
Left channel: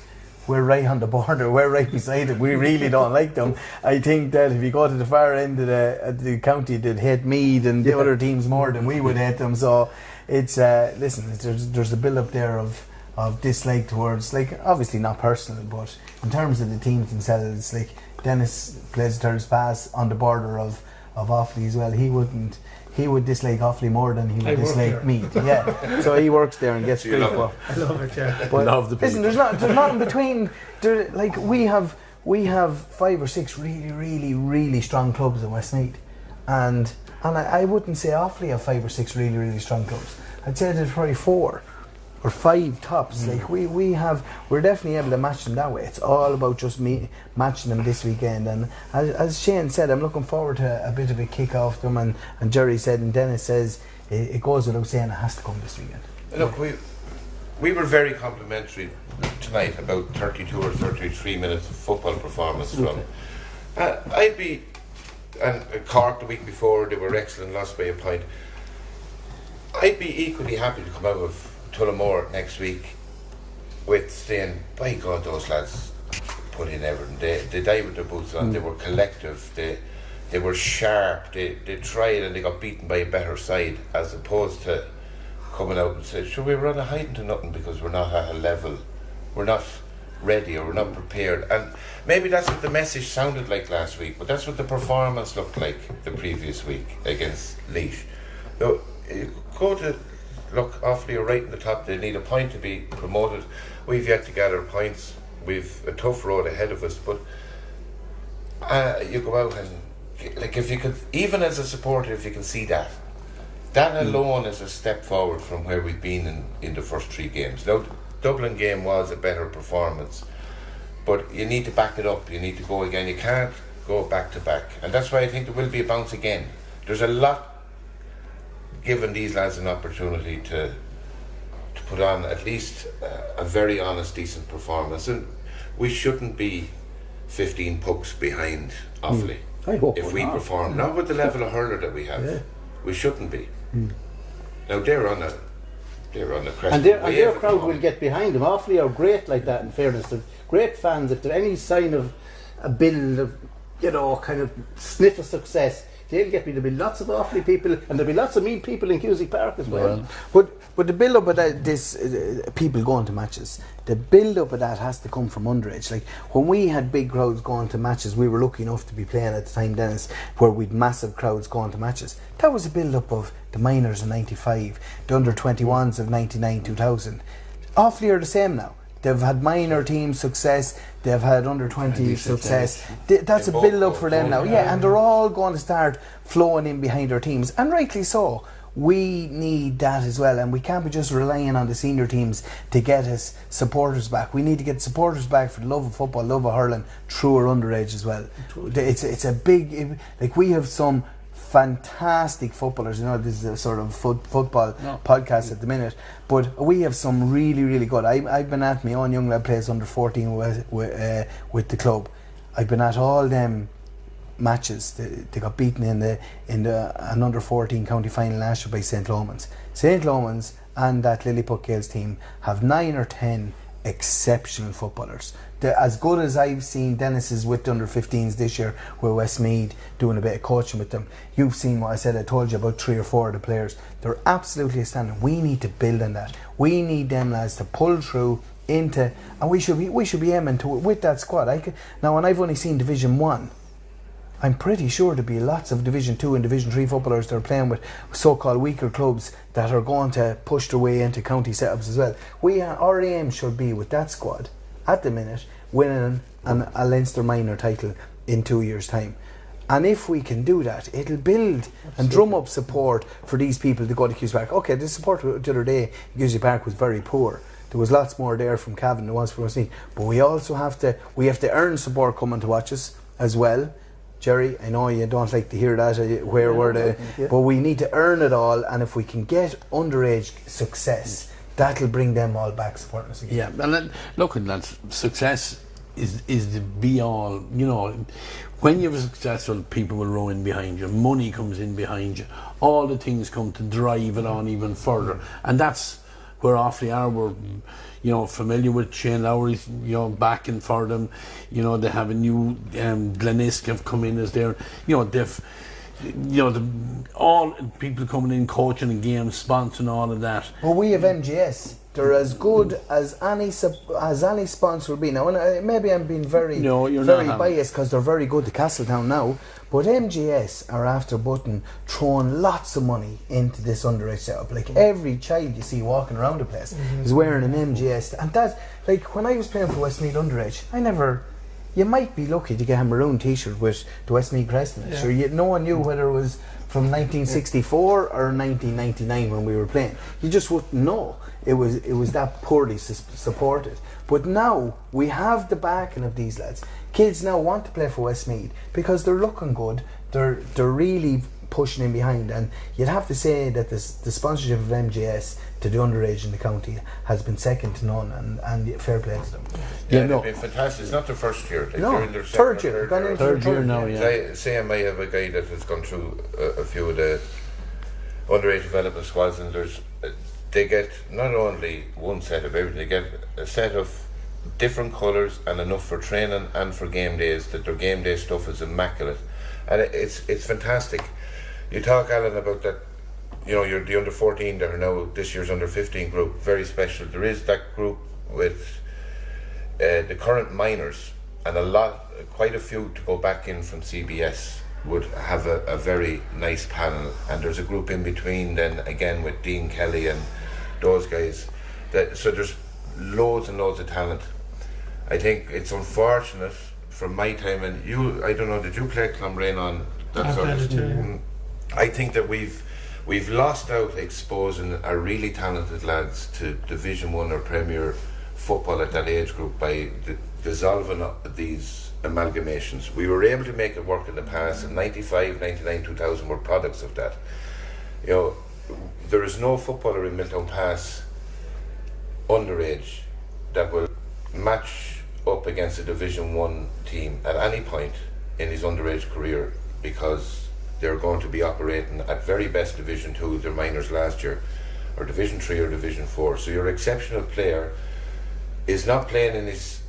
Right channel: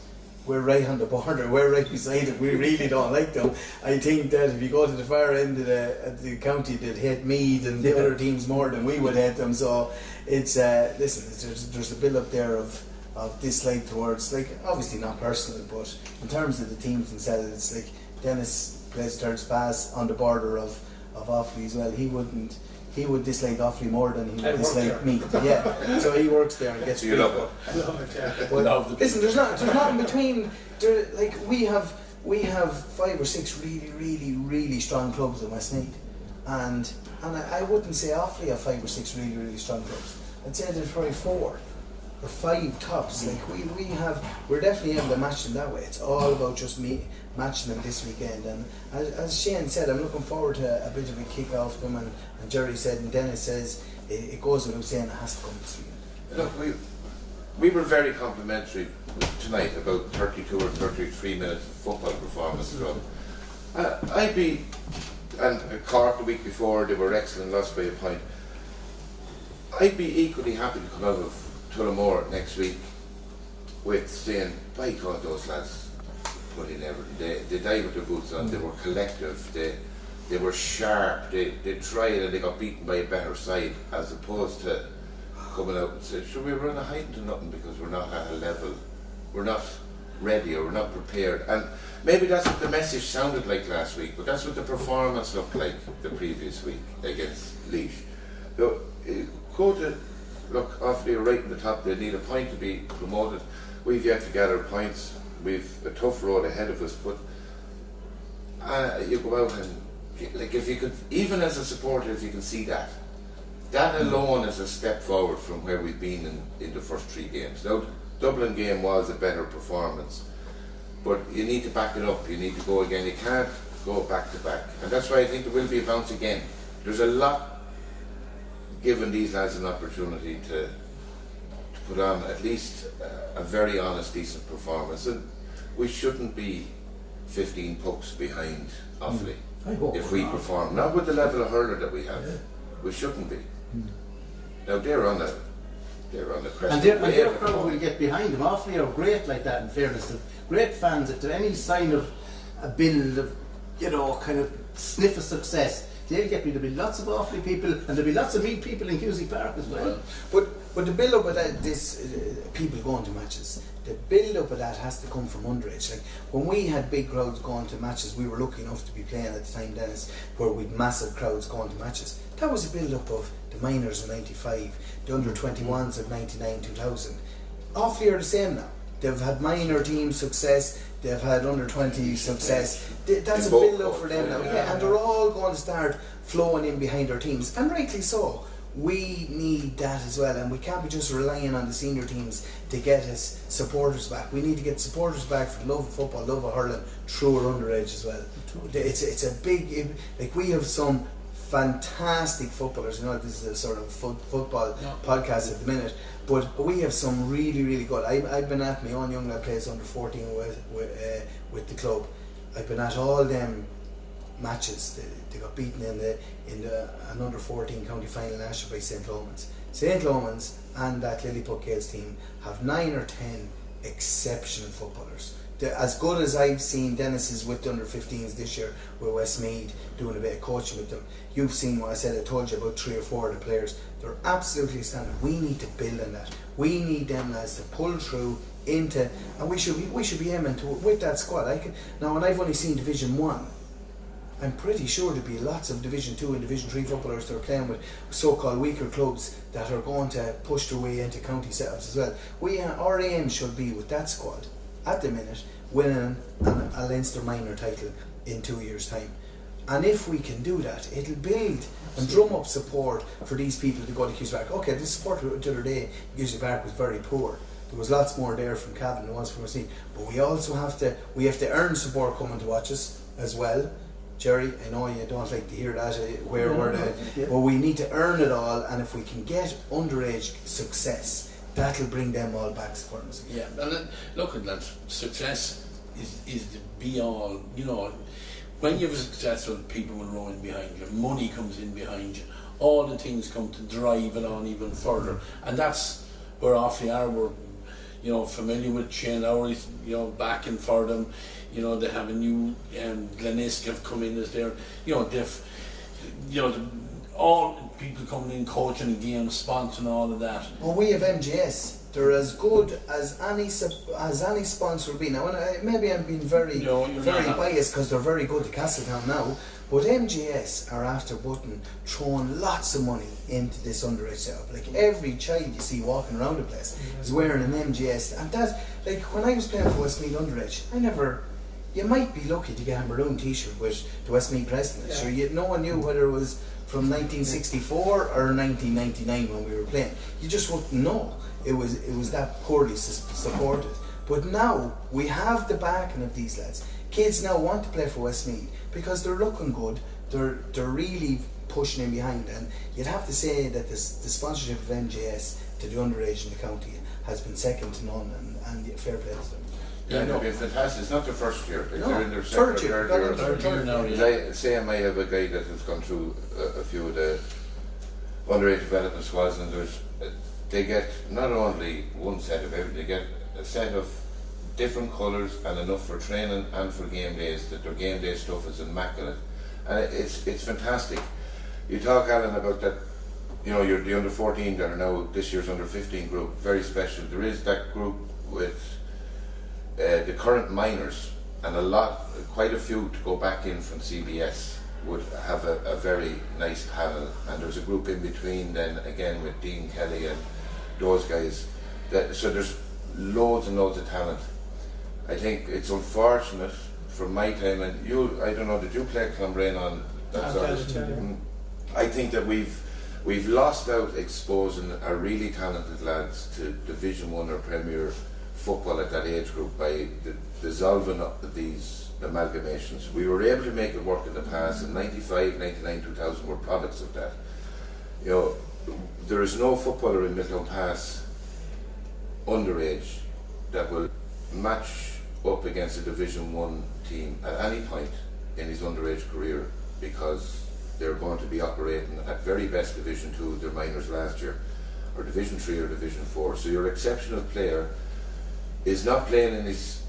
We're right on the border, we're right beside it, we really don't like them. I think that if you go to the far end of the county, they'd hate Meath and the other teams more than we would hate them. So it's, there's a build up there of dislike towards, like, obviously not personal, but in terms of the teams themselves, like Denis plays third pass on the border of Offaly as well. He would dislike Offaly more than he would dislike me. Yeah, so he works there and gets free for. I love it, yeah. But listen, there's nothing between. Like we have 5 or 6 really strong clubs in Westmeath, and I wouldn't say Offaly have 5 or 6 really strong clubs. I'd say there's probably 4 or 5 tops. Like we're definitely able to match them that way. It's all about just matching them this weekend. And as Shane said, I'm looking forward to a bit of a kick off them. And Gerry said, and Denis says, it goes without saying, it has to come this weekend. Look, we were very complimentary tonight about 32 or 33 minutes of football performance from. And Cork the week before, they were excellent, lost by a point. I'd be equally happy to come out of Tullamore next week with saying, by God, those lads put in everything. They died with their boots on. They were collective. They were sharp. They tried and they got beaten by a better side, as opposed to coming out and saying, sure, we were on a hiding to nothing because we're not at a level. We're not ready or we're not prepared. And maybe that's what the message sounded like last week, but that's what the performance looked like the previous week against Laois. So, look, Offaly are right in the top. They need a point to be promoted. We've yet to gather points. We've a tough road ahead of us, but you go out and, like, if you could, even as a supporter, if you can see that alone is a step forward from where we've been in the first 3 games. Now, the Dublin game was a better performance, but you need to back it up. You need to go again. You can't go back to back, and that's why I think there will be a bounce again. There's a lot given these lads an opportunity to put on at least a very honest, decent performance, and we shouldn't be 15 pucks behind Offaly if we perform. Not with the level of hurler that we have, we shouldn't be. Now they're on a crest. And their crowd will get behind them. Offaly are great like that, in fairness. They're great fans. If there's any sign of a build of, kind of sniff of success, they'll get me. There'll be lots of Offaly people, and there'll be lots of mean people in Cusack Park as well. But the build-up of that, people going to matches, the build-up of that has to come from underage. Like, when we had big crowds going to matches, we were lucky enough to be playing at the time, Denis, where we'd massive crowds going to matches. That was a build-up of the minors in 95, the under-21s of 99, 2000. Offaly are the same now. They've had minor team success, they've had under-20 success. That's a build-up for them now. Yeah, and they're all going to start flowing in behind their teams, and rightly so. We need that as well, and we can't be just relying on the senior teams to get us supporters back. We need to get supporters back for the love of football, love of hurling, through our underage as well. It's a big, like, we have some fantastic footballers. This is a sort of football podcast at the minute, but we have some really, really good. I've been at my own young lad plays under 14 with the club. I've been at all them matches. They got beaten in an under 14 county final last year by St. Lomans. St. Lomans and that Lilliput Gales team have 9 or 10 exceptional footballers. They're as good as I've seen. Denis is with the under 15s this year with Westmeath, doing a bit of coaching with them. You've seen what I said. I told you about 3 or 4 of the players. They're absolutely standard. We need to build on that. We need them lads to pull through into, and we should be aiming to with that squad. Now, and I've only seen Division 1. I'm pretty sure there'll be lots of Division 2 and Division 3 footballers that are playing with so-called weaker clubs that are going to push their way into county setups as well. Our aim should be, with that squad at the minute, winning a Leinster minor title in 2 years' time. And if we can do that, it'll build and drum up support for these people to go to Cusack Park. Okay, the support the other day in Cusack Park was very poor. There was lots more there from Cavan than there was from Westmeath. But we also have to earn support coming to watch us as well. Gerry, I know you don't like to hear that, but we need to earn it all, and if we can get underage success, that'll bring them all back supporting us again. Yeah, and then, look at that, success is the be-all. When you're successful, people will row in behind you, money comes in behind you, all the things come to drive it on even further, and that's where Offaly are. We're familiar with Shane Lowry's, backing for them. They have a new Glennon have come in as their, all people coming in, coaching the game, sponsoring all of that. But we have MGS. They're as good as any sponsor would be. Now, maybe I'm being very biased because they're very good to Castletown now. But MGS are after Button throwing lots of money into this underage setup. Like, every child you see walking around the place is wearing an MGS. And that, like, when I was playing for Westmeath Underage, you might be lucky to get a maroon t-shirt with the Westmeath crest on it. Sure, no one knew whether it was from 1964 or 1999 when we were playing. You just wouldn't know. It was that poorly supported. But now we have the backing of these lads. Kids now want to play for Westmeath because they're looking good. They're really pushing in behind, and you'd have to say that the sponsorship of MGS to the underage in the county has been second to none, and fair play to them. It'd be fantastic. It's not the first year. They're in their third year now. Yeah. Same. I have a guy that has gone through a few of the underage development squads, and there's they get not only one set of everything, they get a set of different colours and enough for training and for game days, that their game day stuff is immaculate. And it's fantastic. You talk, Alan, about that, you know, you're the under 14 that are now this year's under 15 group, very special. There is that group with the current minors, and quite a few to go back in from CBS would have a very nice panel, and there's a group in between then again with Dean Kelly and those guys. So there's loads and loads of talent. I think it's unfortunate from my time, and I don't know, did you play Clonbrane on that sort of stuff? I think that we've lost out exposing our really talented lads to Division 1 or Premier football at that age group by dissolving up these amalgamations. We were able to make it work in the past, and 95, 99, 2000 were products of that. You know, there is no footballer in Milltown Pass underage that will match up against a Division 1 team at any point in his underage career, because they're going to be operating at very best Division 2, their minors last year, or Division 3 or Division 4. So your exceptional player is not playing in his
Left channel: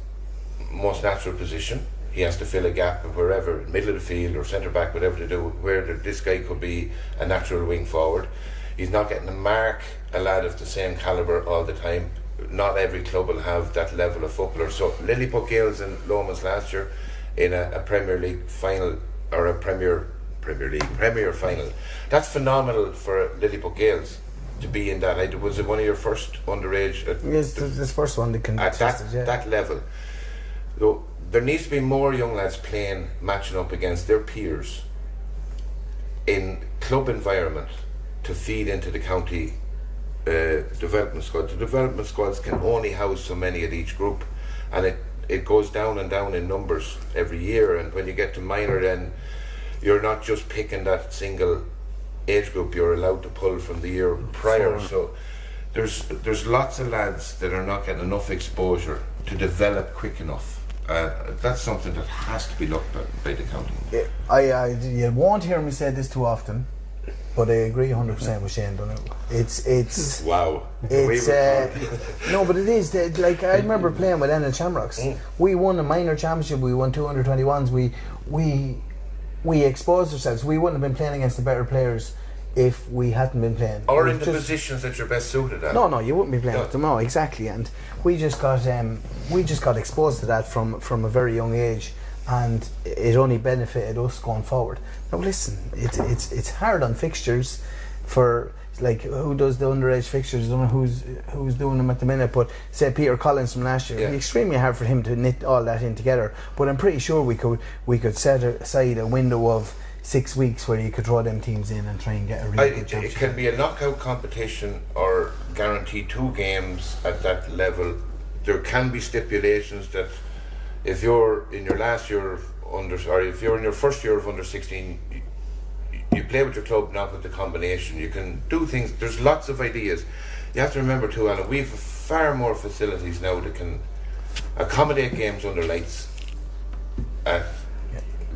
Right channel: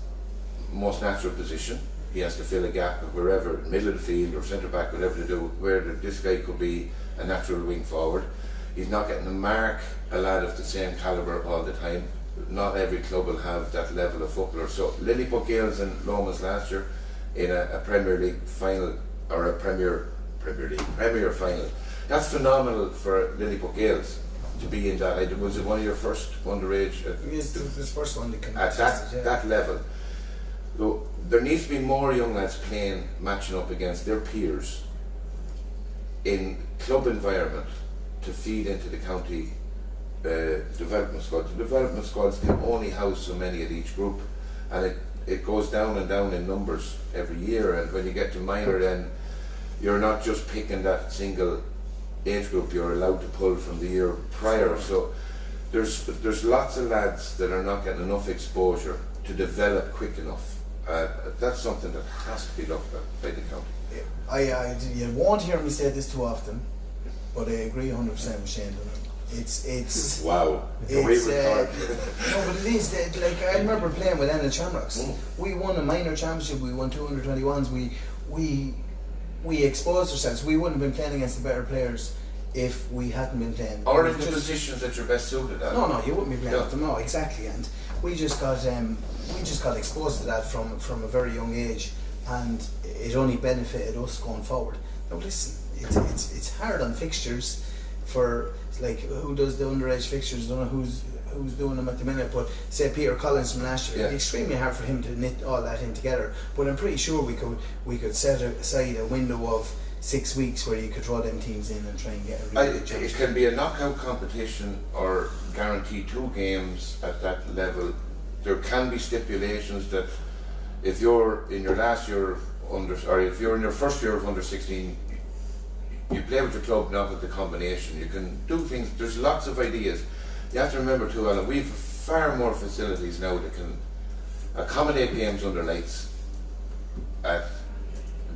most natural position. He has to fill a gap wherever, middle of the field or centre back, whatever to do, where this guy could be a natural wing forward. He's not getting to mark a lad of the same calibre all the time. Not every club will have that level of footballer. So Lilliput Gales and Lomas last year in a Premier League final, or a Premier final. That's phenomenal for Lilliput Gales to be in that. Was it one of your first underage? Yes, this first one that can at that level. Though there needs to be more young lads matching up against their peers in club environment to feed into the county development squads. The development squads can only house so many at each group, and it goes down and down in numbers every year. And when you get to minor, then you're not just picking that single age group, you're allowed to pull from the year prior. So there's lots of lads that are not getting enough exposure to develop quick enough. That's something that has to be looked at by the county. You won't hear me say this too often, but I agree 100% with Shane Donoghue. It's wow. It's no, but it is like, I remember playing with Ennis Shamrocks. We won a minor championship. We won 2 under-21s. We exposed ourselves. We wouldn't have been playing against the better players if we hadn't been playing. Or in the positions that you're best suited at. No, you wouldn't be playing with them. No, exactly. And we just got exposed to that from a very young age, and it only benefited us going forward. Now listen, it's hard on fixtures for, like, who does the underage fixtures? I don't know who's doing them at the minute, but say Peter Collins from last year, it'd be extremely hard for him to knit all that in together. But I'm pretty sure we could set aside a window of 6 weeks where you could throw them teams in and try and get a really good chance. It can be a knockout competition or guarantee 2 games at that level. There can be stipulations that if you're in your last year of if you're in your first year of under 16, you play with your club, not with the combination. You can do things. There's lots of ideas. You have to remember too, Alan, we've far more facilities now that can accommodate games under lights at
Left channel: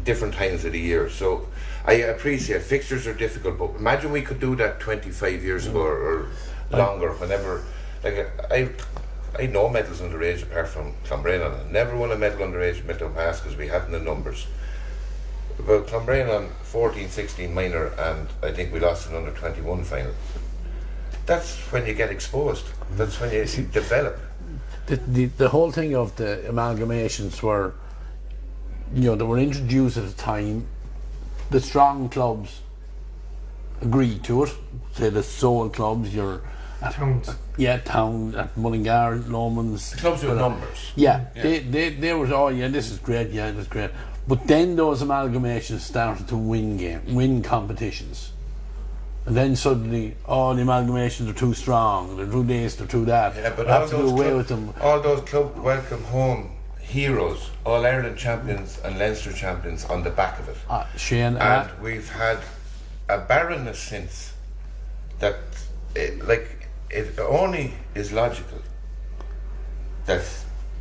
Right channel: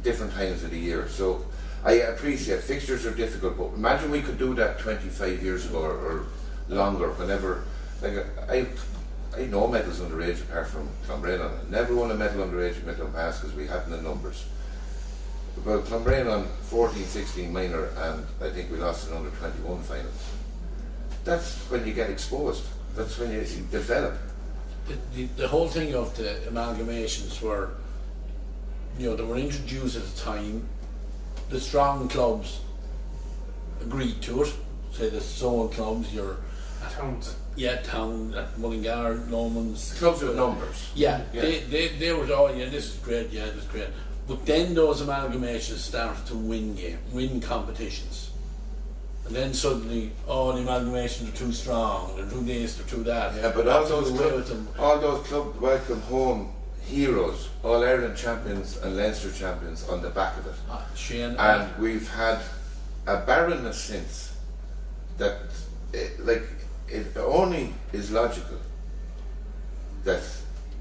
different times of the year. So I appreciate fixtures are difficult, but imagine we could do that 25 years ago or longer. Whenever, like, I had no medals underage apart from Clonbrane. I never won a medal underage at Milltown Pass because we hadn't the numbers. Well, Clonbrane on 14, 16 minor, and I think we lost an under 21 final. That's when you get exposed. That's when you develop. The whole thing of the amalgamations were, they were introduced at a time. The strong clubs agreed to it. Say the sole clubs, Towns. Town at Mullingar, Lomans. Clubs with numbers. They were, this is great, this is great. But then those amalgamations started to win competitions. And then suddenly, the amalgamations are too strong, they're too this, they're too that. Yeah, but all those club welcome home heroes, All Ireland champions and Leinster champions on the back of it. Shane, and we've had a barrenness since that, it only is logical that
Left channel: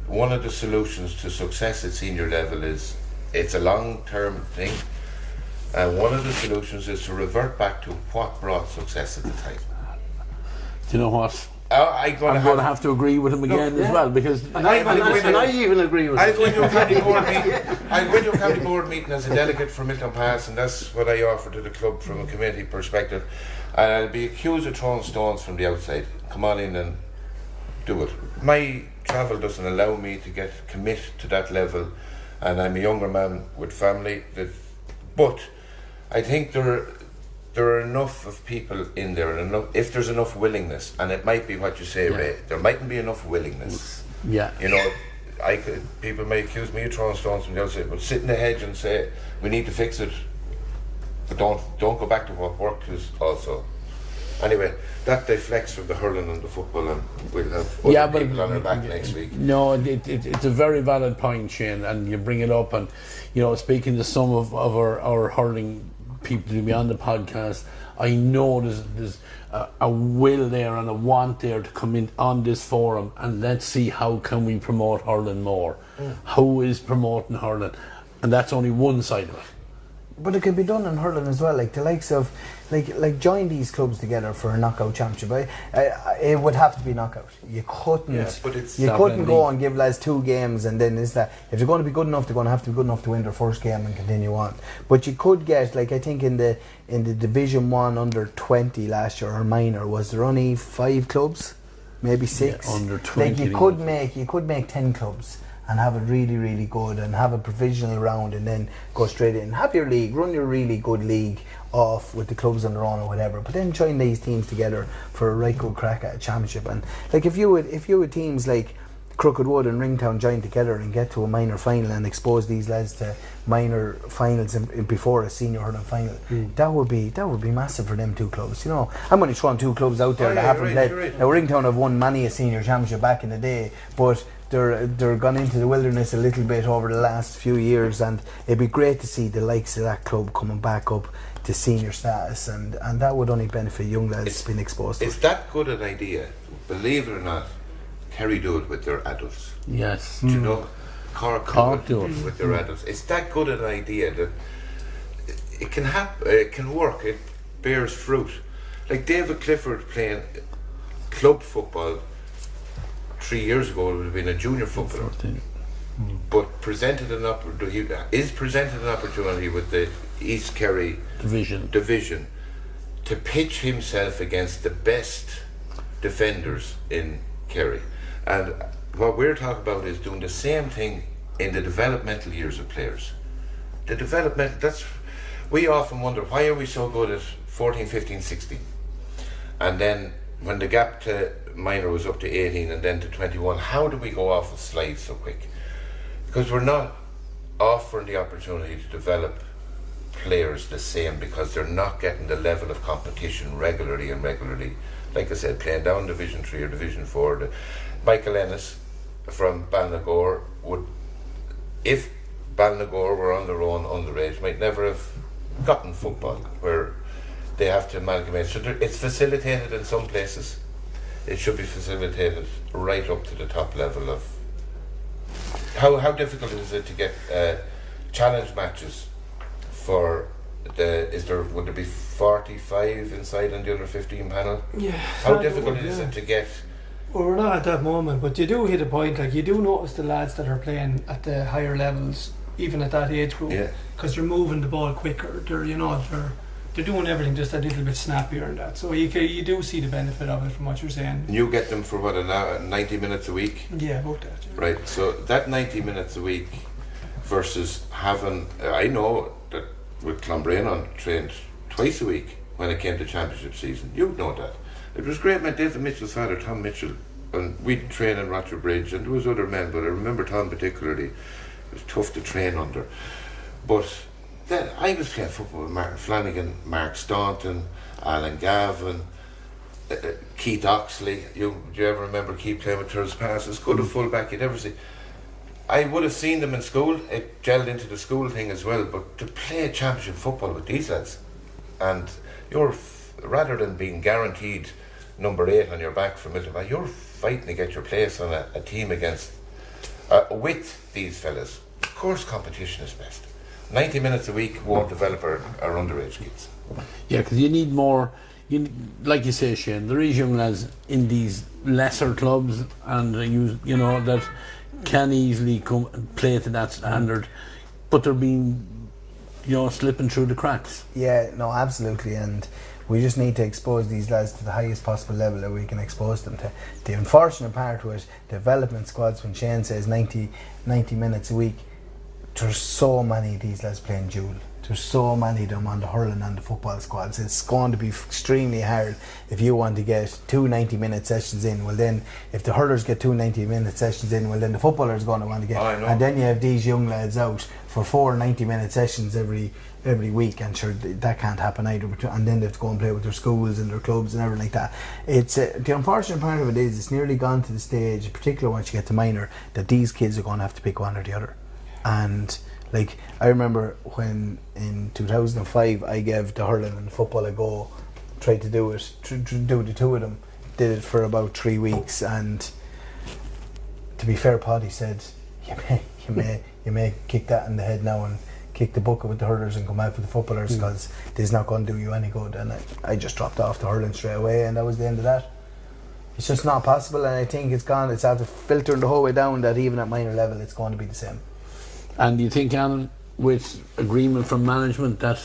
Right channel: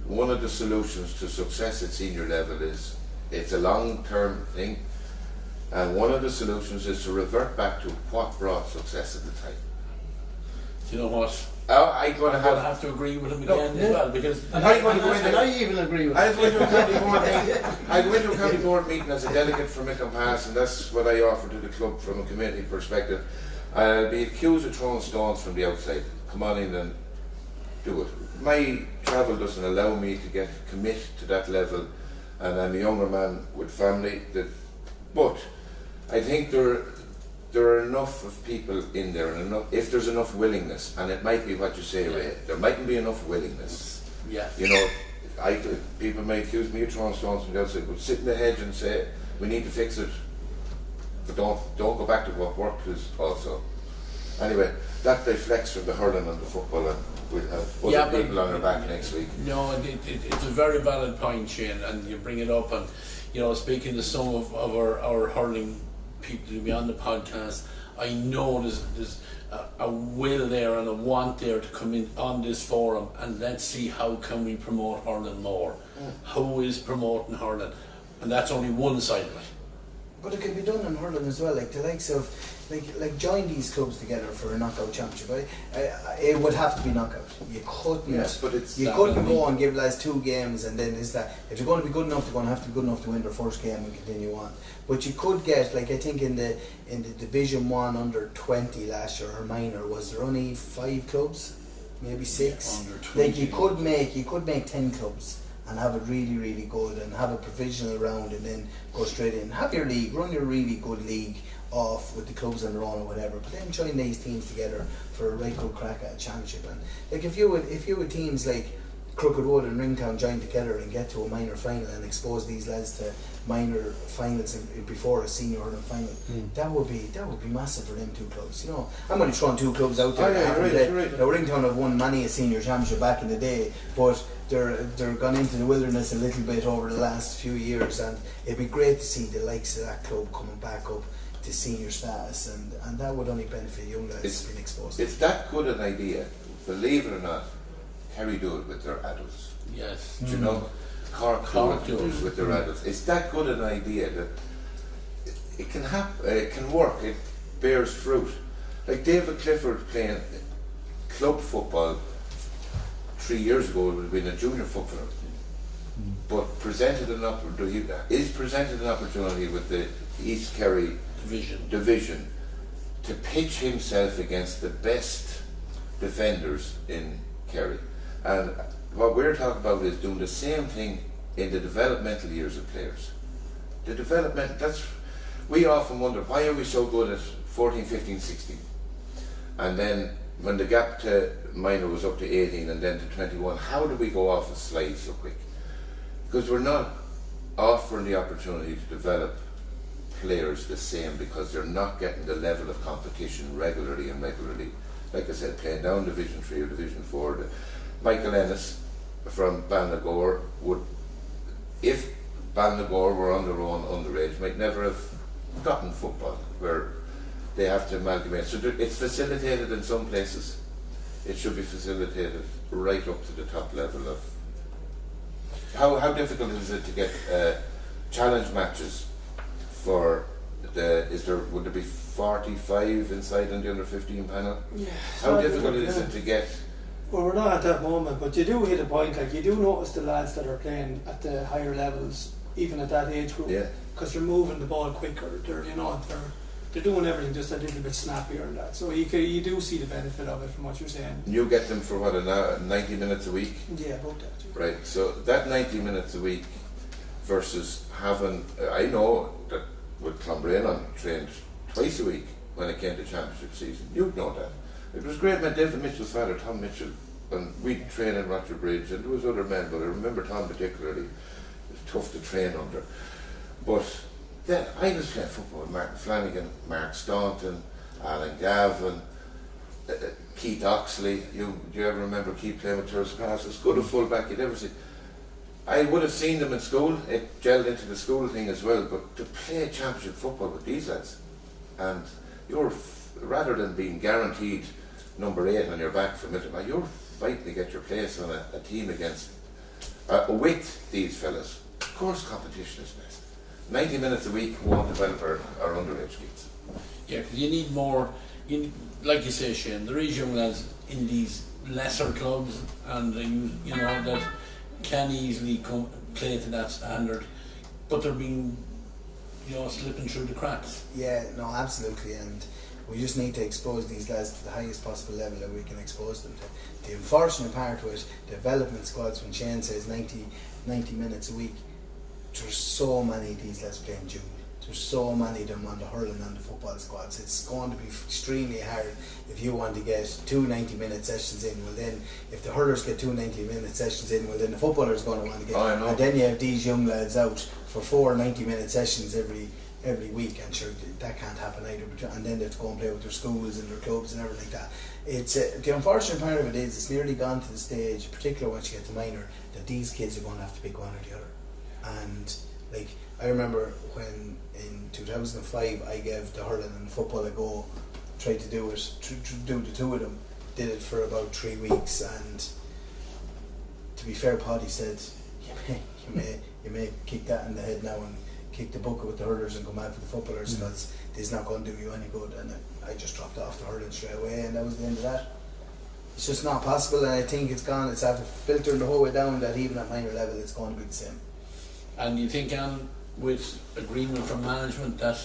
one of the solutions to success at senior level is, it's a long-term thing, and one of the solutions is to revert back to what brought success at the time. you know what? I'm I'm going to have to agree with him again as well, because I even agree with I'll go into a county board meeting. I'll go into a county board meeting as a delegate from Milton Pass, and that's what I offer to the club from a community perspective. And I'll be accused of throwing stones from the outside. Come on in and do it. My travel doesn't allow me to commit to that level, and I'm a younger man with family. But I think there are enough of people in there, and if there's enough willingness, and it might be what you say, Ray, there mightn't be enough willingness. Yeah. You know, people may accuse me of throwing stones from the outside, but sit in the hedge and say, we need to fix it, but don't go back to what worked is also. Anyway, that deflects from the hurling and the football, and we'll have other people on our back next week. No, it's a very valid point, Shane, and you bring it up, and you know, speaking to some of our hurling people to be on the podcast, I know there's a will there and a want there to come in on this forum, and let's see how can we promote hurling more. Who is promoting hurling? And that's only one side of it. But it could be done in hurling as well, like the likes of, like join these clubs together for a knockout championship. It would have to be knockout. You couldn't go and give lads 2 games, and then if they're going to be good enough, they're going to have to be good enough to win their first game and continue on. But you could get, like I think in the Division 1 under 20 last year, or minor, was there only 5 clubs, maybe 6? Yeah, under 20. Like you could make 10 clubs and have it really, really good, and have a provisional round, and then go straight in. Have your league, run your really good league off with the clubs on their own or whatever, but then join these teams together for a right good crack at a championship. And like if you had teams like Crookedwood and Ringtown join together and get to a minor final and expose these lads to minor finals before a senior hurling final, that would be massive for them 2 clubs. You know, I'm only throwing 2 clubs out there that haven't played. Right. Now Ringtown have won many a senior championship back in the day, but they're gone into the wilderness a little bit over the last few years, and it'd be great to see the likes of that club coming back up to senior status, and that would only benefit young lads being exposed to it. It's that good an idea, believe it or not. Kerry do it with their adults. Yes. Do you know? Cork do it with their Mm. adults. It's that good an idea that it can happen, it can work, it bears fruit. Like David Clifford playing club football 3 years ago, it would have been a junior footballer. But is presented an opportunity with the East Kerry division to pitch himself against the best defenders in Kerry. And what we're talking about is doing the same thing in the developmental years of players. We often wonder, why are we so good at 14, 15, 16? And then when the gap to minor was up to 18 and then to 21, how do we go off a slide so quick? Because we're not offering the opportunity to develop players the same, because they're not getting the level of competition regularly. Like I said, playing down Division 3 or Division 4. Michael Ennis from Ballinagour would, if Ballinagour were on their own underage, might never have gotten football, where they have to amalgamate. So it's facilitated in some places. It should be facilitated right up to the top level of. How difficult is it to get challenge matches for would there be 45 inside on the under 15 panel? Yeah. How difficult is it to get? Well, we're not at that moment, but you do hit a point. Like, you do notice the lads that are playing at the higher levels, even at that age group, because they're moving the ball quicker. They're doing everything just a little bit snappier and that. So you do see the benefit of it from what you're saying. You get them for what, 90 minutes a week? Yeah, about that. Yeah. Right. So that 90 minutes a week versus having, I know that with Clonbrane trained twice a week when it came to championship season. You know that. It was great. My David Mitchell's father, Tom Mitchell, and we'd train in Roger Bridge, and there was other men, but I remember Tom particularly. It was tough to train under. But then I was playing football with Martin Flanagan, Mark Staunton, Alan Gavin, Keith Oxley. Do you ever remember Keith playing with Thurles Pass? As good a fullback you'd ever see. I would have seen them in school. It gelled into the school thing as well. But to play championship football with these lads, and rather than being guaranteed number 8 on your back for middle, you're fighting to get your place on a team against with these fellas. Of course, competition is best. 90 minutes a week won't develop our underage kids. Yeah, because you need more like you say, Shane, there is young lads in these lesser clubs, and you know that can easily play to that standard, but they're being, slipping through the cracks. Yeah, no, absolutely, and we just need to expose these lads to the highest possible level that we can expose them to. The unfortunate part was development squads, when Shane says 90 minutes a week, there's so many of these lads playing dual. There's so many of them on the hurling and the football squads. It's going to be extremely hard if you want to get 2 90-minute sessions in. Well then, if the hurlers get 2 90-minute sessions in, well then the footballers are going to want to get. And then you have these young lads out for 4 90-minute sessions every week, and sure that can't happen either. And then they have to go and play with their schools and their clubs and everything like that. It's the unfortunate part of it is it's nearly gone to the stage, particularly once you get to minor, that these kids are going to have to pick one or the other. And like, I remember when in 2005 I gave the hurling and football a go, tried to do it, do the two of them, did it for about 3 weeks, and to be fair, Paddy said, you may kick that in the head now and kick the bucket with the hurlers and come out for the footballers, because this is not going to do you any good. And I just dropped off the hurling straight away, and that was the end of that. It's just not possible, and I think it's after filtering the whole way down that even at minor level it's going to be the same. And you think, Alan, with agreement from management, that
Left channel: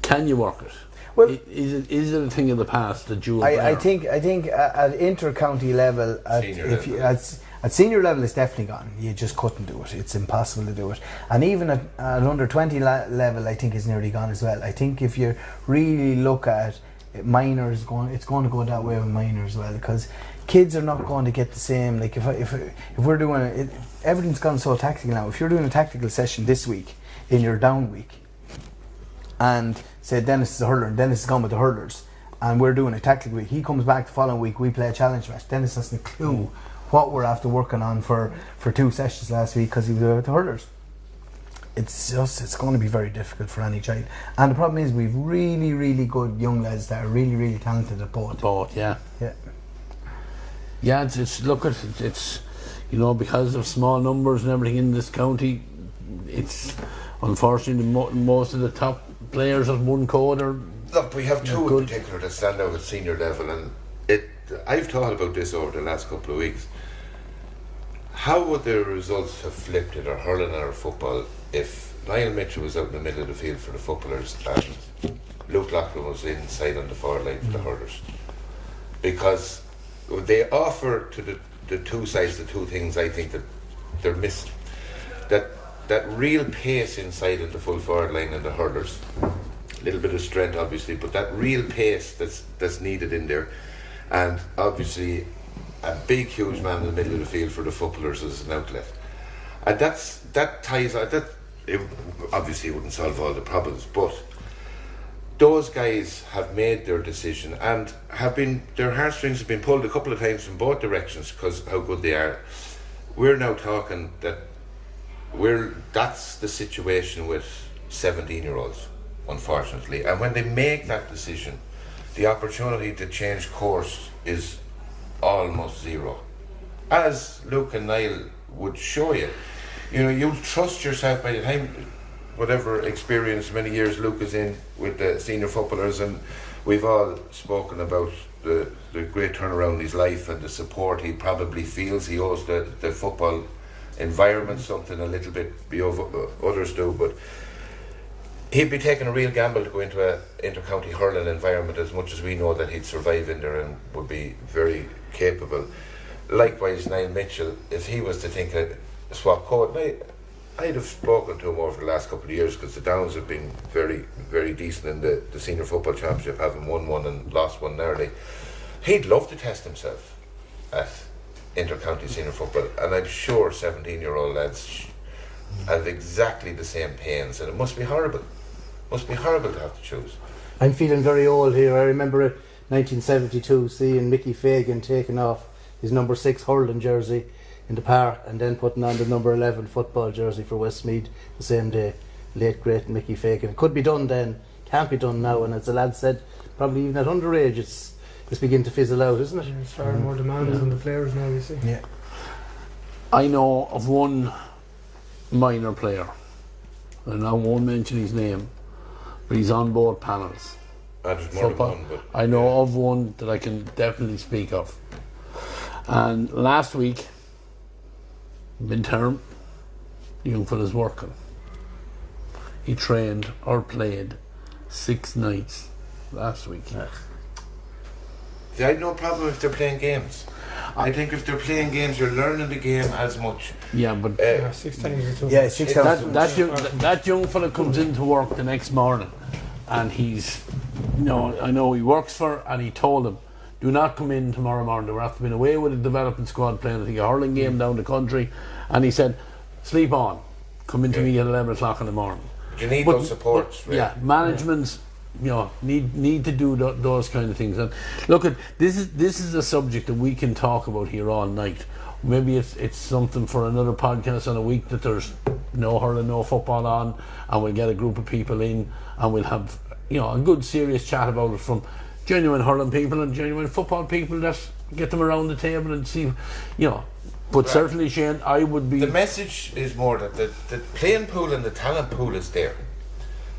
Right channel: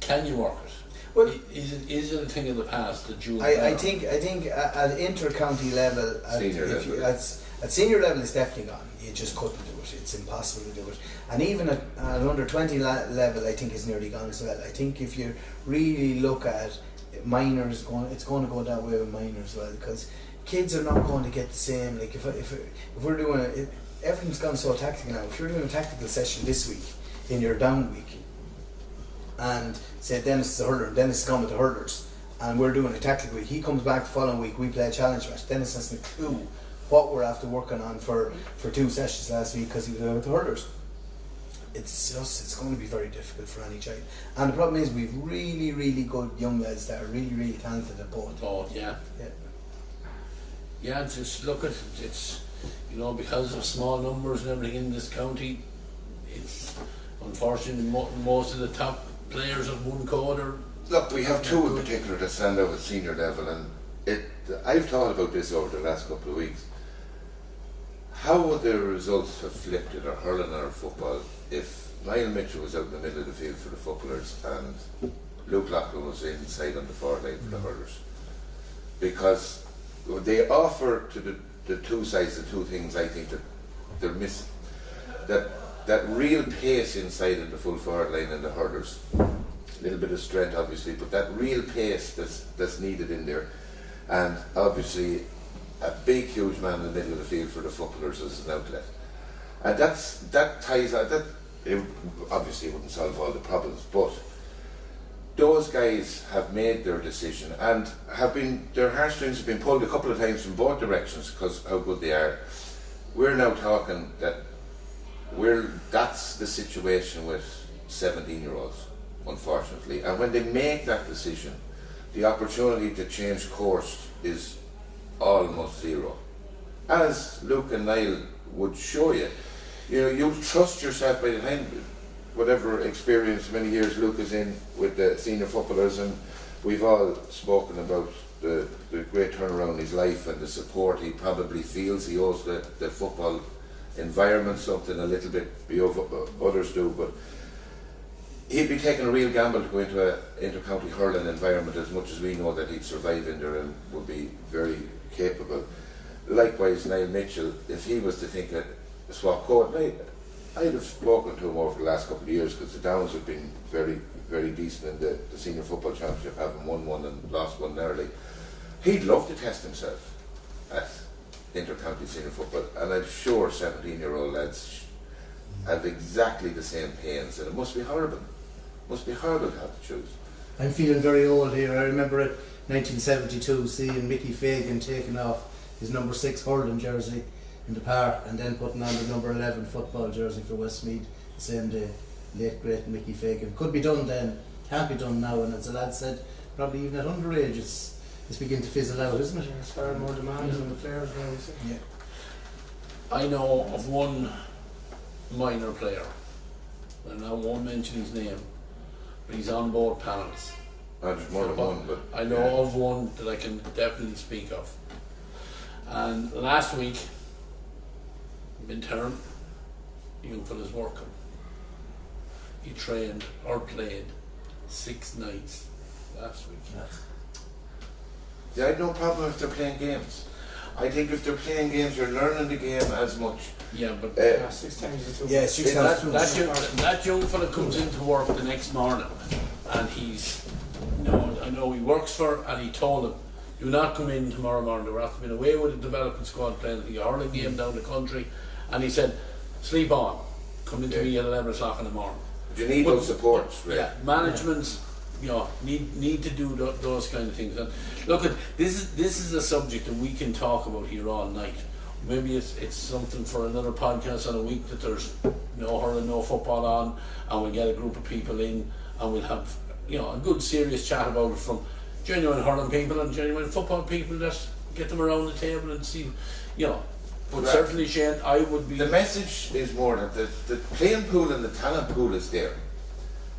can you work it? Well, is it a thing of the past, the dual? I think at inter-county level, at senior level, it's definitely gone. You just couldn't do it. It's impossible to do it. And even at under 20 level, I think it's nearly gone as well. I think if you really look at minors, it's going to go that way with minors as well, because kids are not going to get the same. Like if we're doing it, everything's gone so tactical now. If you're doing a tactical session this week in your down week, and say Denis is a hurler and Denis is gone with the hurlers, and we're doing a tactical week, he comes back the following week, we play a challenge match. Denis hasn't a clue what we're after working on for 2 sessions last week because he was with the hurlers. It's going to be very difficult for any child. And the problem is we've really, really good young lads that are really, really talented at both. Both, yeah. Yeah, it's because of small numbers and everything in this county, it's unfortunately most of the top players of one code are. Look, we have two in particular that stand out at senior level, and I've thought about this over the last couple of weeks. How would the results have flipped at our hurling and our football if Niall Mitchell was out in the middle of the field for the footballers and Luke Loughlin was inside on the forward line for the hurlers? Because they offer to the two sides the two things I think that they're missing. That real pace inside of the full forward line and the hurlers, a little bit of strength obviously, but that real pace that's needed in there, and obviously a big huge man in the middle of the field for the footballers as an outlet. And that ties out, that it obviously wouldn't solve all the problems, but those guys have made their decision and their heartstrings have been pulled a couple of times in both directions because how good they are. We're now talking that that's the situation with 17-year-olds, unfortunately. And when they make that decision, the opportunity to change course is almost zero. As Luke and Niall would show you, you trust yourself by the time, whatever experience, many years Luke is in with the senior footballers, and we've all spoken about the great turnaround in his life and the support he probably feels he owes the football environment something a little bit beyond others do, but he'd be taking a real gamble to go into an inter-county hurling environment, as much as we know that he'd survive in there and would be very capable. Likewise, Niall Mitchell, if he was to think a swap code, I'd have spoken to him over the last couple of years because the Downs have been very, very decent in the senior football championship, having won one and lost one narrowly. He'd love to test himself at inter-county senior football, and I'm sure 17-year-old lads have exactly the same pains, and it must be horrible. Must be horrible to have to choose. I'm feeling very old here. I remember 1972 seeing Mickey Fagan taking off his number 6 hurling jersey in the park and then putting on the number 11 football jersey for Westmeath the same day. Late great Mickey Fagan. It could be done then, can't be done now, and as the lad said, probably even at underage it's beginning to fizzle out, isn't it? Yeah, it's far more demands on the players now, you see. Yeah. I know of one minor player, and I won't mention his name, but he's on both panels. There's more than football. one, but I know of one that I can definitely speak of. And last week, midterm, the young fella's working. He trained or played 6 nights last week. I have no problem if they're playing games. I think if they're playing games, they're learning the game as much. Yeah, but 6 times is too Yeah, much. 6 times. that young fella comes into work the next morning, and he's, I know he works for, and he told him, do not come in tomorrow morning. They were after being away with the development squad playing, I think, a hurling game down the country, and he said, sleep on, come into me at 11 o'clock in the morning. You need those supports. Right? Yeah, managements, need to do those kind of things. And look, this is a subject that we can talk about here all night. Maybe it's something for another podcast in a week that there's no hurling, no football on, and we'll get a group of people in, and we'll have a good serious chat about it from genuine hurling people and genuine football people. That get them around the table and see, But certainly, Shane, I would be. The message is more that the playing pool and the talent pool is there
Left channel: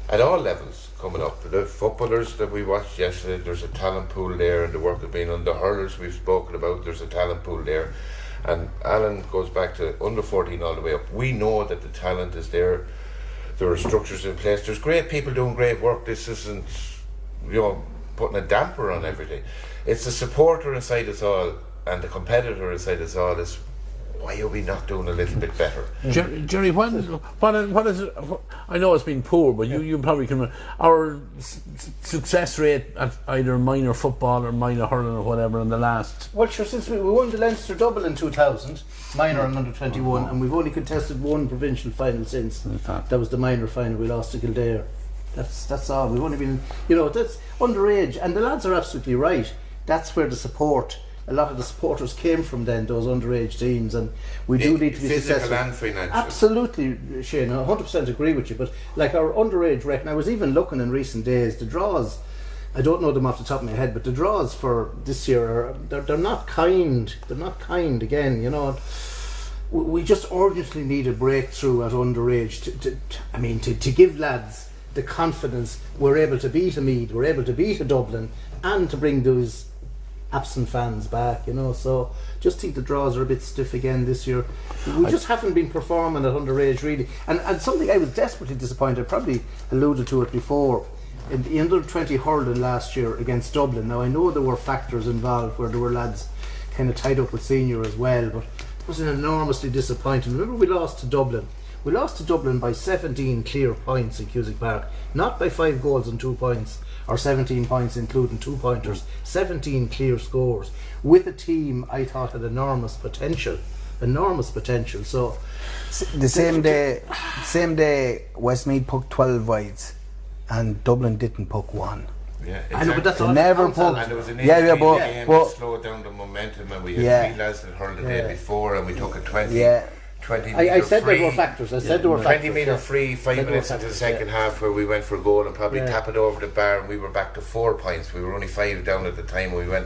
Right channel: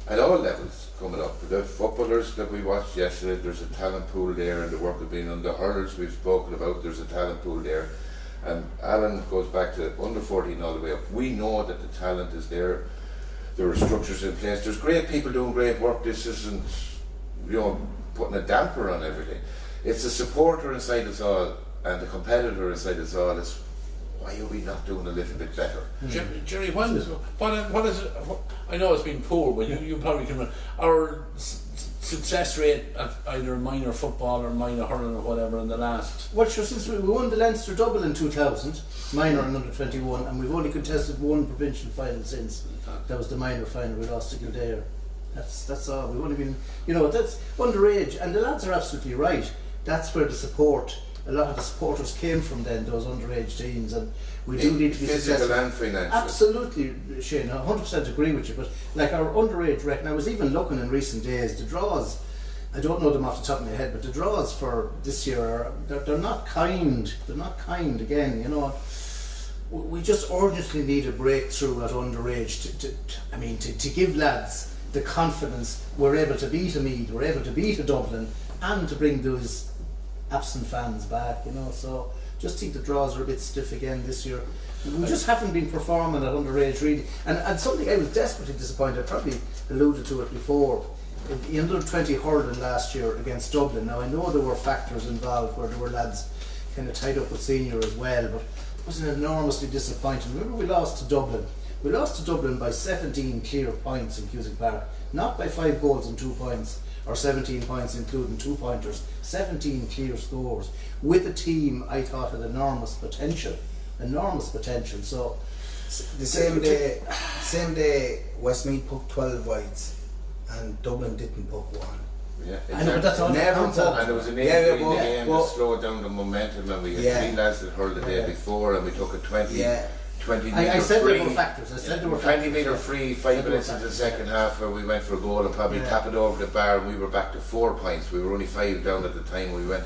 at all levels coming up. The footballers that we watched yesterday, there's a talent pool there, and the work that's been on the hurlers we've spoken about, there's a talent pool there. And Alan goes back to under 14 all the way up. We know that the talent is there. There are structures in place. There's great people doing great work. This isn't, putting a damper on everything. It's the supporter inside us all and the competitor inside us all is, why are we not doing a little bit better? Gerry, what is it? I know it's been poor, but you probably can. Our success rate at either minor football or minor hurling or whatever in the last. Well, sure, since we won the Leinster double in 2000, minor and under 21, and we've only contested one provincial final since. That was the minor final. We lost to Kildare. That's all. We've only been, that's underage, and the lads are absolutely right. That's where the support. A lot of the supporters came from then, those underage teams, and we do need to be physical successful. and financial. Absolutely, Shane, I 100% agree with you. But like our underage record, I was even looking in recent days, the draws, I don't know them off the top of my head, but the draws for this year, they're not kind. They're not kind again, We just urgently need a breakthrough at underage to give lads the confidence we're able to beat a Meath, we're able to beat a Dublin, and to bring those absent fans back, so just think the draws are a bit stiff again this year. We just haven't been performing at underage really, and something I was desperately disappointed, I probably alluded to it before, in the under 20 hurling last year against Dublin. Now I know there were factors involved where there were lads kind of tied up with senior as well, but it was enormously disappointing. Remember, we lost to Dublin by 17 clear points in Cusack Park, not by 5 goals and 2 points or 17 points including 2 pointers, 17 clear scores with a team I thought had enormous potential. So The same day Westmeath put 12 wides and Dublin didn't put 1. Yeah, I know, but that's all Never counts, Alan. and it was an Yeah, 8-3 but- game but- to slow down the momentum, and we Yeah. had 3 lads that hurled the day before, and we took a 20 Yeah. 20 I metre said free. there were factors. I said there were 20 factors. metre free, 5 minutes into the second half, where we went for a goal and probably tap it over the bar, and we were back to 4 points. We were only 5 down at the time. We went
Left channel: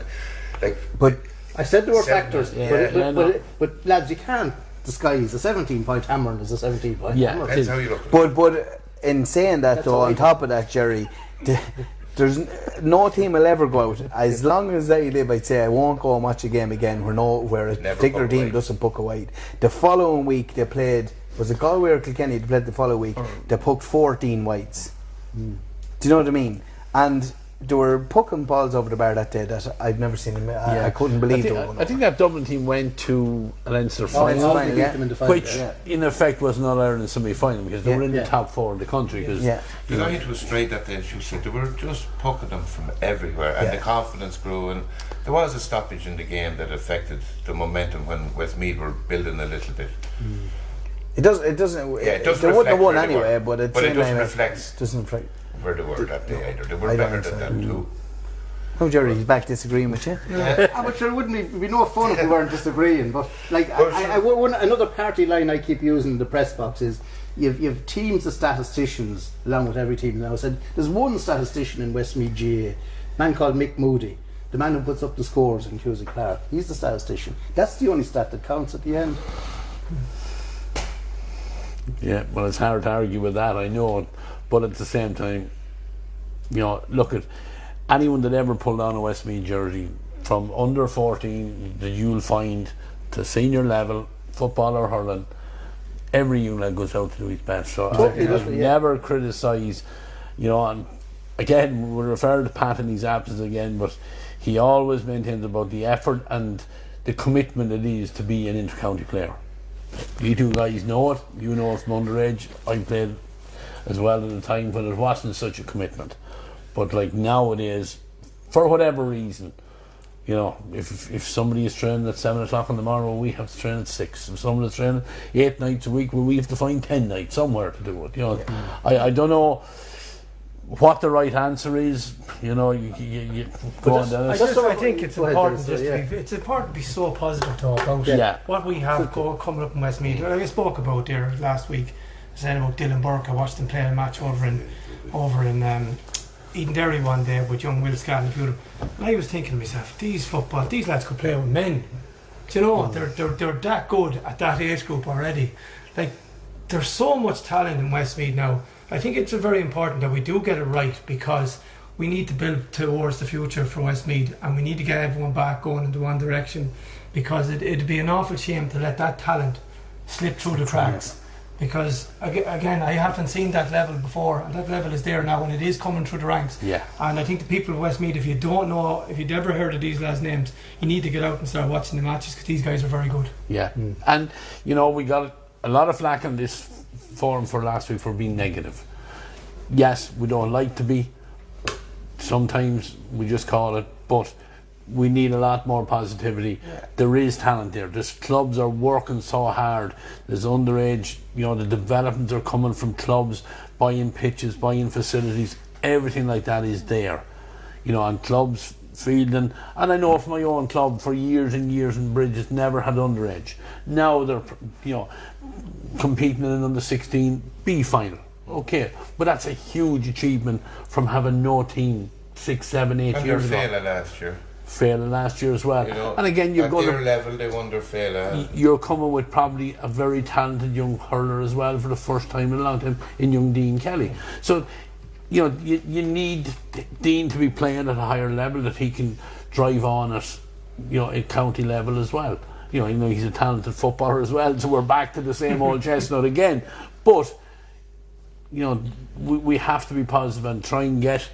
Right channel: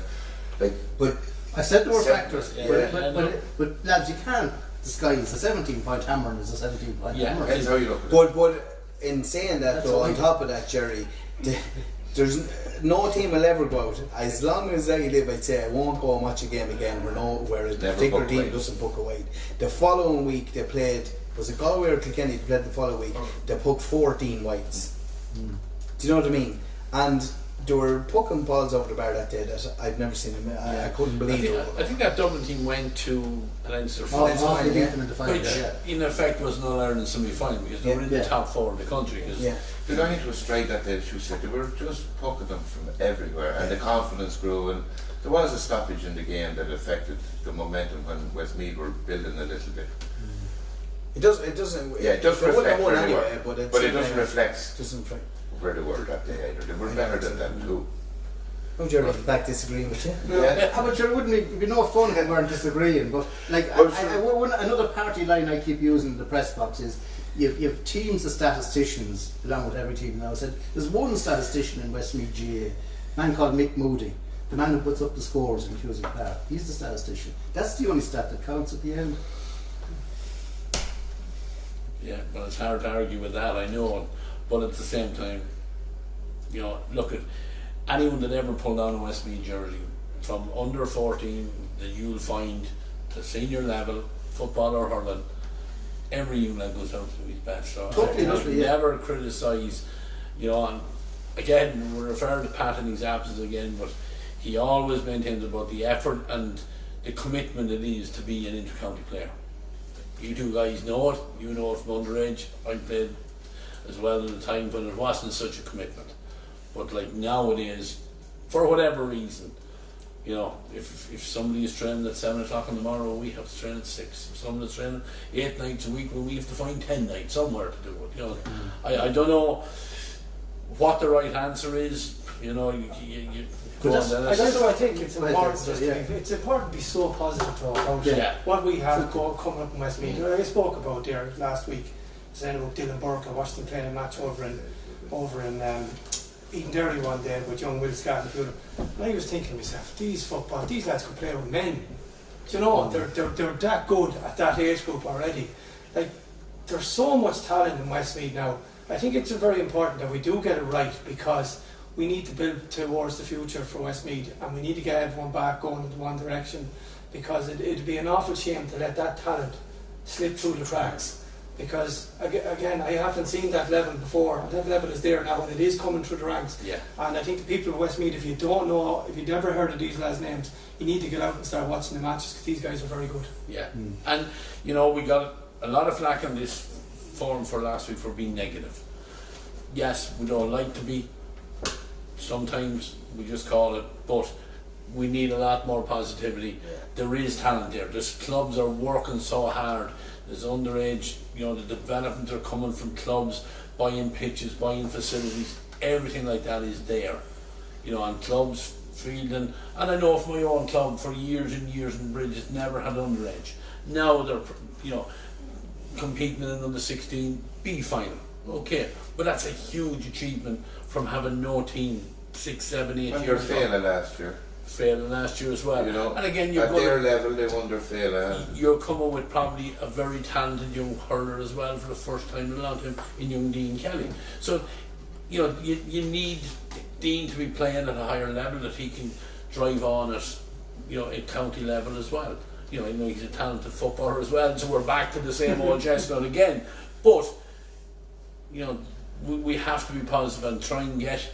But I said there were Seven. factors, Yeah, but lads, you can't disguise a 17-point hammer and it's a 17-point Yeah. hammer. that's how you look at it. But in saying that That's though, all on right. top of that, Gerry, there's no team will ever go out. As long as I live, I'd say I won't go and watch a game again where a particular book team away. doesn't book away. The following week they played, was it Galway or Kilkenny? They played the following week. They put 14 whites. Do you know what I mean? And they were pucking balls over the bar that day that I've never seen them. I couldn't believe it. I think that Dublin team went to a Leinster Oh, final, it's Final, all yeah. them in the final, which yeah. in effect was not Ireland's semi-final because they were in the Yeah. top 4 in the country. Cause Yeah. The night was straight that day. She said they were just pucking them from everywhere, and the confidence grew. And there was a stoppage in the game that affected the momentum when Westmeath were building a little bit. It doesn't. Yeah, it does They wouldn't have reflect won where they anyway, were. but But it doesn't reflect Doesn't reflect. where they were that day either. They were I don't better think than that too. Oh, Gerry, you back disagreeing with you? Yeah. But there wouldn't be no fun if we weren't disagreeing. But like, another party line I keep using in the press box is you've teams of statisticians along with every team now. Said there's one statistician in Westmeath GAA, a man called Mick Moody, the man who puts up the scores in Cusack Park. He's the statistician. That's the only stat that counts at the end. Yeah, well, it's hard to argue with that, I know it, but at the same time, look at anyone that ever pulled on a Westmeath jersey from under 14 that you'll find to senior level, football or hurling, every young lad goes out to do his best. So I never criticise, you know, and again, we're referring to Pat in his absence again, but he always maintains about the effort and the commitment it is to be an intercounty player. You two guys know it, you know it from underage. I played as well at a time when it wasn't such a commitment. But like nowadays, for whatever reason, you know, if somebody is training at 7 o'clock in the morning, we have to train at 6. If someone is training 8 nights a week, well, we have to find 10 nights somewhere to do it. You know, I don't know what the right answer is. You know, you go on, Dennis. I think it's important it's important to be so positive though about what we have coming up in Westmeath. I spoke about there last week, saying about Dylan Burke. I watched him playing a match over in Eden Derry one day with young Will Scott and I was thinking to myself, these lads could play with men. Do you know, they're that good at that age group already. Like, there's so much talent in Westmeath now. I think it's very important that we do get it right, because we need to build towards the future for Westmeath, and we need to get everyone back going into one direction, because it'd be an awful shame to let that talent slip through the cracks. Because again, I haven't seen that level before, and that level is there now, and it is coming through the ranks. Yeah. And I think the people of Westmeath, if you've never heard of these lads' names, you need to get out and start watching the matches, because these guys are very good. Yeah. And you know, we got a lot of flack on this forum for last week for being negative. Yes, we don't like to be. Sometimes we just call it, but we need a lot more positivity. There is talent there. There's clubs are working so hard. There's underage, you know, the developments are coming from clubs, buying pitches, buying facilities, everything like that is there. You know, and clubs fielding, and I know from my own club for years and years in Bridges never had underage. Now they're, you know, competing in an under 16 B final. Okay, but that's a huge achievement from having no team 6, 7, 8 years ago. Failing last year. Failing last year as well. You know, and again, you're at their level, they won their failing. You're coming with probably a very talented young hurler as well for the first time in a long time in young Dean Kelly. So, you know, you need Dean to be playing at a higher level that he can drive on at, you know, at county level as well. You know, he's a talented footballer as well. So we're back to the same old chestnut again. But you know, we have to be positive and try and get.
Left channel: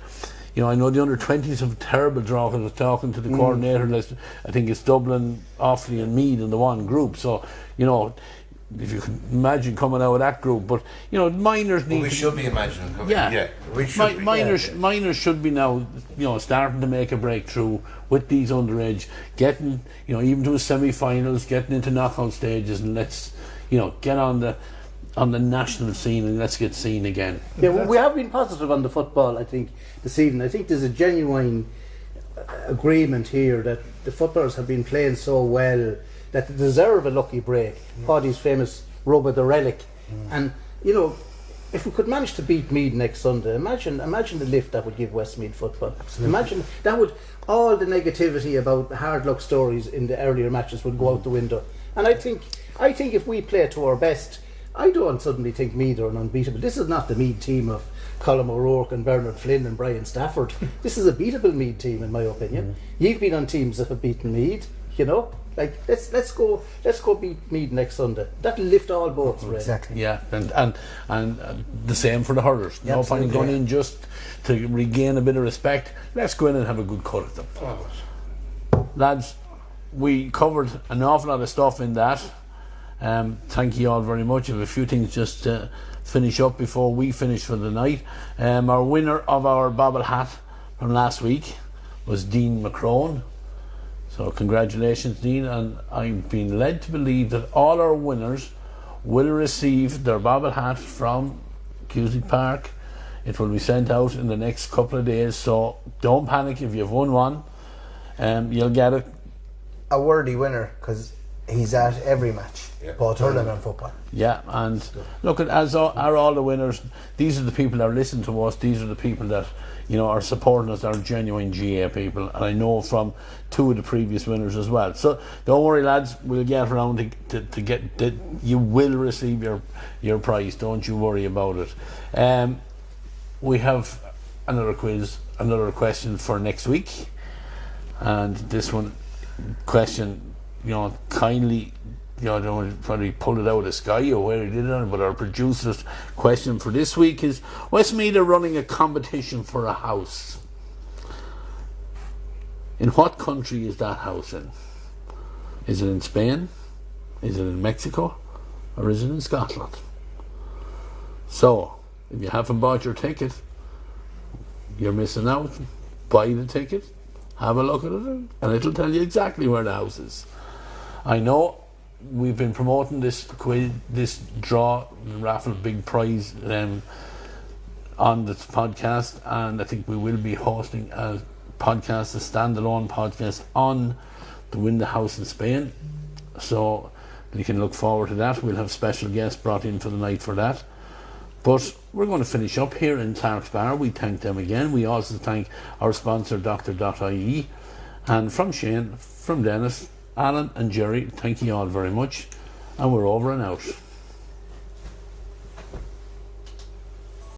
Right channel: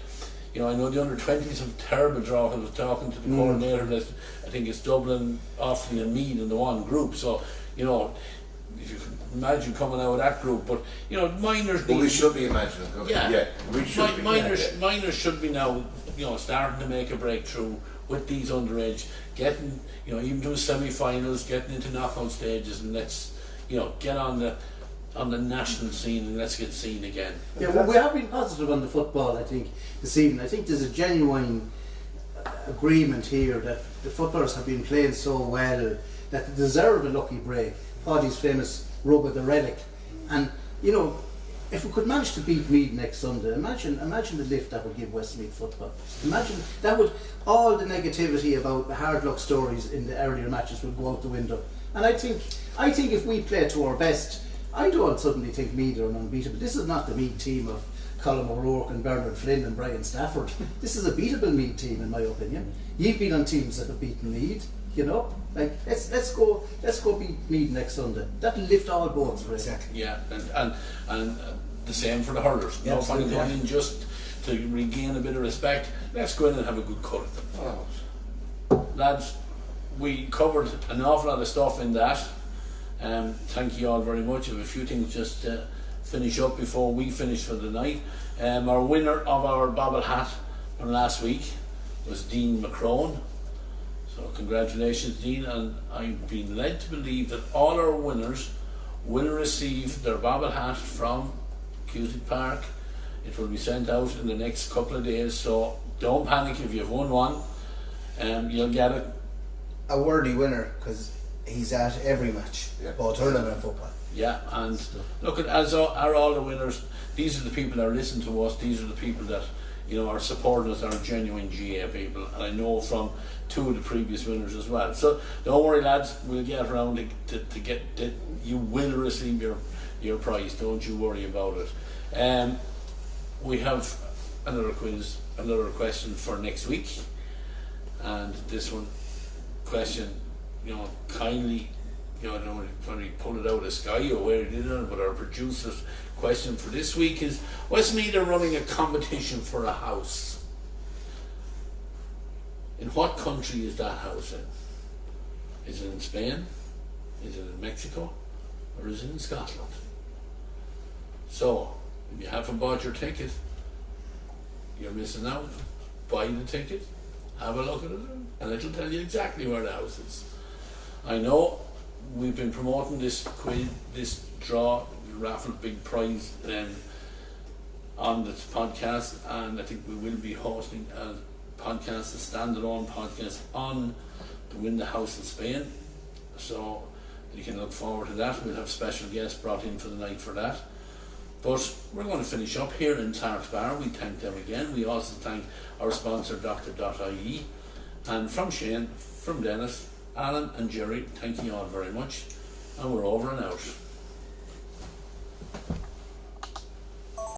You know, I know the under-20s have a terrible draw. I was talking to the coordinator. I think it's Dublin, Offaly and Meath in the one group. So, you know, if you can imagine coming out of that group. But, you know, minors need... we should be imagining. We should minors should be now, you know, starting to make a breakthrough with these underage, getting, you know, even to semi-finals, getting into knockout stages, and let's, you know, get on the national scene and let's get seen again. Yeah, well, we have been positive on the football, I think, this evening. I think there's a genuine agreement here that the footballers have been playing so well that they deserve a lucky break. Paddy's famous rub of the relic. And, you know, if we could manage to beat Meath next Sunday, imagine the lift that would give Westmeath football. Absolutely. Imagine that would, all the negativity about hard luck stories in the earlier matches would go out the window. And I think if we play to our best, I don't suddenly think Meath are unbeatable. This is not the Meath team of Colm O'Rourke and Bernard Flynn and Brian Stafford. This is a beatable Meath team, in my opinion. You've been on teams that have beaten Meath, you know. Like let's go beat Meath next Sunday. That'll lift all boats. Exactly. Yeah, and the same for the hurlers. No point in going in just to regain a bit of respect. Let's go in and have a good cut at them. Lads, we covered an awful lot of stuff in that. Thank you all very much. I have a few things just to finish up before we finish for the night. Our winner of our bobble hat from last week was Dean McCrone. So congratulations, Dean, and I've been led to believe that all our winners will receive their bobble hat from Cusick Park. It will be sent out in the next couple of days, so don't panic if you've won one. You'll get it. A worthy winner, because he's at every match, both hurling and football. Yeah, and look, and so are all the winners. These are the people that are listening to us. These are the people that, you know, are supporting us, are genuine GAA people, and I know from two of the previous winners as well. So don't worry, lads, we'll get around to get you will receive your prize. Don't you worry about it. We have another quiz another question for next week, and this question, kindly, I don't know whether he pulled it out of the sky or where he did it, but our producer's question for this week is: Westmeath are running a competition for a house. In what country is that house in? Is it in Spain? Is it in Mexico? Or is it in Scotland? So, if you haven't bought your ticket, you're missing out. Buy the ticket, have a look at it, and it'll tell you exactly where the house is. I know we've been promoting this quiz, this draw, raffle, big prize on the podcast, and I think we will be hosting a podcast, a standalone podcast on the Win the House in Spain. So you can look forward to that. We'll have special guests brought in for the night for that. But we're going to finish up here in Tarps Bar. We thank them again. We also thank our sponsor, Dooctor.ie. And from Shane, from Denis, Alan and Gerry, thank you all very much. And we're over and out.